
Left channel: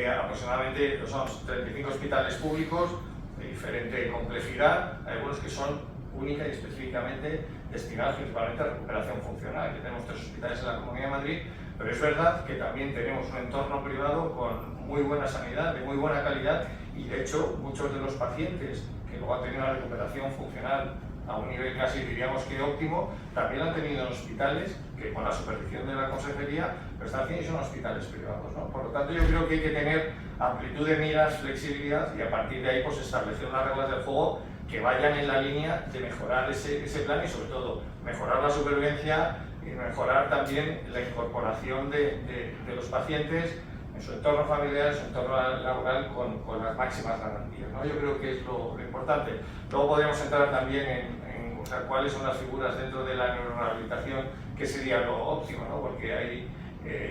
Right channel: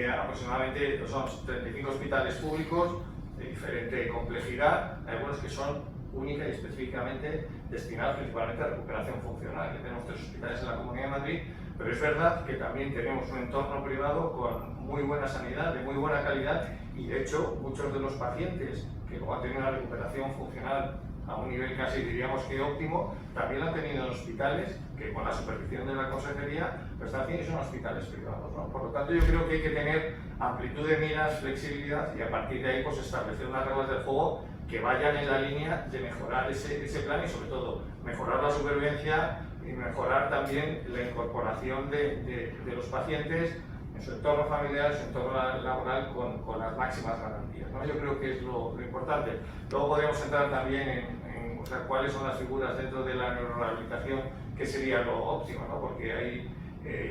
aproximadamente 35 hospitales públicos de diferente complejidad, hay algunos que son única y específicamente destinados principalmente a recuperación funcional, que tenemos 3 hospitales en la Comunidad de Madrid, pero es verdad que también tenemos un entorno privado con muy buena sanidad, de muy buena calidad, y de hecho muchos de los pacientes que luego han tenido una recuperación funcional a un nivel casi diríamos que óptimo, también lo han tenido en hospitales que con la supervisión de la Consejería lo están haciendo y son hospitales privados, ¿no? Por lo tanto, yo creo que hay que tener amplitud de miras, flexibilidad, y a partir de ahí pues establecer unas reglas del juego que vayan en la línea de mejorar ese plan y sobre todo mejorar la supervivencia y mejorar también la incorporación de los pacientes en su entorno familiar, en su entorno laboral con las máximas garantías, ¿no? Yo creo que es lo importante. Luego podríamos entrar también en o sea, cuáles son las figuras dentro de la neurorehabilitación, que sería lo óptimo, ¿no? Porque hay,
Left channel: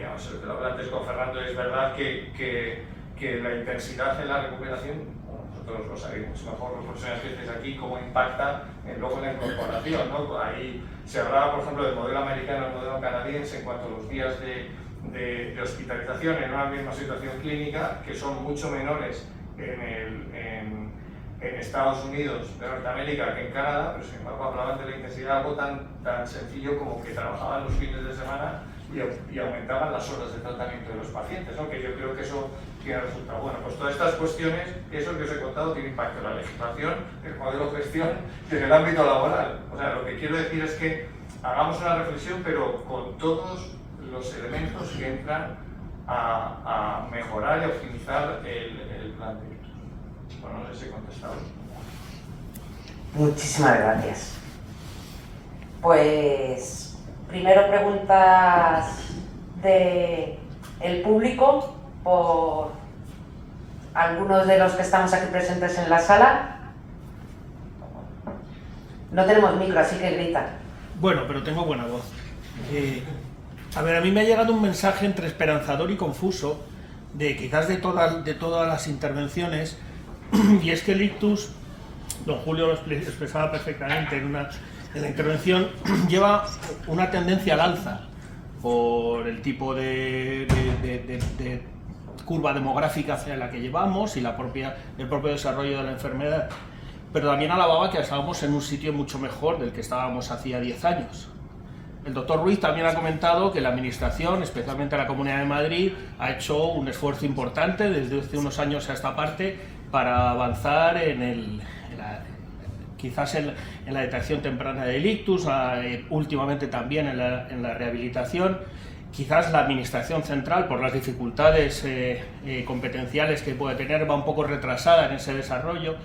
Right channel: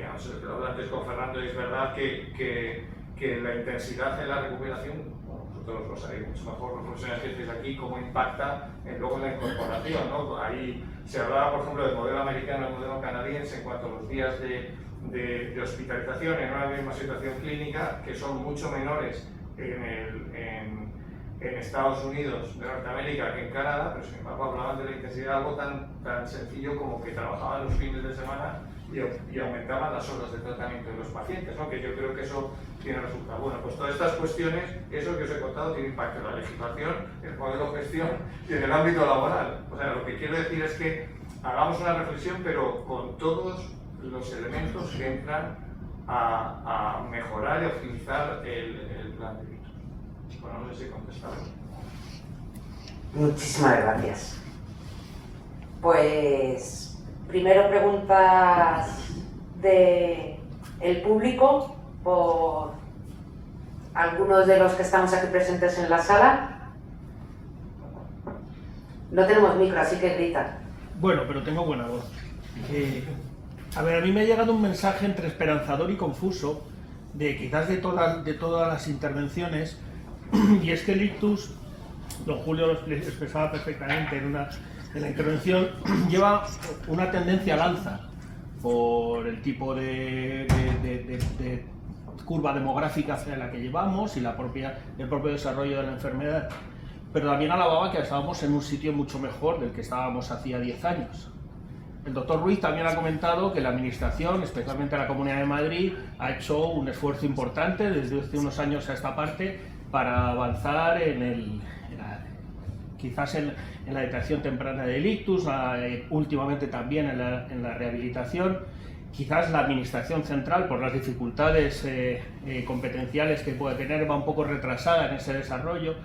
no sé, lo que lo hablaba antes con Fernando, es verdad que la intensidad en la recuperación, bueno, nosotros lo sabemos mejor los profesionales que estéis aquí, cómo impacta luego en la incorporación, ¿no? Ahí se hablaba, por ejemplo, del modelo americano y el modelo canadiense en cuanto a los días de hospitalización en una misma situación clínica, que son mucho menores en Estados Unidos de Norteamérica que en Canadá, pero sin embargo hablaban de la intensidad, algo tan sencillo como que trabajaban los fines de semana y aumentaban las horas de tratamiento de los pacientes, ¿no? Que yo creo que eso tiene resultado. Bueno, pues todas estas cuestiones, eso que os he contado, tiene impacto en la legislación, en el modelo de gestión y en el ámbito laboral. O sea, lo que quiero decir es que hagamos una reflexión, pero con todos los elementos que entran a mejorar y optimizar el plan de ictus. Bueno, no sé si he contestado. Muchísimas gracias. Pues primero preguntas del público por algunos de los que estamos aquí presentes en la sala. No tenemos micro, así que grita. Bueno, pero tengo buena voz. A ver, a mí me ha llegado un mensaje entre esperanzador y confuso de quizás de todas las intervenciones, y es que el ictus, don Julio lo expresaba perfectamente en la intervención, lleva una tendencia al alza por el tipo de curva demográfica hacia la que llevamos y el propio desarrollo de la enfermedad, pero también alababa que estábamos en un sitio mucho mejor del que estábamos hacía 10 años. El doctor Ruiz también ha comentado que la Administración, especialmente la Comunidad de Madrid, ha hecho un esfuerzo importante desde hace unos años a esta parte para avanzar quizás en la detección temprana del ictus, últimamente también en la rehabilitación. Quizás la Administración central, por las dificultades competenciales que puede tener, va un poco retrasada en ese desarrollo,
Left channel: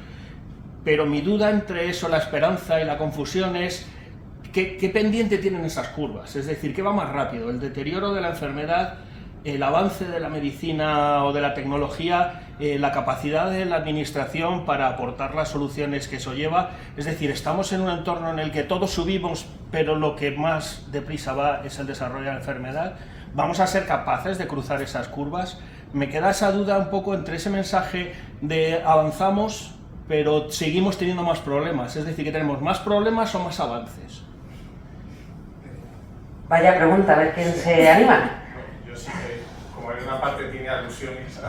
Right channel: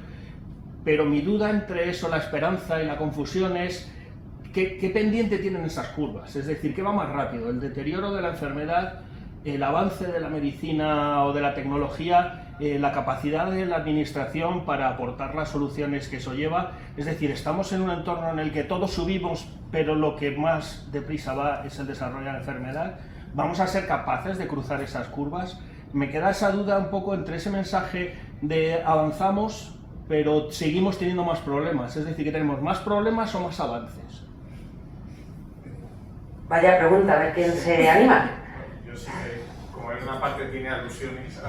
pero mi duda entre eso, la esperanza y la confusión es ¿qué pendiente tienen esas curvas? Es decir, ¿qué va más rápido? ¿El deterioro de la enfermedad, el avance de la medicina o de la tecnología, la capacidad de la administración para aportar las soluciones que eso lleva? Es decir, estamos en un entorno en el que todos subimos, pero lo que más deprisa va es el desarrollo de la enfermedad. ¿Vamos a ser capaces de cruzar esas curvas? Me queda esa duda un poco entre ese mensaje de avanzamos, pero seguimos teniendo más problemas. Es decir, que tenemos más problemas o más avances. Vaya pregunta, a ver quién se anima. Yo sí que, como en una parte tiene alusiones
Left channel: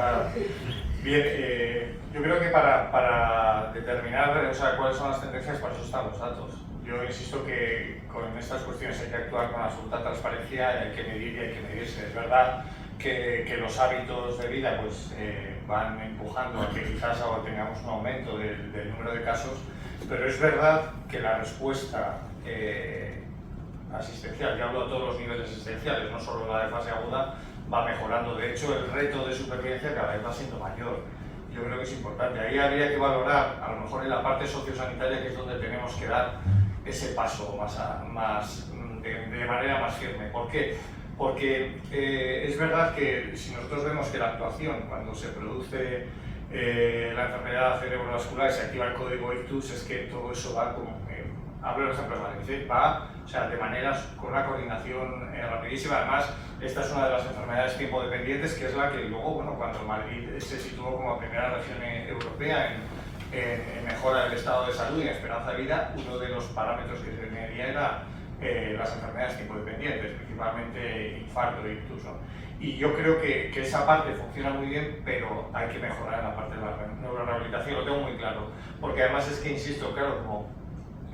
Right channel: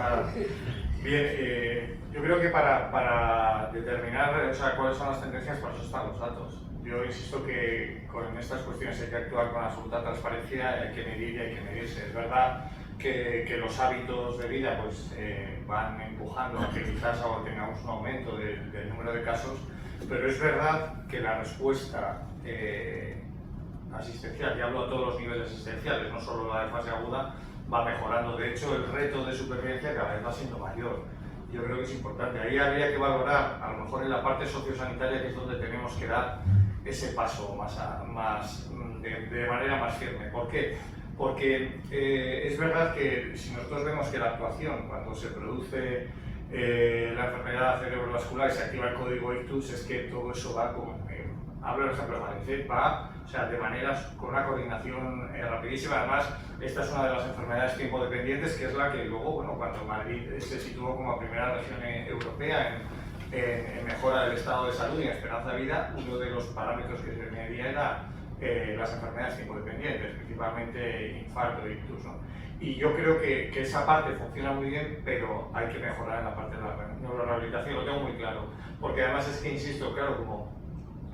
Bien, yo creo que para determinar, o sea, cuáles son las tendencias, para eso están los datos. Yo insisto que con estas cuestiones hay que actuar con absoluta transparencia, hay que medir y hay que medirse. Es verdad que los hábitos de vida pues, van empujando a que quizás ahora tengamos un aumento del número de casos, pero es verdad que la respuesta asistencial, y hablo a todos los niveles asistenciales, no solo la de fase aguda, va mejorando. De hecho, el reto de supervivencia cada vez va siendo mayor. Yo creo que es importante. Ahí habría que valorar, a lo mejor en la parte sociosanitaria, que es donde tenemos que dar ese paso de manera más firme. ¿Por qué? Porque es verdad que si nosotros vemos que la actuación, cuando se produce la enfermedad cerebrovascular y se activa el código ictus, es que todo eso va como... hablo del ejemplo de Madrid, va de maneras con una coordinación rapidísima. Además, esta es una de las enfermedades tiempo-dependientes, que es la que luego, bueno, cuando Madrid se situó como primera región europea en mejora del estado de salud y en esperanza de vida, uno de los parámetros que se medía era las enfermedades tiempo-dependientes, principalmente infarto e ictus, ¿no? Y yo creo que esa parte funciona muy bien, pero hay que mejorar en la parte de la neurorehabilitación, lo tengo muy claro. Porque además es que, insisto, claro, como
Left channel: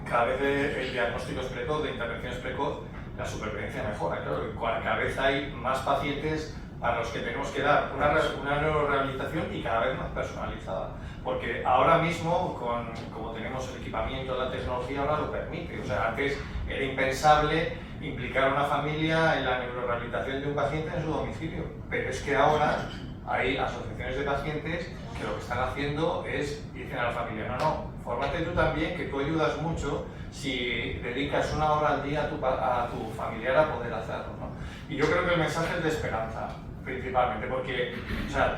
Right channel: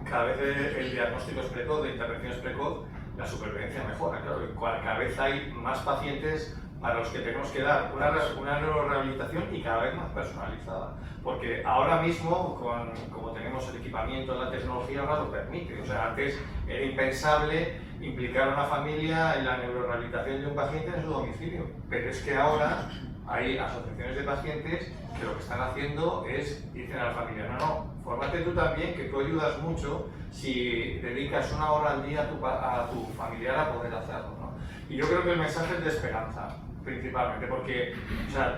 cada vez el diagnóstico es precoz, de intervención es precoz, la supervivencia mejora, claro. Cada vez hay más pacientes para los que tenemos que dar una neurorehabilitación y cada vez más personalizada. Porque ahora mismo, como tenemos el equipamiento, la tecnología ahora lo permite. O sea, antes era impensable implicar a una familia en la neurorehabilitación de un paciente en su domicilio. Pero es que ahora hay asociaciones de pacientes que lo que están haciendo es, dicen a la familia, no, fórmate tú también, que tú ayudas mucho si dedicas una hora al día a tu familiar a poder hacerlo, ¿no? Y yo creo que el mensaje es de esperanza, principalmente, porque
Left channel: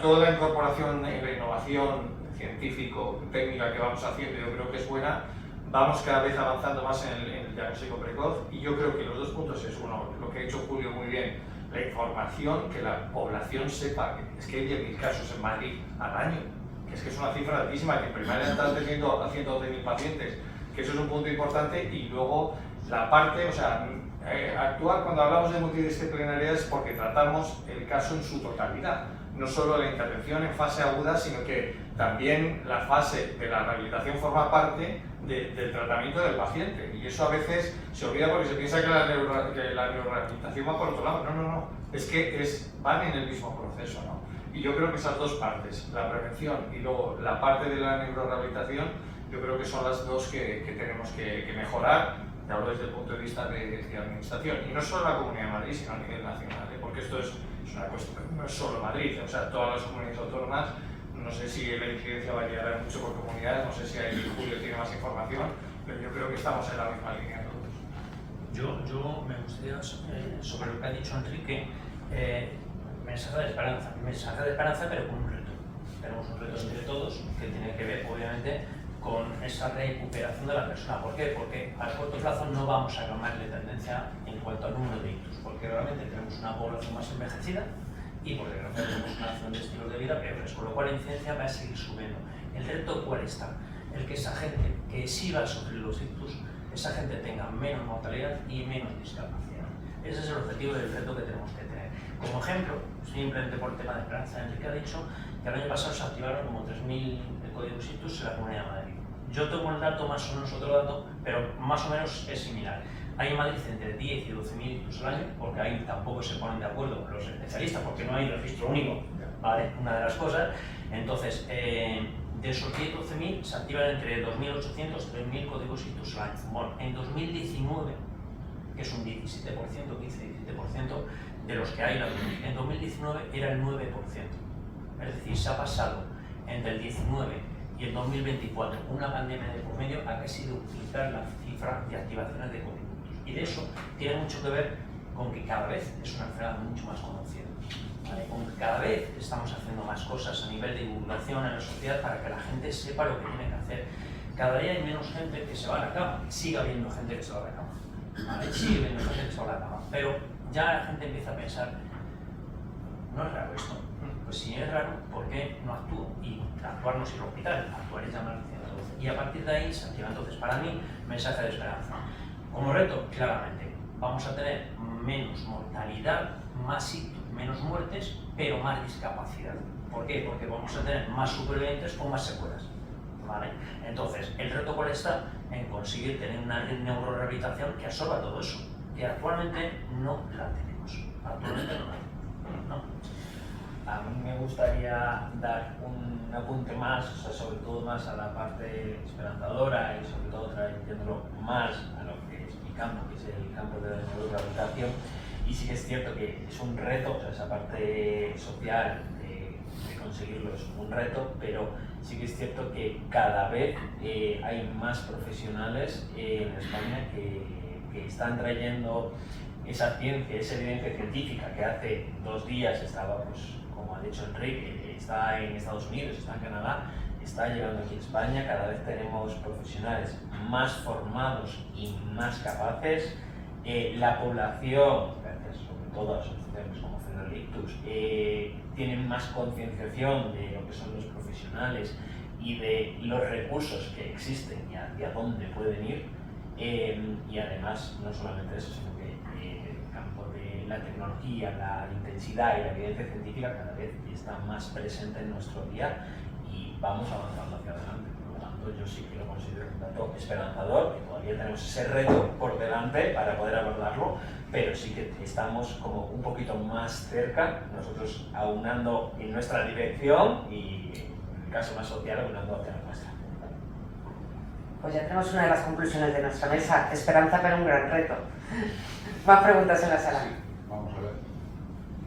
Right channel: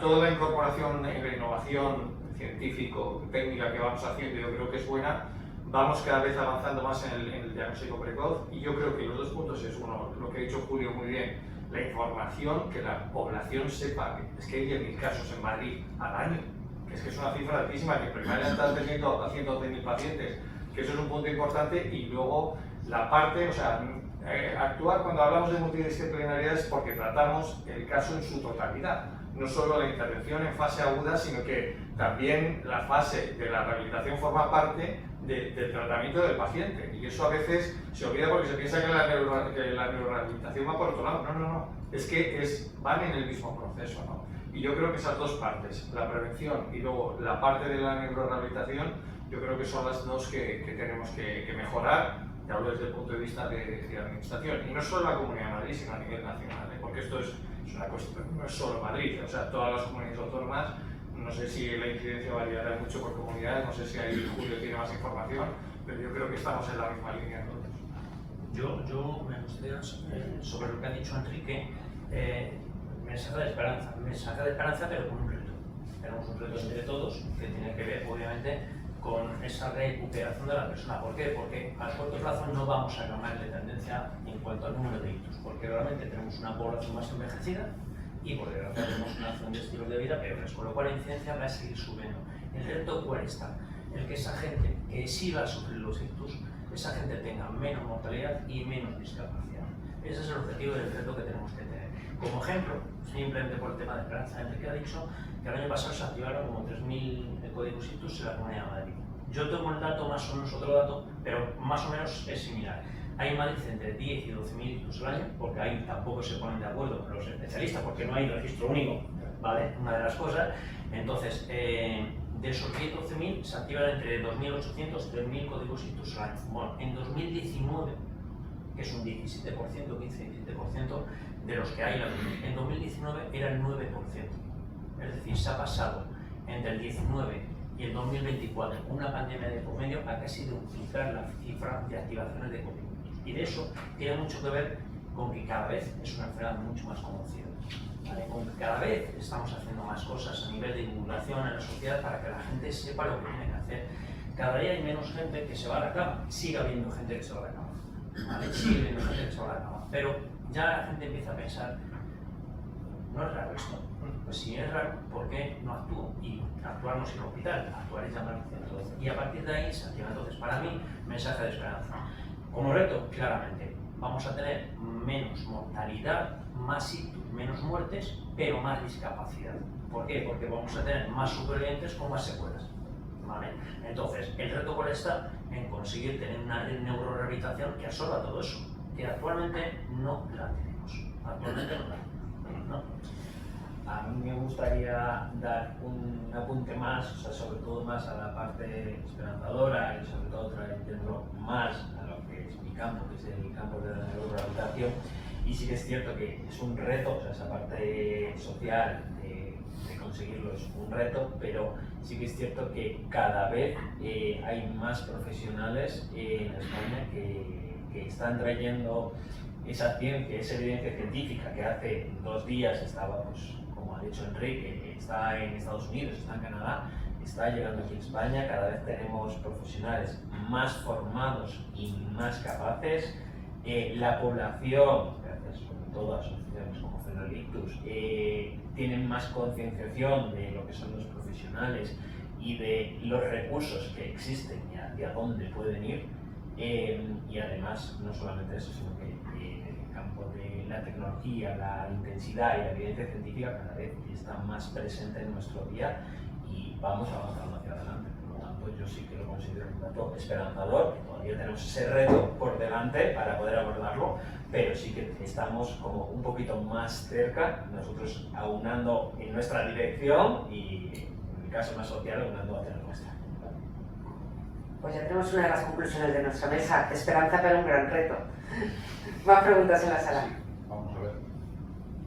toda la incorporación y la innovación científico-técnica que vamos haciendo, yo creo que es buena. Vamos cada vez avanzando más en el diagnóstico precoz, y yo creo que los dos puntos es uno, lo que ha dicho Julio muy bien, la información, que la población sepa que es que hay 10.000 casos en Madrid al año, que es una cifra altísima, que en primaria están teniendo a 112.000 pacientes, que eso es un punto importante. Y luego la parte, actuar cuando hablamos de multidisciplinariedad es porque tratamos el caso en su totalidad, no solo la intervención en fase aguda, sino que también la fase de la rehabilitación forma parte del tratamiento del paciente, y eso a veces se olvida porque se piensa que la neurorehabilitación va por otro lado. No, es que van en el mismo proceso, ¿no? Y yo creo que esas dos partes, la prevención y luego la parte de la neurorehabilitación, yo creo que son las dos que tenemos que mejorar. Te hablo desde el punto de vista de administración, y no solo en la Comunidad de Madrid, sino a nivel nacional, porque esto es una cuestión, no es solo Madrid, todas las comunidades autónomas. No sé si la incidencia va a llegar mucho por comunidades, no sé si ahí Julio tiene más información, pero yo creo que estamos en la misma línea todos. Yo me gustaría, sobre lo que ha dicho Enrique, mensaje de esperanza, pero con un reto. Tenemos un reto entre todos que tiene que ver, obviamente, con esa recuperación de la persona. ¿Por qué? Porque a corto plazo no vamos a cambiar de tendencia en cuanto al número de ictus, porque realmente tenemos una población más envejecida y por desgracia tenemos una acción de estilos de vida peores, con lo cual la incidencia va a seguir subiendo. ¿El reto cuál está? El que esa gente que sí va a sufrir los ictus, esa gente tenga menos mortalidad y menos discapacidad. Ese es el objetivo del reto que tenemos que tener. Como ejemplo, simplemente por el tema de esperanza, Enrique ha dicho que el año pasado se activaron como 3.000 códigos ictus en la Comunidad de Madrid. Yo tengo el dato, más o menos otro dato, pero más o menos es similar. Hay en Madrid entre 10 y 12.000 ictus al año, porque ahí tampoco se ponen de acuerdo los especialistas, porque no hay registro único, ¿vale? Una de las cosas. Entonces, de esos 10 o 12.000 se activan entre 2.800 y 3.000 códigos ictus al año. Bueno, en 2019, que es un 17%, 15-17% de los que hay en 2019 era el 9%. Es decir, se ha pasado entre el 19 y el 2024, una pandemia de por medio, ha casi duplicar la cifra de activaciones de códigos. Y de eso tiene mucho que ver con que cada vez es una enfermedad mucho más conocida, ¿vale? Con que cada vez estamos haciendo más cosas a nivel de divulgación en la sociedad para que la gente sepa lo que tiene que hacer. Cada día hay menos gente que se va a la cama, sigue habiendo gente que se va a la cama, ¿vale? Sigue habiendo gente que se va a la cama, pero ya la gente empieza a pensar, no es raro esto. Pues si es raro, ¿por qué no actúo? Y actuar no es ir al hospital, actuar es llamar al 112. Y a partir de ahí se activa. Entonces, para mí, mensaje de esperanza. Como reto, claramente, vamos a tener menos mortalidad, más ictus, menos muertes, pero más discapacidad. ¿Por qué? Porque vamos a tener más supervivientes con más secuelas. ¿Vale? Entonces, el reto cuál está en conseguir tener una neurorehabilitación que absorba todo eso, que actualmente no la tenemos. Actualmente no la tenemos. ¿No? A mí me gustaría dar un apunte más, o sea, sobre todo más a la parte esperanzadora y sobre todo trayéndolo más a lo que es mi campo, que es el campo de la neurorehabilitación. Y sí que es cierto que es un reto, o sea, esa parte social de conseguirlo es un reto, pero sí que es cierto que cada vez hay más profesionales en España que están trayendo esa ciencia, esa evidencia científica que hace 2 días estaba, pues, como ha dicho Enrique, está en Estados Unidos, está en Canadá, está llegando aquí a España. Cada vez tenemos profesionales más formados y más capaces. La población, gracias sobre todo a asociaciones como Federación Ictus, tienen más concienciación de lo que son los profesionales y de los recursos que existen y hacia dónde pueden ir. Y además, no solamente eso, sino que el campo de la tecnología, la intensidad y la evidencia científica cada vez está más presente en nuestro día y vamos avanzando hacia adelante. Por lo tanto, yo sí que lo considero un dato esperanzador, que todavía tenemos ese reto por delante para poder abordarlo, pero sí que estamos como un poquito más cerca, nosotros aunando en nuestra dirección y en el caso más social aunando hacia la nuestra. Pues ya tenemos una de las conclusiones de nuestra mesa, esperanza pero un gran reto. Más preguntas en la sala. Vamos a ver,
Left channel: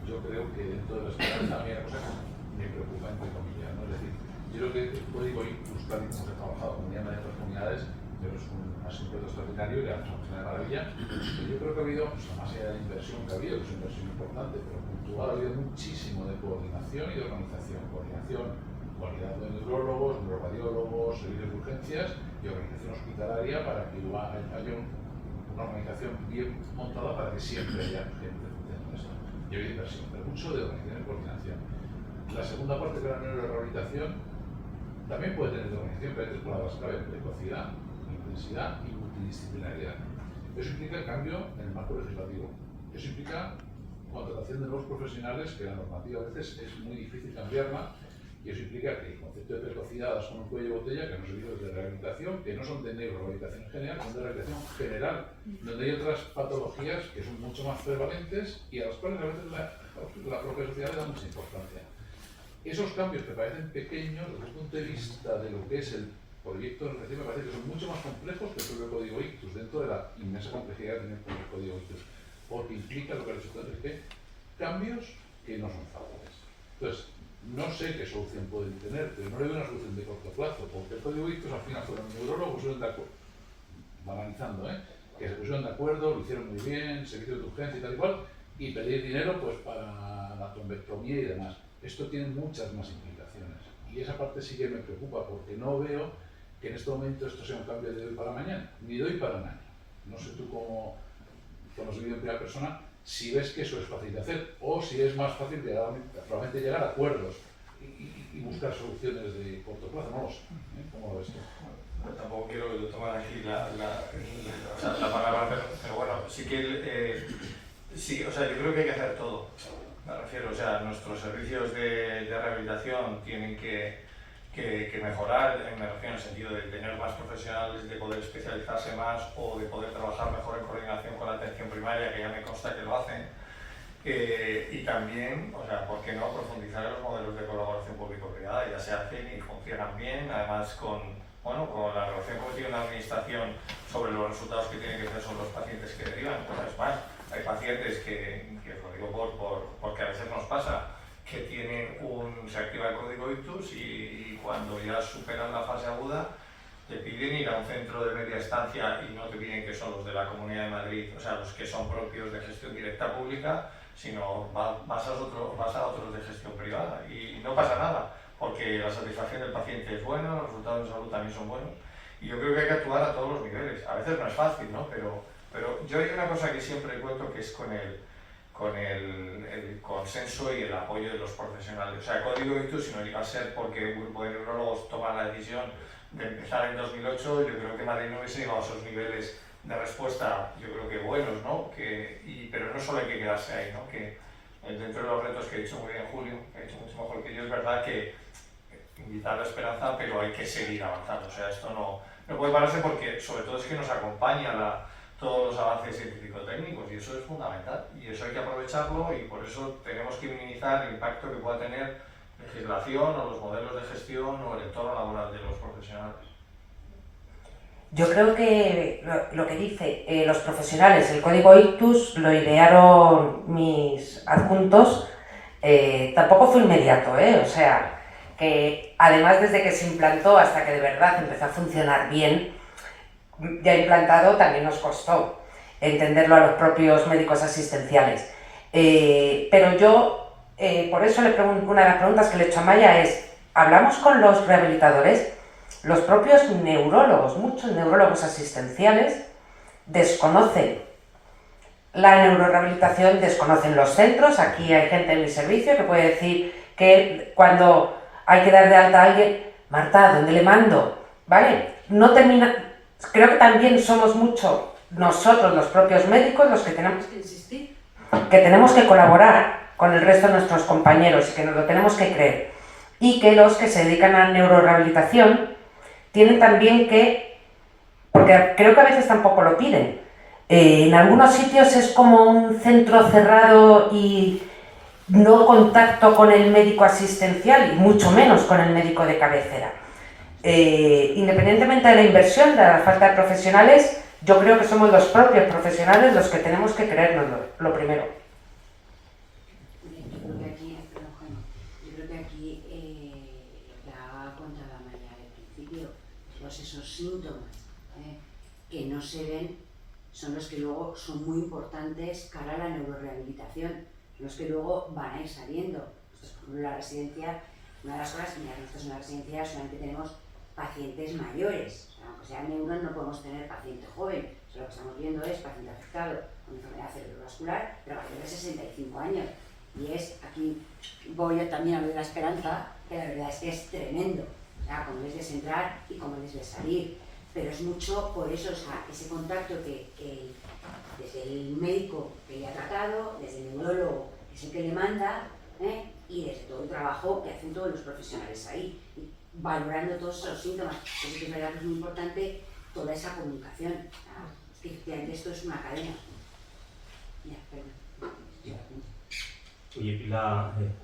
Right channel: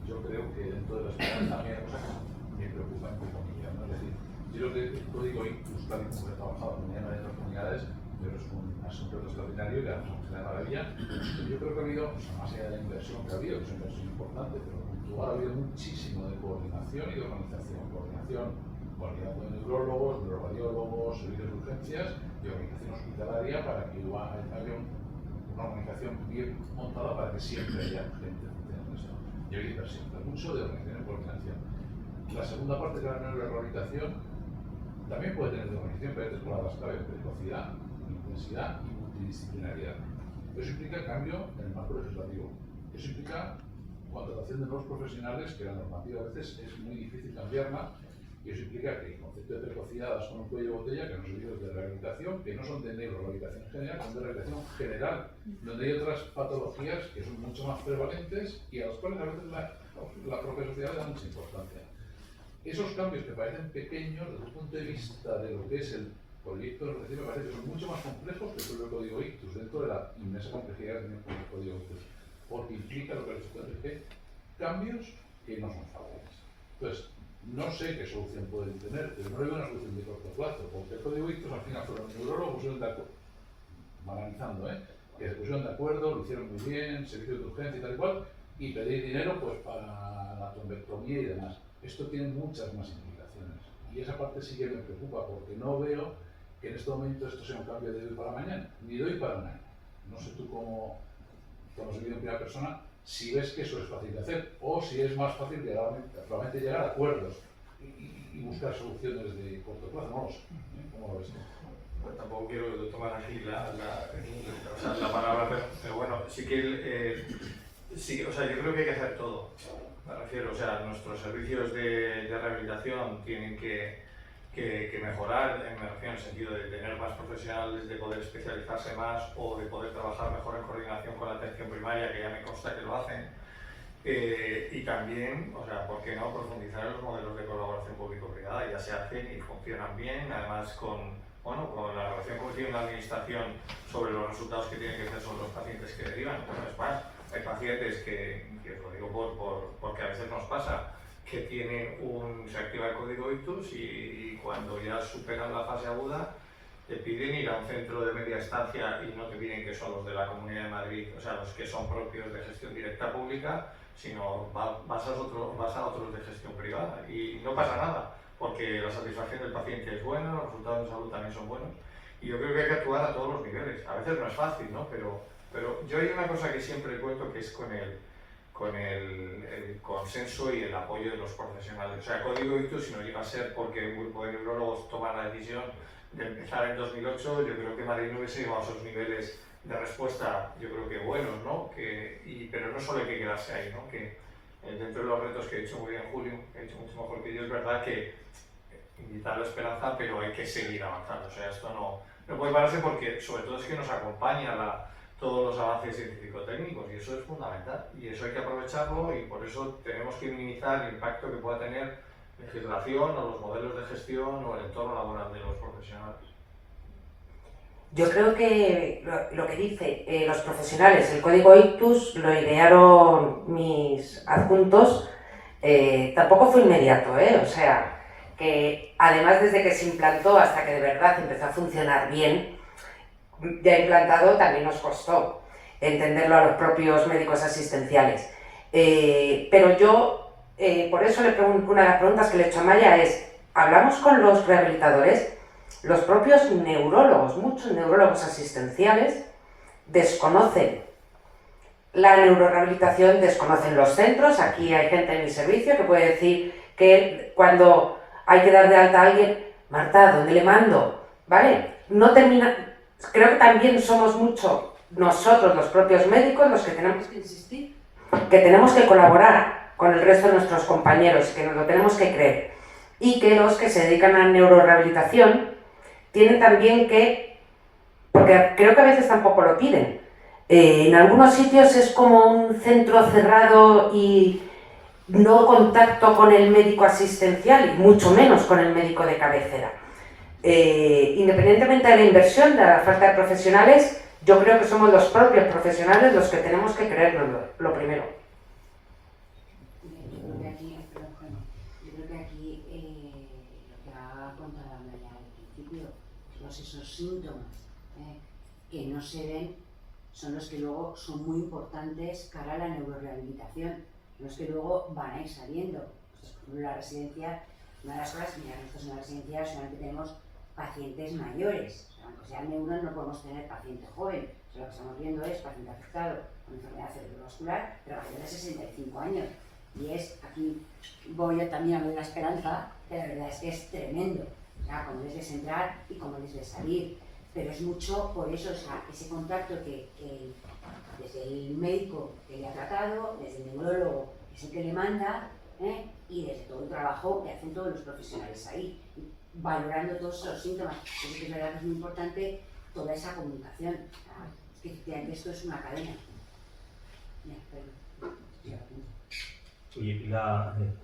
yo creo que dentro de la esperanza a mí hay cosas que me preocupan entre comillas, ¿no? Es decir, yo creo que el código Ictus, tal y como se ha trabajado con en otras comunidades, pero es un asunto extraordinario y le damos a mucha de maravilla. Pero yo creo que ha habido, o sea, más allá de la inversión que ha habido, que es una inversión importante, pero puntual, ha habido muchísimo de coordinación y de organización. Coordinación de neurólogos, neuroradiólogos, servicios de urgencias y organización hospitalaria para que haya una organización bien montada para que siempre haya gente funcionando esto. Y ha habido inversión, pero mucho de organización y coordinación. La segunda parte, que era la neurorehabilitación, también puede tener de organización, pero hay 3 palabras clave: precocidad, intensidad y multidisciplinariedad. Eso implica el cambio en el marco legislativo. Eso implica contratación de nuevos profesionales, que la normativa a veces es muy difícil cambiarla. Y eso implica que el concepto de precocidad es con un cuello de botella, que no son servicios de rehabilitación, que no son de neurorehabilitación en general, son de rehabilitación general, donde hay otras patologías que son mucho más prevalentes y a las cuales a veces la propia sociedad le da mucha importancia. Esos cambios que parecen pequeños desde el punto de vista de lo que es el proyecto de recién, me parece que son mucho más complejos que el propio código Ictus, dentro de la inmensa complejidad que tiene el código Ictus, porque implica lo que ha dicho Enrique, cambios que no son fáciles. Entonces, no sé qué solución pueden tener, pero no le veo una solución de corto plazo, porque el código Ictus al final fueron neurólogos, pusieron de acuerdo, banalizando, que se pusieron de acuerdo, lo hicieron muy bien, servicios de urgencia y tal y cual, y pedir dinero pues para la trombectomía y demás. Esto tiene muchas más implicaciones, y esa parte sí que me preocupa, porque no veo que en este momento esto sea un cambio de hoy para mañana, ni de hoy para un año. No sé tú cómo has vivido en primera persona, si ves que eso es fácil de hacer, o si es más fácil probablemente llegar a acuerdos y buscar soluciones de corto plazo, no lo sé. ¿Cómo lo ves tú? Bueno, tampoco quiero tomar aquí la palabra, pero bueno, sí que sí, o sea, yo creo que hay que hacer todo. Me refiero, o sea, nuestros servicios de rehabilitación tienen que mejorar, me refiero en el sentido de tener más profesionales, de poder especializarse más o de poder trabajar mejor en coordinación con la atención primaria, que ya me consta que lo hacen. Y también, o sea, ¿por qué no profundizar en los modelos de colaboración público-privada? Ya se hacen y funcionan bien, además con la relación que tiene una administración sobre los resultados que tienen que tener sobre los pacientes que derivan. Pues es más, hay pacientes que lo digo porque a veces nos pasa, que se activa el código Ictus y cuando ya superan la fase aguda te piden ir a un centro de media estancia y no te piden que son los de la Comunidad de Madrid, o sea, los que son propios de gestión directa pública, sino vas a otros de gestión privada y no pasa nada, porque la satisfacción del paciente es buena, los resultados de salud también son buenos y yo creo que hay que actuar a todos los niveles. A veces no es fácil, ¿no? Pero yo hay una cosa que siempre cuento, que es con el consenso y el apoyo de los profesionales. O sea, el código Ictus, si no llega a ser porque un grupo de neurólogos toma la decisión de empezar en 2008, yo creo que Madrid no hubiese llegado a esos niveles de respuesta, yo creo que buenos, ¿no? Pero no solo hay que quedarse ahí, ¿no? Que dentro de los retos que ha dicho muy bien Julio, que ha dicho mucho mejor que yo, es verdad que invitar la esperanza, pero hay que seguir avanzando. O sea, esto no puede pararse porque sobre todo es que nos acompaña todos los avances científico-técnicos y eso es fundamental y eso hay que aprovecharlo y por eso tenemos que minimizar el impacto que pueda tener legislación o los modelos de gestión o el entorno laboral de los profesionales. Yo creo que lo que dice los profesionales, el código ICTUS lo idearon mis adjuntos, tampoco fue inmediato, o sea, que además desde que se implantó hasta que de verdad empezó a funcionar bien, ya implantado también nos costó entenderlo a los propios médicos asistenciales. Pero yo, por eso le pregunto, una de las preguntas que le he hecho a Maya es, ¿hablamos con los rehabilitadores? Los propios neurólogos, muchos neurólogos asistenciales, desconocen la neurorehabilitación, desconocen los centros. Aquí hay gente en mi servicio que puede decir que cuando hay que dar de alta a alguien, Marta, ¿dónde le mando? ¿Vale? No termina. Creo que también somos mucho nosotros, los propios médicos, los que tenemos que insistir, que tenemos que colaborar con el resto de nuestros compañeros, que nos lo tenemos que creer. Y que los que se dedican a la neurorehabilitación tienen también que, porque creo que a veces tampoco lo piden, en algunos sitios es como un centro cerrado y no contacto con el médico asistencial y mucho menos con el médico de cabecera. Independientemente de la inversión, de la falta de profesionales, yo creo que somos los propios profesionales los que tenemos que creernos lo primero. Yo creo que aquí, lo que ha contado Maya al principio, todos esos síntomas que no se ven son los que luego son muy importantes cara a la neurorehabilitación, son los que luego van a ir saliendo. Nosotros, por ejemplo, la residencia, una de las cosas, mira, nosotros en la residencia solamente tenemos pacientes mayores, o sea, aunque sea neuro no podemos tener paciente joven, o sea, lo que estamos viendo es paciente afectado con enfermedad cerebrovascular, pero paciente de 65 años. Y aquí voy yo también a hablar de la esperanza, que la verdad es que es tremendo, o sea, cómo les ves entrar y cómo les ves salir, pero es mucho por eso, o sea, ese contacto que desde el médico que le ha tratado, desde el neurólogo que es el que le manda, y desde todo el trabajo que hacen todos los profesionales ahí, y valorando todos esos síntomas. Así que es verdad que es muy importante toda esa comunicación, es que efectivamente esto es una cadena. Ya, perdón. Oye,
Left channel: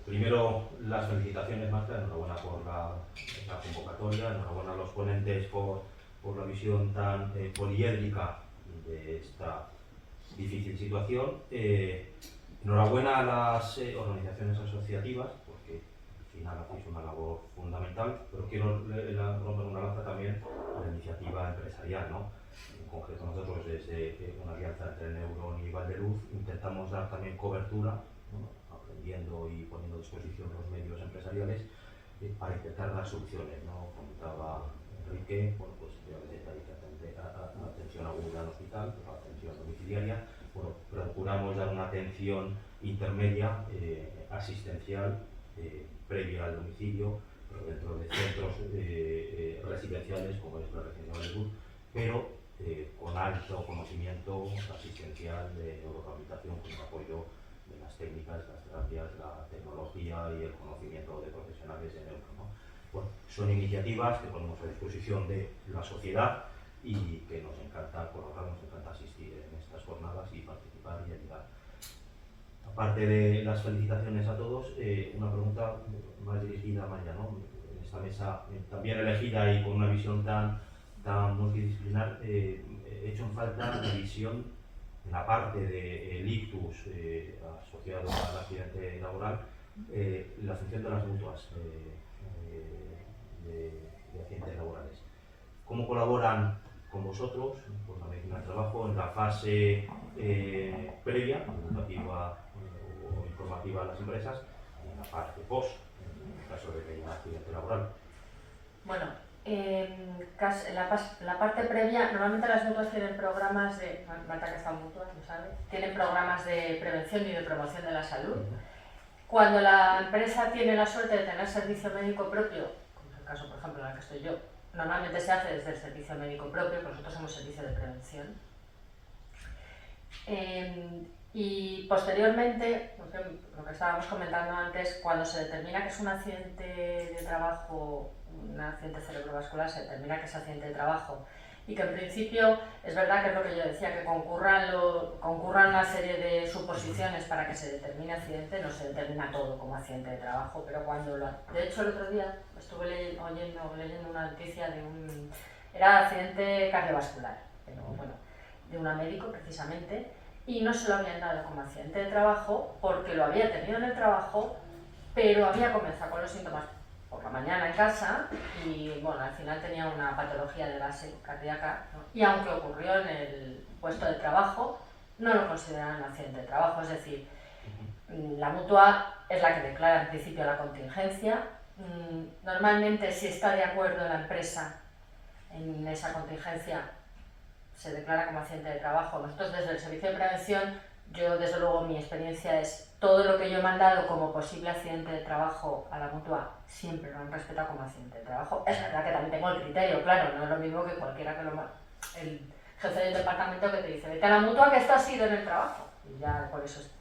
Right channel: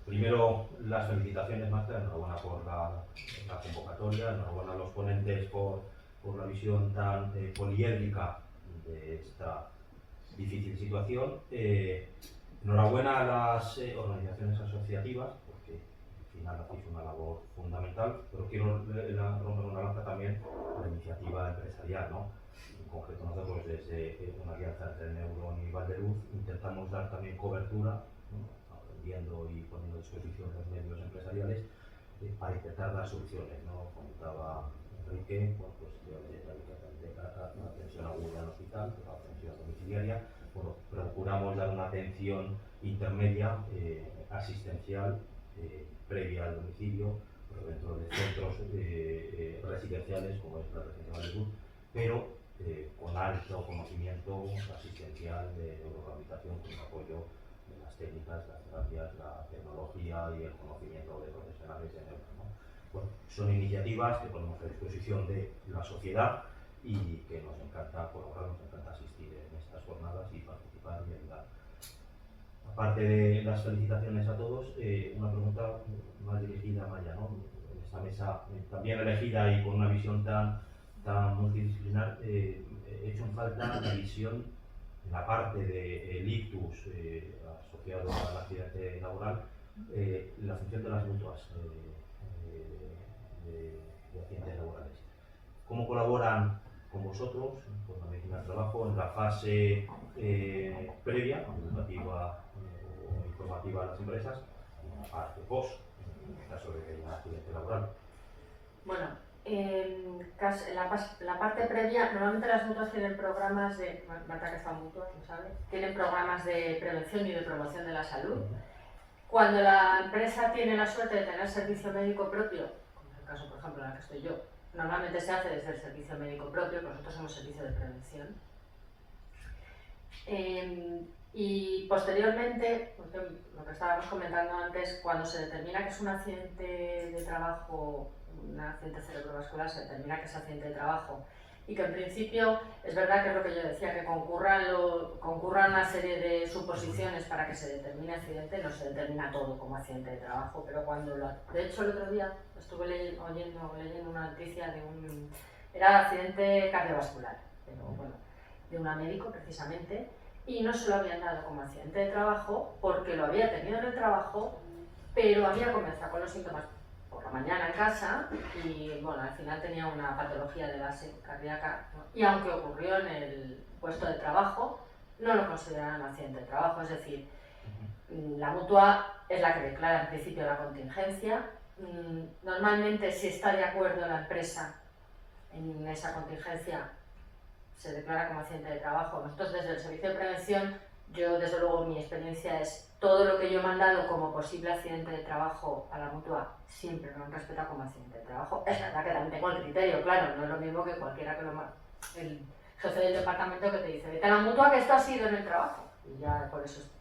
primero las felicitaciones, Marta, enhorabuena por la convocatoria, enhorabuena a los ponentes por la visión tan poliédrica de esta difícil situación. Enhorabuena a las organizaciones asociativas, porque al final hacéis una labor fundamental, pero quiero romper una lanza también a la iniciativa empresarial, ¿no? En concreto nosotros desde una alianza entre Neuron y Valdeluz intentamos dar también cobertura, ¿no? Aprendiendo y poniendo a disposición los medios empresariales para intentar dar soluciones, ¿no? Comentaba Enrique, bueno, pues a veces hay atención aguda en hospital, pero atención domiciliaria. Bueno, procuramos dar una atención intermedia, asistencial, previa al domicilio, pero dentro de centros residenciales como es la residencia Valdeluz, pero con alto conocimiento asistencial de neurorehabilitación, con el apoyo de las técnicas, las terapias, la tecnología y el conocimiento de profesionales de neuro, ¿no? Bueno, son iniciativas que ponemos a disposición de la sociedad y que nos encanta colaborar, nos encanta asistir en estas jornadas y participar y ayudar. Aparte de las felicitaciones a todos, una pregunta más dirigida a Maya, ¿no? En esta mesa también elegida y con una visión tan multidisciplinar, he hecho en falta la visión en la parte del ictus asociado al accidente laboral, la función de las mutuas de accidentes laborales. ¿Cómo colaboran con vosotros, con la medicina del trabajo, en la fase previa, educativa o informativa a las empresas, y en la parte post, en el caso de que haya un accidente laboral? Bueno, en la parte previa, normalmente las mutuas tienen programas de, Marta que están mutuas, lo sabe, tienen programas de prevención y de promoción de la salud. Cuando la empresa tiene la suerte de tener servicio médico propio, como es el caso por ejemplo en el que estoy yo, normalmente se hace desde el servicio médico propio, que nosotros somos servicio de prevención. Y posteriormente, lo que estábamos comentando antes, cuando se determina que es un accidente de trabajo, un accidente cerebrovascular, se determina que es accidente de trabajo y que en principio es verdad que es lo que yo decía, que concurran una serie de suposiciones para que se determine accidente, no se determina todo como accidente de trabajo, pero cuando de hecho el otro día estuve leyendo una noticia de era accidente cardiovascular, pero bueno, de una médico precisamente, y no se lo habían dado como accidente de trabajo porque lo había tenido en el trabajo, pero había comenzado con los síntomas por la mañana en casa y bueno, al final tenía una patología de base cardíaca, ¿no? Y aunque ocurrió en el puesto de trabajo, no lo consideraron accidente de trabajo, es decir, la mutua es la que declara en principio la contingencia. Normalmente, si está de acuerdo la empresa en esa contingencia, se declara como accidente de trabajo. Nosotros desde el servicio de prevención, yo desde luego mi experiencia es todo lo que yo he mandado como posible accidente de trabajo a la mutua, siempre lo han respetado como accidente de trabajo. Es verdad que también tengo el criterio, claro, no es lo mismo que cualquiera que el jefe del departamento que te dice, vete a la mutua que esto ha sido en el trabajo, y ya por eso es.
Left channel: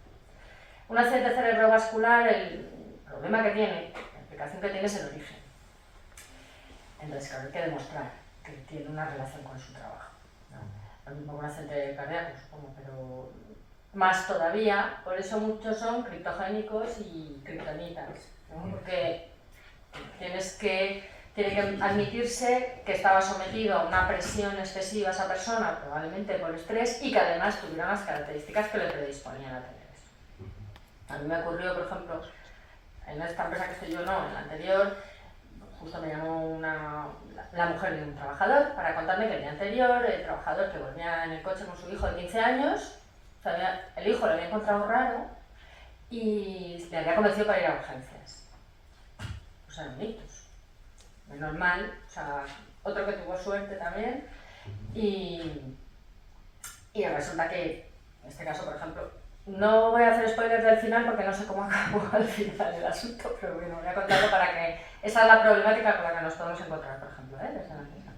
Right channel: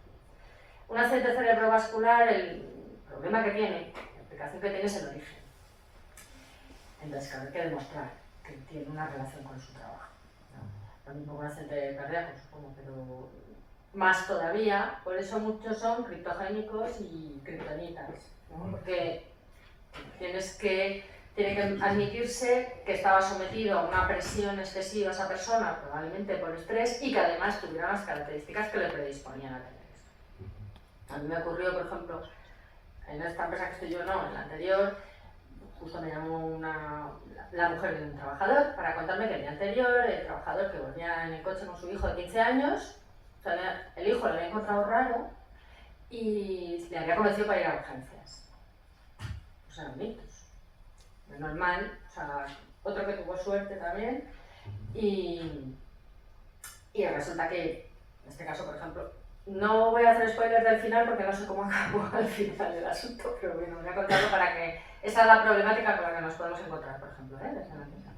Un accidente cerebrovascular, el problema que tiene, la implicación que tiene es el origen. Entonces, claro, hay que demostrar que tiene una relación con su trabajo, ¿no? Lo mismo con un accidente cardíaco, supongo, pero más todavía, por eso muchos son criptogénicos y kriptonitas, ¿no? Porque tiene que admitirse que estaba sometido a una presión excesiva esa persona, probablemente por estrés, y que además tuviera unas características que le predisponían a tener eso. A mí me ocurrió, por ejemplo, en esta empresa que estoy yo, no, en la anterior, justo me llamó la mujer de un trabajador para contarme que el día anterior el trabajador que volvía en el coche con su hijo de 15 años, el hijo lo había encontrado raro y le había convencido para ir a urgencias. Pues era un ictus. Menos mal, o sea, otro que tuvo suerte también y resulta que, en este caso, por ejemplo, no voy a hacer spoilers del final porque no sé cómo acabó al final el asunto, pero bueno, voy a contarlo para que esa es la problemática con la que nos podemos encontrar, por ejemplo, desde la empresa.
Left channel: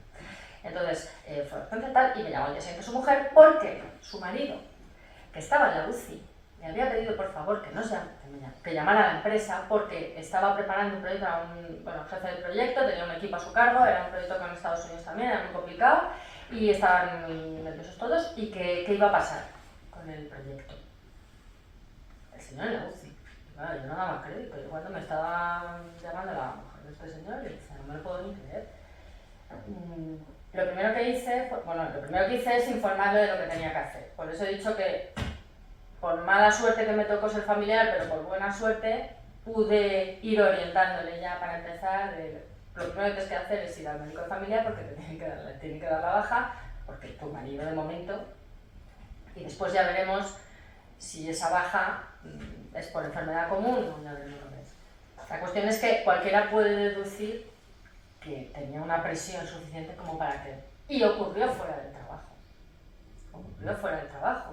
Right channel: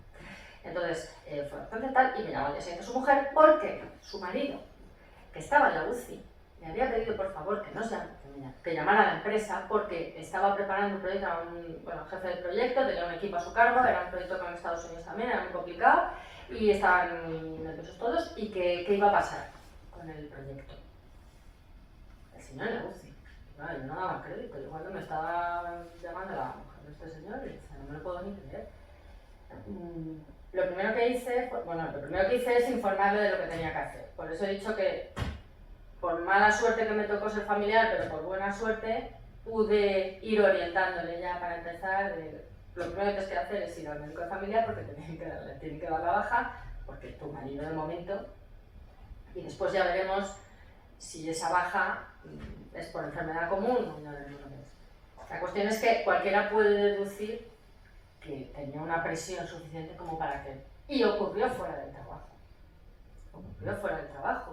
Entonces, fue urgente tal y me llamó al día siguiente su mujer porque su marido, que estaba en la UCI, le había pedido por favor que llamara a la empresa porque estaba preparando un proyecto, era un jefe del proyecto, tenía un equipo a su cargo, era un proyecto con Estados Unidos también, era muy complicado y estaban muy nerviosos todos y que iba a pasar con el proyecto. El señor en la UCI. Claro, yo no daba crédito, yo cuando me estaba llamando a la mujer de este señor, y decía, no me lo puedo ni creer. Lo primero que hice es informarle de lo que tenía que hacer. Por eso he dicho que por mala suerte que me tocó ser familiar, pero por buena suerte, pude ir orientándole ya para empezar. Lo primero que tienes que hacer es ir al médico de familia porque te tiene que dar la baja, porque tu marido de momento, y después ya veremos si esa baja es por enfermedad común o ya veremos lo que es. La cuestión es que cualquiera puede deducir que tenía una presión suficiente como para que... Y ocurrió fuera del trabajo.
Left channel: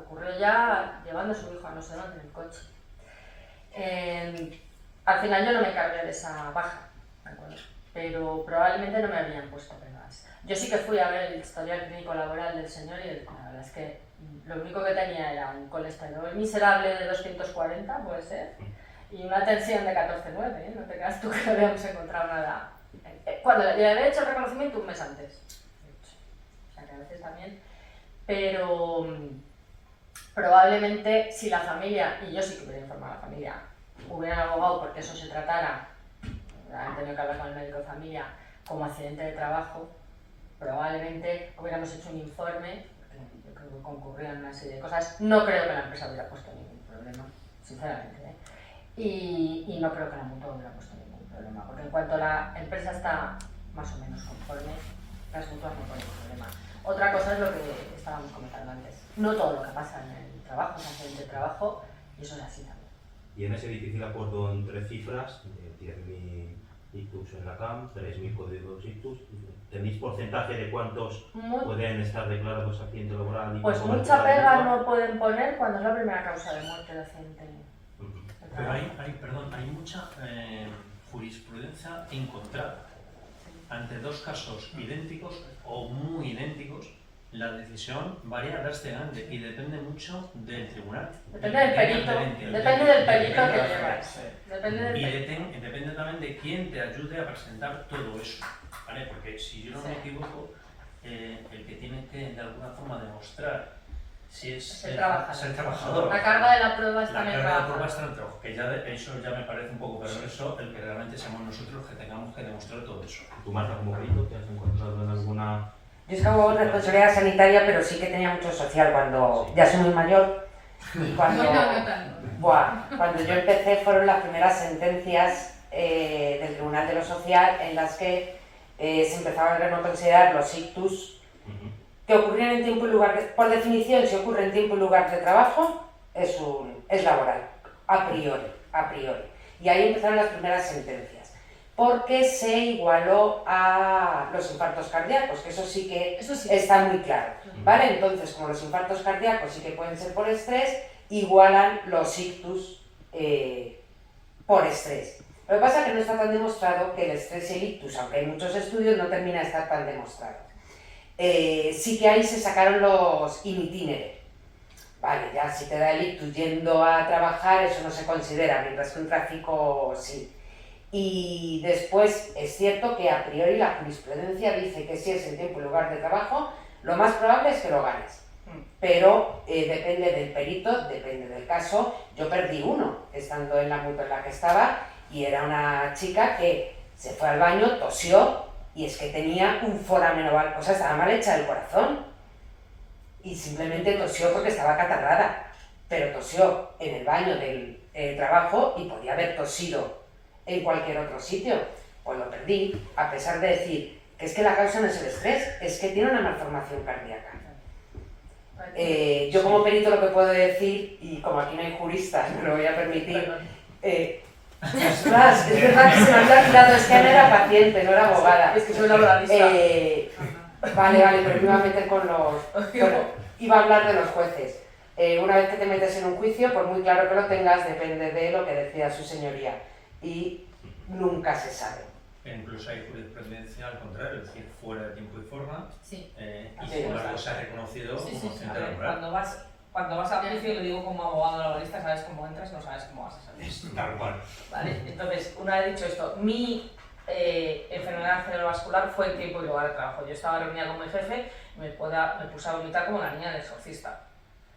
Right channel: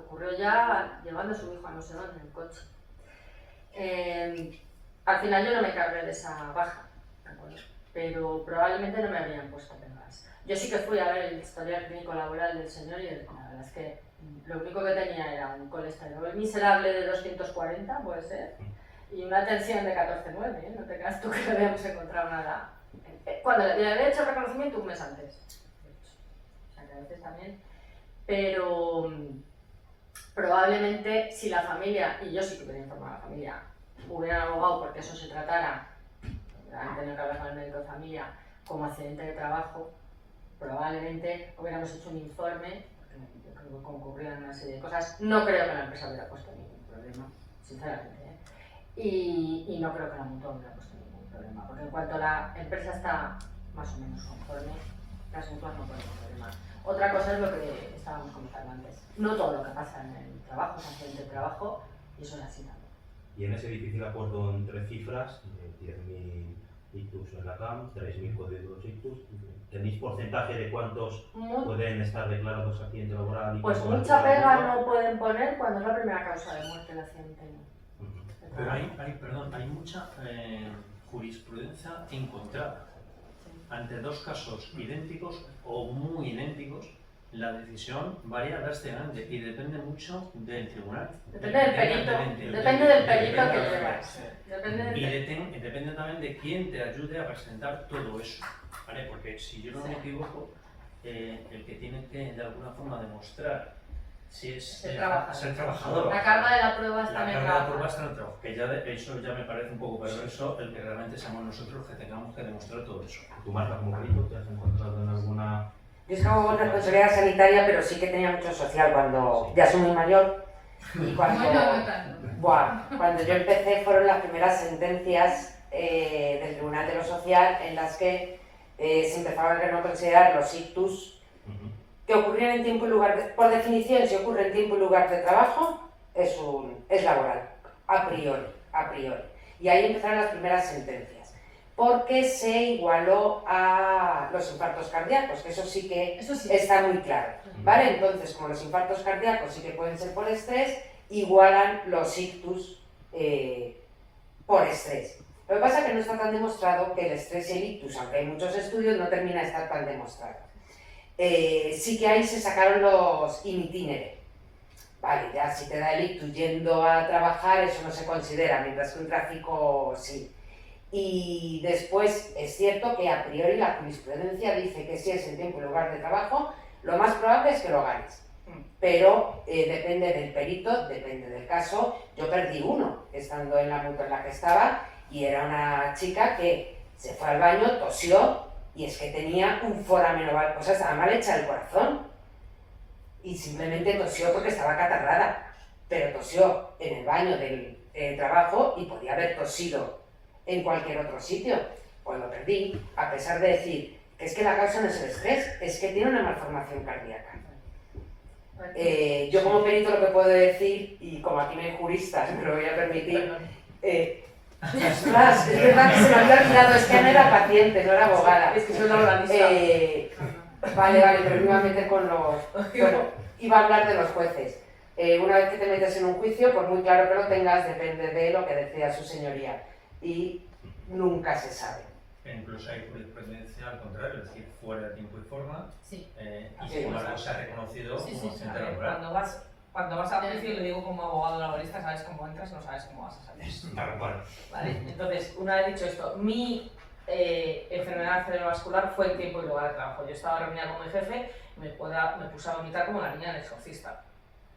Ocurrió ya llevando a su hijo a no sé dónde en el coche. Al final yo no me encargué de esa baja, ¿de acuerdo? Pero probablemente no me habrían puesto pegas. Yo sí que fui a ver el historial clínico laboral del señor y la verdad es que lo único que tenía era un colesterol miserable de 240, puede ser, y una tensión de 14,9, no te creas tú que le habíamos encontrado nada. Cuando le había hecho el reconocimiento un mes antes. O sea que a veces también. Pero probablemente si la familia, y yo sí que hubiera informado a la familia, hubieran abogado porque eso se tratara, han tenido que hablar con el médico de familia como accidente de trabajo, probablemente hubiéramos hecho un informe, porque yo creo que concurrían una serie de cosas. No creo que la empresa hubiera puesto ningún problema, sinceramente, ¿eh? Y no creo que la mutua hubiera puesto ningún problema, porque en cuanto la empresa está más o menos conforme, las mutuas no ponen problema. Otra cosa es lo que estábamos comentando antes. No todo lo que pasa en el trabajo es accidente de trabajo y eso es así también. Y en ese difícil acuerdo entre cifras, 10.000 ictus en la CAM, 3.000 códigos ictus, ¿tenéis porcentaje de cuántos pueden estar declarados accidente laboral? Y pues mucha pega no pueden poner cuando es la primera causa de muerte de accidente. Pero hay mucha jurisprudencia encontrada ante dos casos idénticos o muy idénticos la decisión varía drásticamente y depende mucho del tribunal. Depende del perito, depende del perito que llevas. Depende del Y perito. depende también de quién te ayude a presentar todo eso, ¿vale? Porque si yo no me equivoco, el que tiene que de alguna forma demostrar si es el trabajador. es el trabajador. La carga de la prueba está en el La carga de la trabajador. prueba está en el trabajo, que ya eso ya me parece un poco perverso, el que realmente seamos nosotros los que tengamos que demostrar todo eso. ¿Tú, Marta, como perito, te has encontrado en alguna...? Yo es que hago responsabilidad sanitaria, pero sí que tenía mucho social cuando ya soy muy mayor. Y cuando, Bueno, no tanto. cuando yo empecé fueron las primeras sentencias del Tribunal de lo Social en las que se empezaban a no considerar los ictus que ocurrían en tiempo y lugar de, por definición, si ocurre en tiempo y lugar de trabajo, es laboral, a priori. Y ahí empezaron las primeras sentencias, porque se igualó a los infartos cardíacos, que eso sí que está muy claro, ¿vale? Entonces, como los infartos cardíacos sí que pueden ser por estrés, igualan los ictus por estrés. Lo que pasa es que no está tan demostrado que el estrés y el ictus, aunque hay muchos estudios, no termina de estar tan demostrado. Sí que ahí se sacaron los in itinere. Vale, ya si te da el ictus yendo a trabajar, eso no se considera, mientras que un tráfico sí. Y después es cierto que a priori la jurisprudencia dice que si es en tiempo y lugar de trabajo, lo más probable es que lo ganes. Pero depende del perito, depende del caso. Yo perdí uno estando en la multa en la que estaba y era una chica que se fue al baño, tosió y es que tenía un foramen oval, o sea, estaba mal hecha del corazón y simplemente tosió porque estaba catarrada, pero tosió en el baño del trabajo y podía haber tosido en cualquier otro sitio. Pues lo perdí, a pesar de decir que es que la causa no es el estrés, es que tiene una malformación cardíaca. Yo como perito lo que puedo decir, y como aquí no hay juristas, me lo voy a permitir, ostras, es verdad que se me había olvidado, es que no era paciente, no era abogada. Es que soy laboralista. Vale, pero me iba a meter con los... Bueno, iba a hablar de los jueces. Una vez que te metes en un juicio, por muy claro que lo tengas, depende de lo que decida su señoría. Y nunca se sabe. Incluso hay jurisprudencia al contrario, es decir, fuera de tiempo y forma, Sí. Y sin embargo se ha reconocido como accidente laboral. Cuando vas a juicio, lo digo como abogado laboralista, sabes cómo entras, no sabes cómo vas a salir. Tal cual. ¿Vale? Entonces, una vez dicho esto, mi enfermedad cerebrovascular fue en tiempo y lugar de trabajo. Yo estaba reunida con mi jefe, me puse a vomitar como la niña del exorcista,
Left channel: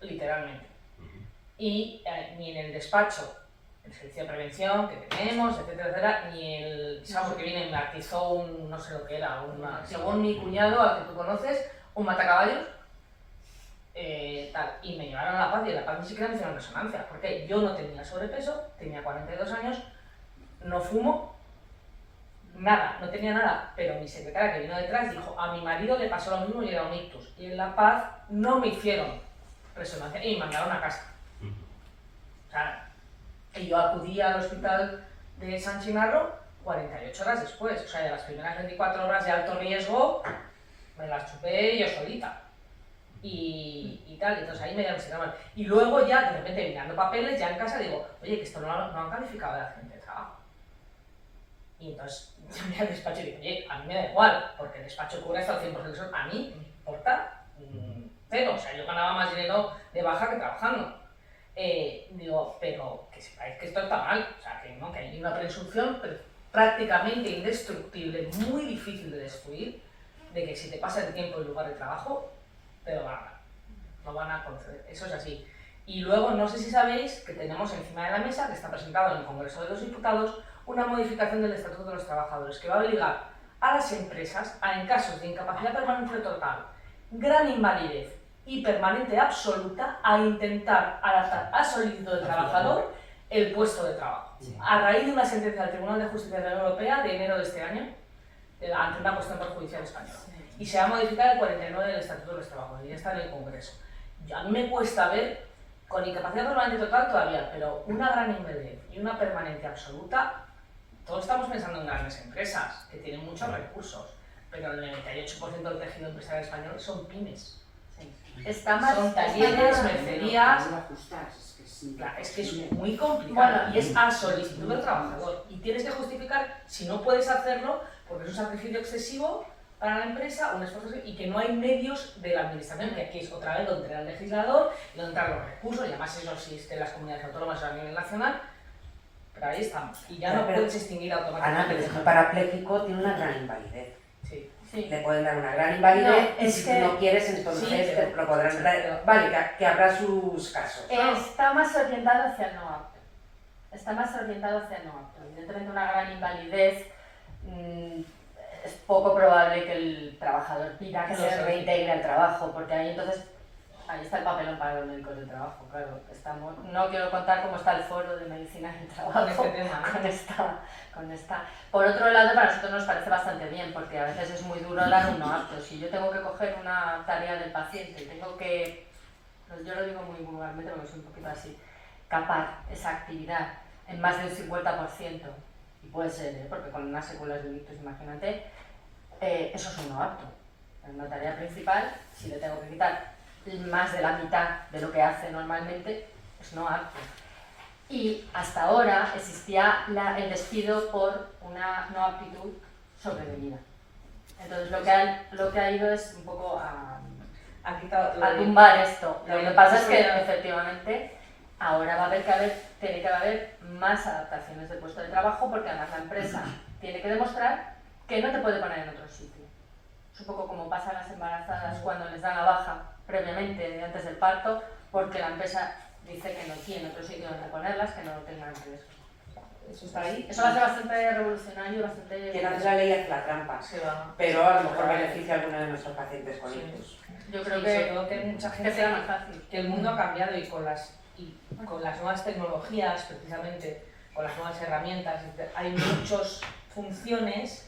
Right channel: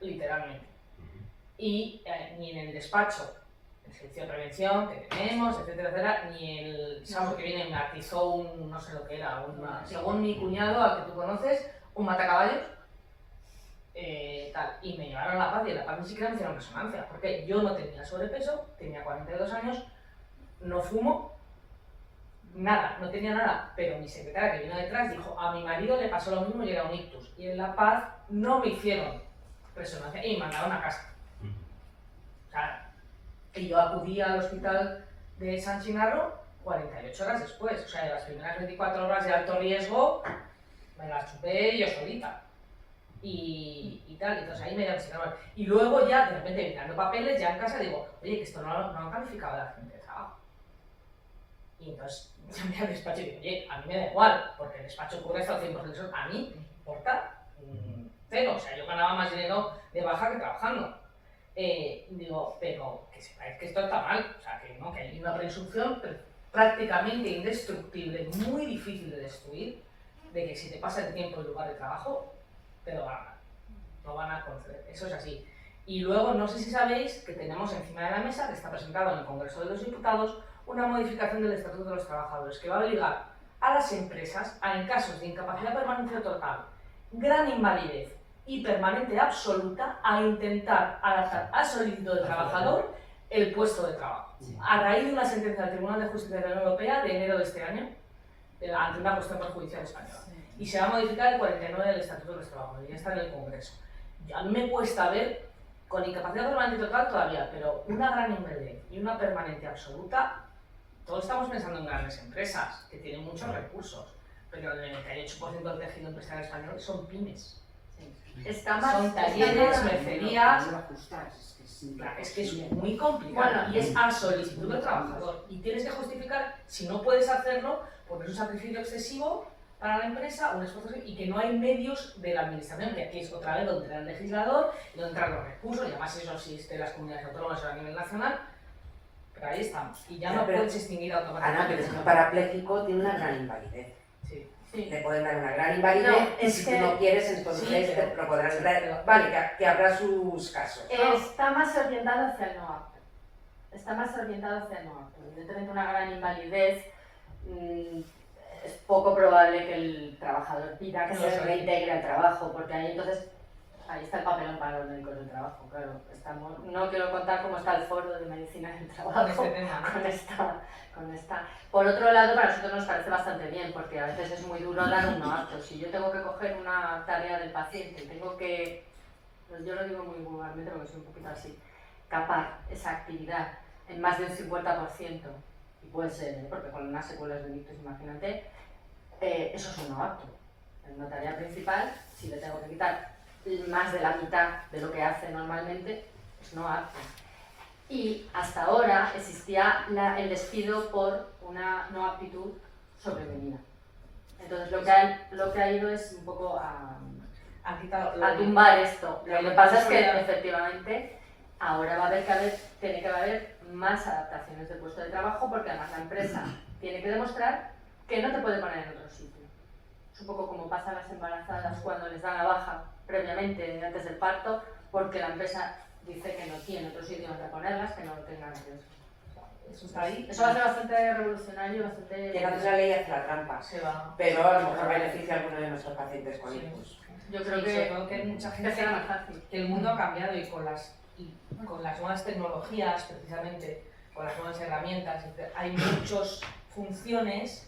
literalmente. Y ni en el despacho, el servicio de prevención que tenemos, etcétera, etcétera, ni el chavo que viene y me atizó un, no sé lo que era, según mi cuñado, al que tú conoces, un matacaballos, tal, y me llevaron a La Paz y en La Paz ni siquiera me hicieron resonancia, porque yo no tenía sobrepeso, tenía 42 años, no fumo, nada, no tenía nada, pero mi secretaria que vino detrás dijo, a mi marido le pasó lo mismo y era un ictus, y en La Paz no me hicieron resonancia y me mandaron a casa. O sea, y yo acudí al hospital de San Chinarro 48 horas después, o sea, de las primeras 24 horas de alto riesgo, me las chupé yo solita. Y tal, entonces ahí me diagnosticaron mal. Y luego ya, de repente, mirando papeles, ya en casa digo, oye, que esto no han calificado de accidente de trabajo. Y entonces llamé al despacho y digo, oye, a mí me da igual, porque el despacho cubre hasta el 100% de eso, a mí me importa cero, o sea, yo ganaba más dinero de baja que trabajando. Digo, pero que sepáis que esto está mal, o sea, que no, que hay una presunción prácticamente indestructible, muy difícil de destruir, de que si te pasa el tiempo en lugar de trabajo, te lo van a dar, lo van a conceder, eso es así. Y luego, no sé si sabéis que tenemos encima de la mesa, que está presentado en el Congreso de los Diputados, una modificación del Estatuto de los Trabajadores que va a obligar a las empresas a, en casos de incapacidad permanente o total, gran invalidez y permanente absoluta, a intentar adaptar a solicitud del trabajador el puesto de trabajo. A raíz de una sentencia del Tribunal de Justicia de la Unión Europea de enero de este año, ante una cuestión perjudicial española. Y se va a modificar el 49 del Estatuto de los Trabajadores, y ya está en el Congreso. A mí me cuesta ver, con incapacidad permanente total todavía, pero una gran invalidez y una permanente absoluta, todos estamos pensando en grandes empresas que tienen muchos recursos, pero el 98% del tejido empresarial español son pymes. Son talleres, mercerías. Claro, es que es muy complicado y es a solicitud del trabajador. Y tienes que justificar, si no puedes hacerlo, porque es un sacrificio excesivo para la empresa, un esfuerzo y que no hay medios de la administración, que aquí es otra vez donde entra el legislador, donde entran los recursos, y además eso existe en las comunidades autónomas a nivel nacional, pero ahí estamos, y ya no puedes extinguir Ana, automáticamente. pero es que un parapléjico tiene una gran invalidez. Sí. Sí. Le pueden dar una gran invalidez No, y es si que- no quieres entonces Sí, pero- lo podrán vale, que habrá sus casos. Está más orientado hacia el no apto. Está más orientado hacia el no apto. Evidentemente una gran invalidez, es poco probable que el trabajador pida que se reintegre al trabajo, porque ahí entonces ahí está el papelón para los médicos del trabajo, claro. No quiero contar cómo está el foro de medicina del trabajo Con este tema, ¿no? con esta. Por otro lado, para nosotros nos parece bastante bien, porque a veces es muy duro dar un no apto. Si yo tengo que coger una tarea del paciente y tengo que, yo lo digo muy vulgarmente porque soy un poquito así, capar esa actividad en más de un 50%, y puede ser, porque con unas secuelas de un ictus, imagínate, eso es un no apto. En una tarea principal, si le tengo que quitar más de la mitad de lo que hace normalmente, es no apto. Y hasta ahora existía el despido por una no aptitud sobrevenida. Entonces lo que ha ido es un poco a tumbar esto. Lo que pasa es que efectivamente ahora tiene que haber más adaptaciones del puesto de trabajo, porque además la empresa tiene que demostrar que no te puede poner en otro sitio. Es un poco como pasa a las embarazadas cuando les dan la baja previamente, antes del parto, porque la empresa dice que no tiene otro sitio donde ponerlas, que no lo tengan riesgo. Eso está ahí. Eso va a ser bastante revolucionario, bastante... Quien hace la ley hace la trampa, Se va. pero a lo mejor beneficia a alguno de nuestros pacientes con Sí. ictus. Yo creo Sí, que, sobre todo que hay mucha gente que será más fácil. que el mundo ha cambiado y con las nuevas tecnologías, precisamente, con las nuevas herramientas, hay muchas funciones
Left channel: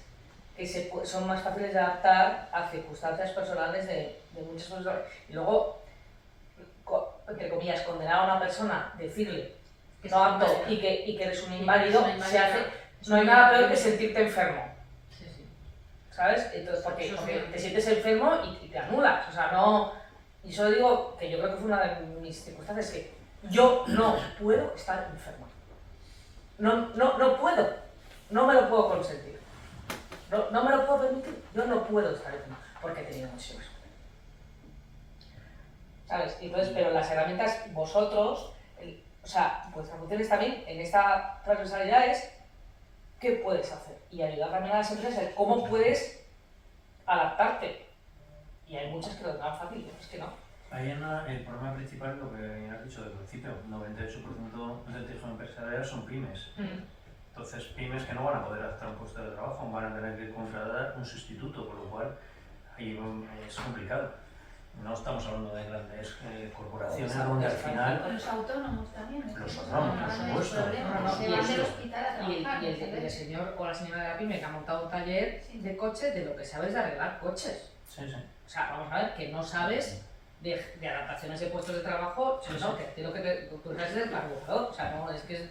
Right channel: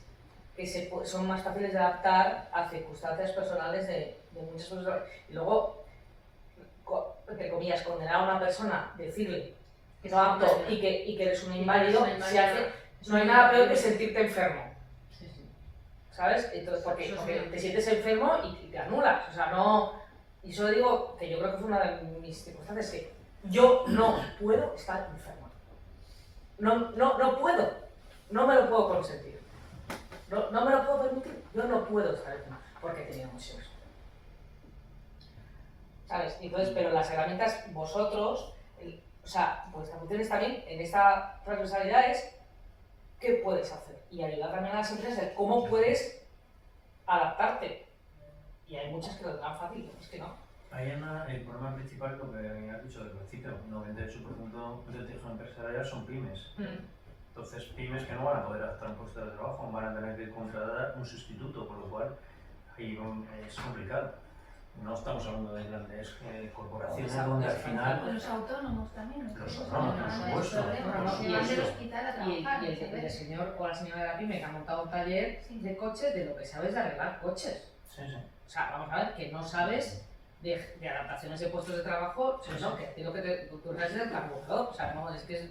que son más fáciles de adaptar a circunstancias personales de muchas personas. Y luego, entre comillas, condenar a una persona, decirle que no apto y que eres un inválido, se hace, no hay nada peor que sentirte enfermo. Sí, sí. ¿Sabes? Entonces, porque te sientes enfermo y te anulas. O sea, no. Y solo digo que yo creo que fue una de mis circunstancias, que yo no puedo estar enferma. No puedo. No me lo puedo consentir. No me lo puedo permitir. Yo no puedo estar enferma porque he tenido muchísimas cosas. ¿Sabes? Entonces, pero las herramientas, vosotros, o sea, vuestra función es también en esta transversalidad es qué puedes hacer y ayudar también a las empresas en cómo puedes adaptarte. Y hay muchas que lo dan fácil, otras que no. Ahí el problema principal, lo que has dicho del principio, 98% del tejido empresarial son pymes. Entonces, pymes que no van a poder adaptar un puesto de trabajo, van a tener que contratar un sustituto, por lo cual ahí es complicado. No estamos hablando de grandes corporaciones donde al final... Con los autónomos también. Los autónomos, por supuesto. Se van del hospital a trabajar. Y el señor o la señora de la pyme que ha montado un taller de coches, de lo que sabes de arreglar coches. Sí, sí. O sea, vamos a ver, que no sabes de adaptaciones de puestos de trabajo, Sí, no, sí. que lo que tú traes es el carburador. O sea, no, es que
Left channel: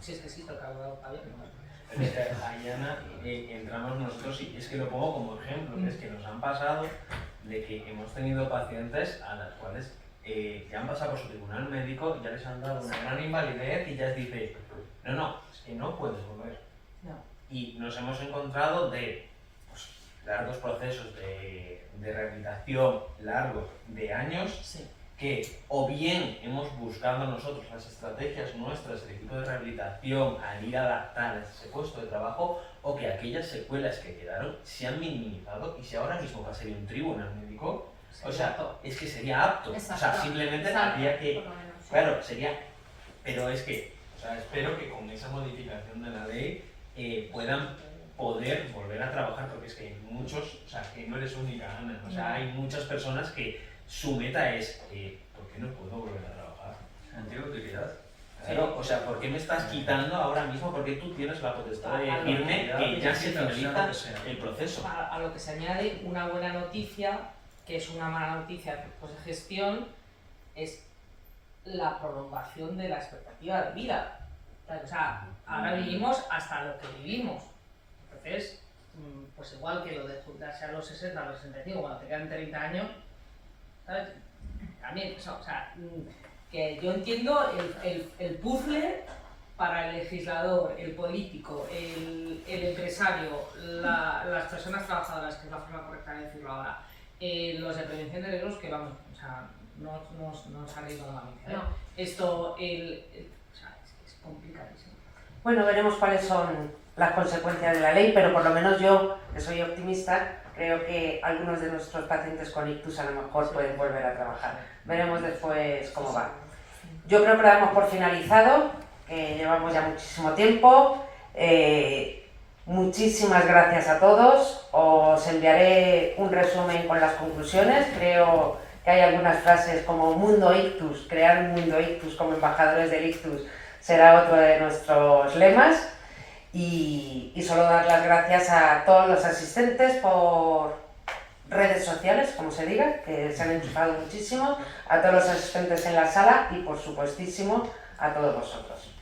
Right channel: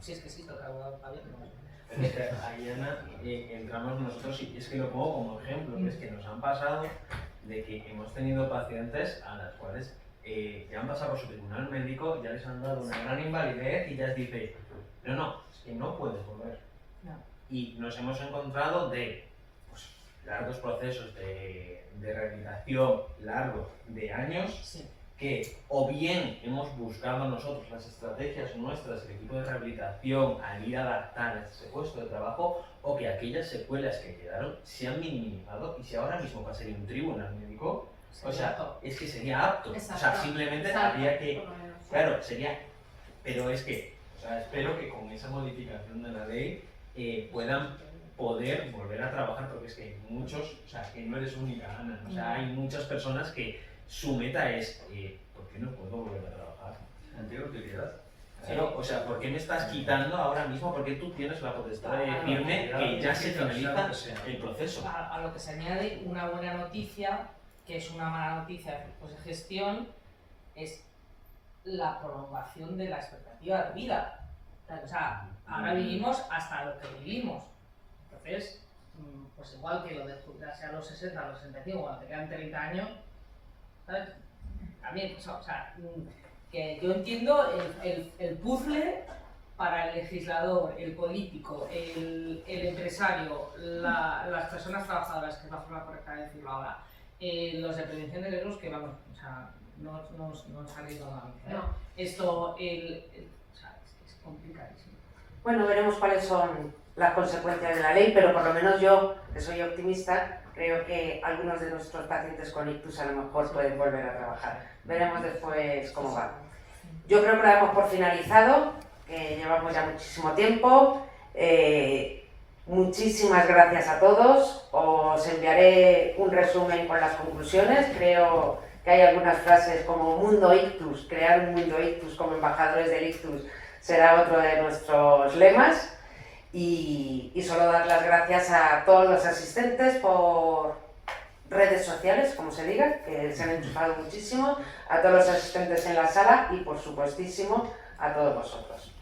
si es que existe el carburador, está bien, no. Pero es que ahí, Ana, entramos nosotros, y es que lo pongo como ejemplo, que es que nos han pasado de que hemos tenido pacientes a las cuales ya han pasado por su tribunal médico, ya les han dado una gran invalidez y ya les dice, no, es que no puedes volver. No. Y nos hemos encontrado de pues, largos procesos de rehabilitación, largos de años, Sí. que o bien hemos buscado nosotros las estrategias nuestras, el equipo de rehabilitación, al ir a adaptar ese puesto de trabajo, o que aquellas secuelas que quedaron se han minimizado, y si ahora mismo pasaría un tribunal médico, o sea, es que sería apto, o sea, Exacto. simplemente Exacto, habría que, por lo menos, sí. claro, sería, pero es que, o sea, espero que con esa modificación de la ley puedan poder volver a trabajar, porque es que hay muchos, o sea, que no eres única, Ana, o sea, hay muchas personas que su meta es, ¿por qué no puedo volver a trabajar? Sentido de utilidad. Claro, o sea, ¿por qué me estás quitando ahora mismo? Porque tú tienes la potestad de Claro, decirme que ya se sea lo finaliza que sea. el proceso. A lo que se añade una buena noticia, que es una mala noticia pues, de gestión, es la prolongación de la expectativa de vida. O sea, ahora vivimos hasta lo que vivimos. Entonces, pues igual que lo de jubilarse a los 60, a los 65, cuando te quedan 30 años, ¿sabes? También, o sea, que yo entiendo el puzzle para el legislador, el político, el empresario, las personas trabajadoras, que es la forma correcta de decirlo ahora, los de prevención de riesgos, que vamos, o sea, no salir nuevamente. No. Esto, o sea, es complicadísimo. Bueno, veremos cuáles son las consecuencias de la ley, pero por lo menos yo, que soy optimista, creo que algunos de nuestros pacientes con ictus a lo mejor pueden volver a trabajar. Veremos después cómo va. Yo creo que lo damos por finalizado, que llevamos ya muchísimo tiempo. Muchísimas gracias a todos. Os enviaré un resumen con las conclusiones. Creo que hay algunas frases como Mundo Ictus, crear un Mundo Ictus como embajadores del ictus será otro de nuestros lemas. Y solo dar las gracias a todos los asistentes por redes sociales, como se diga, que se han enchufado muchísimo, a todos los asistentes en la sala y por supuestísimo a todos vosotros.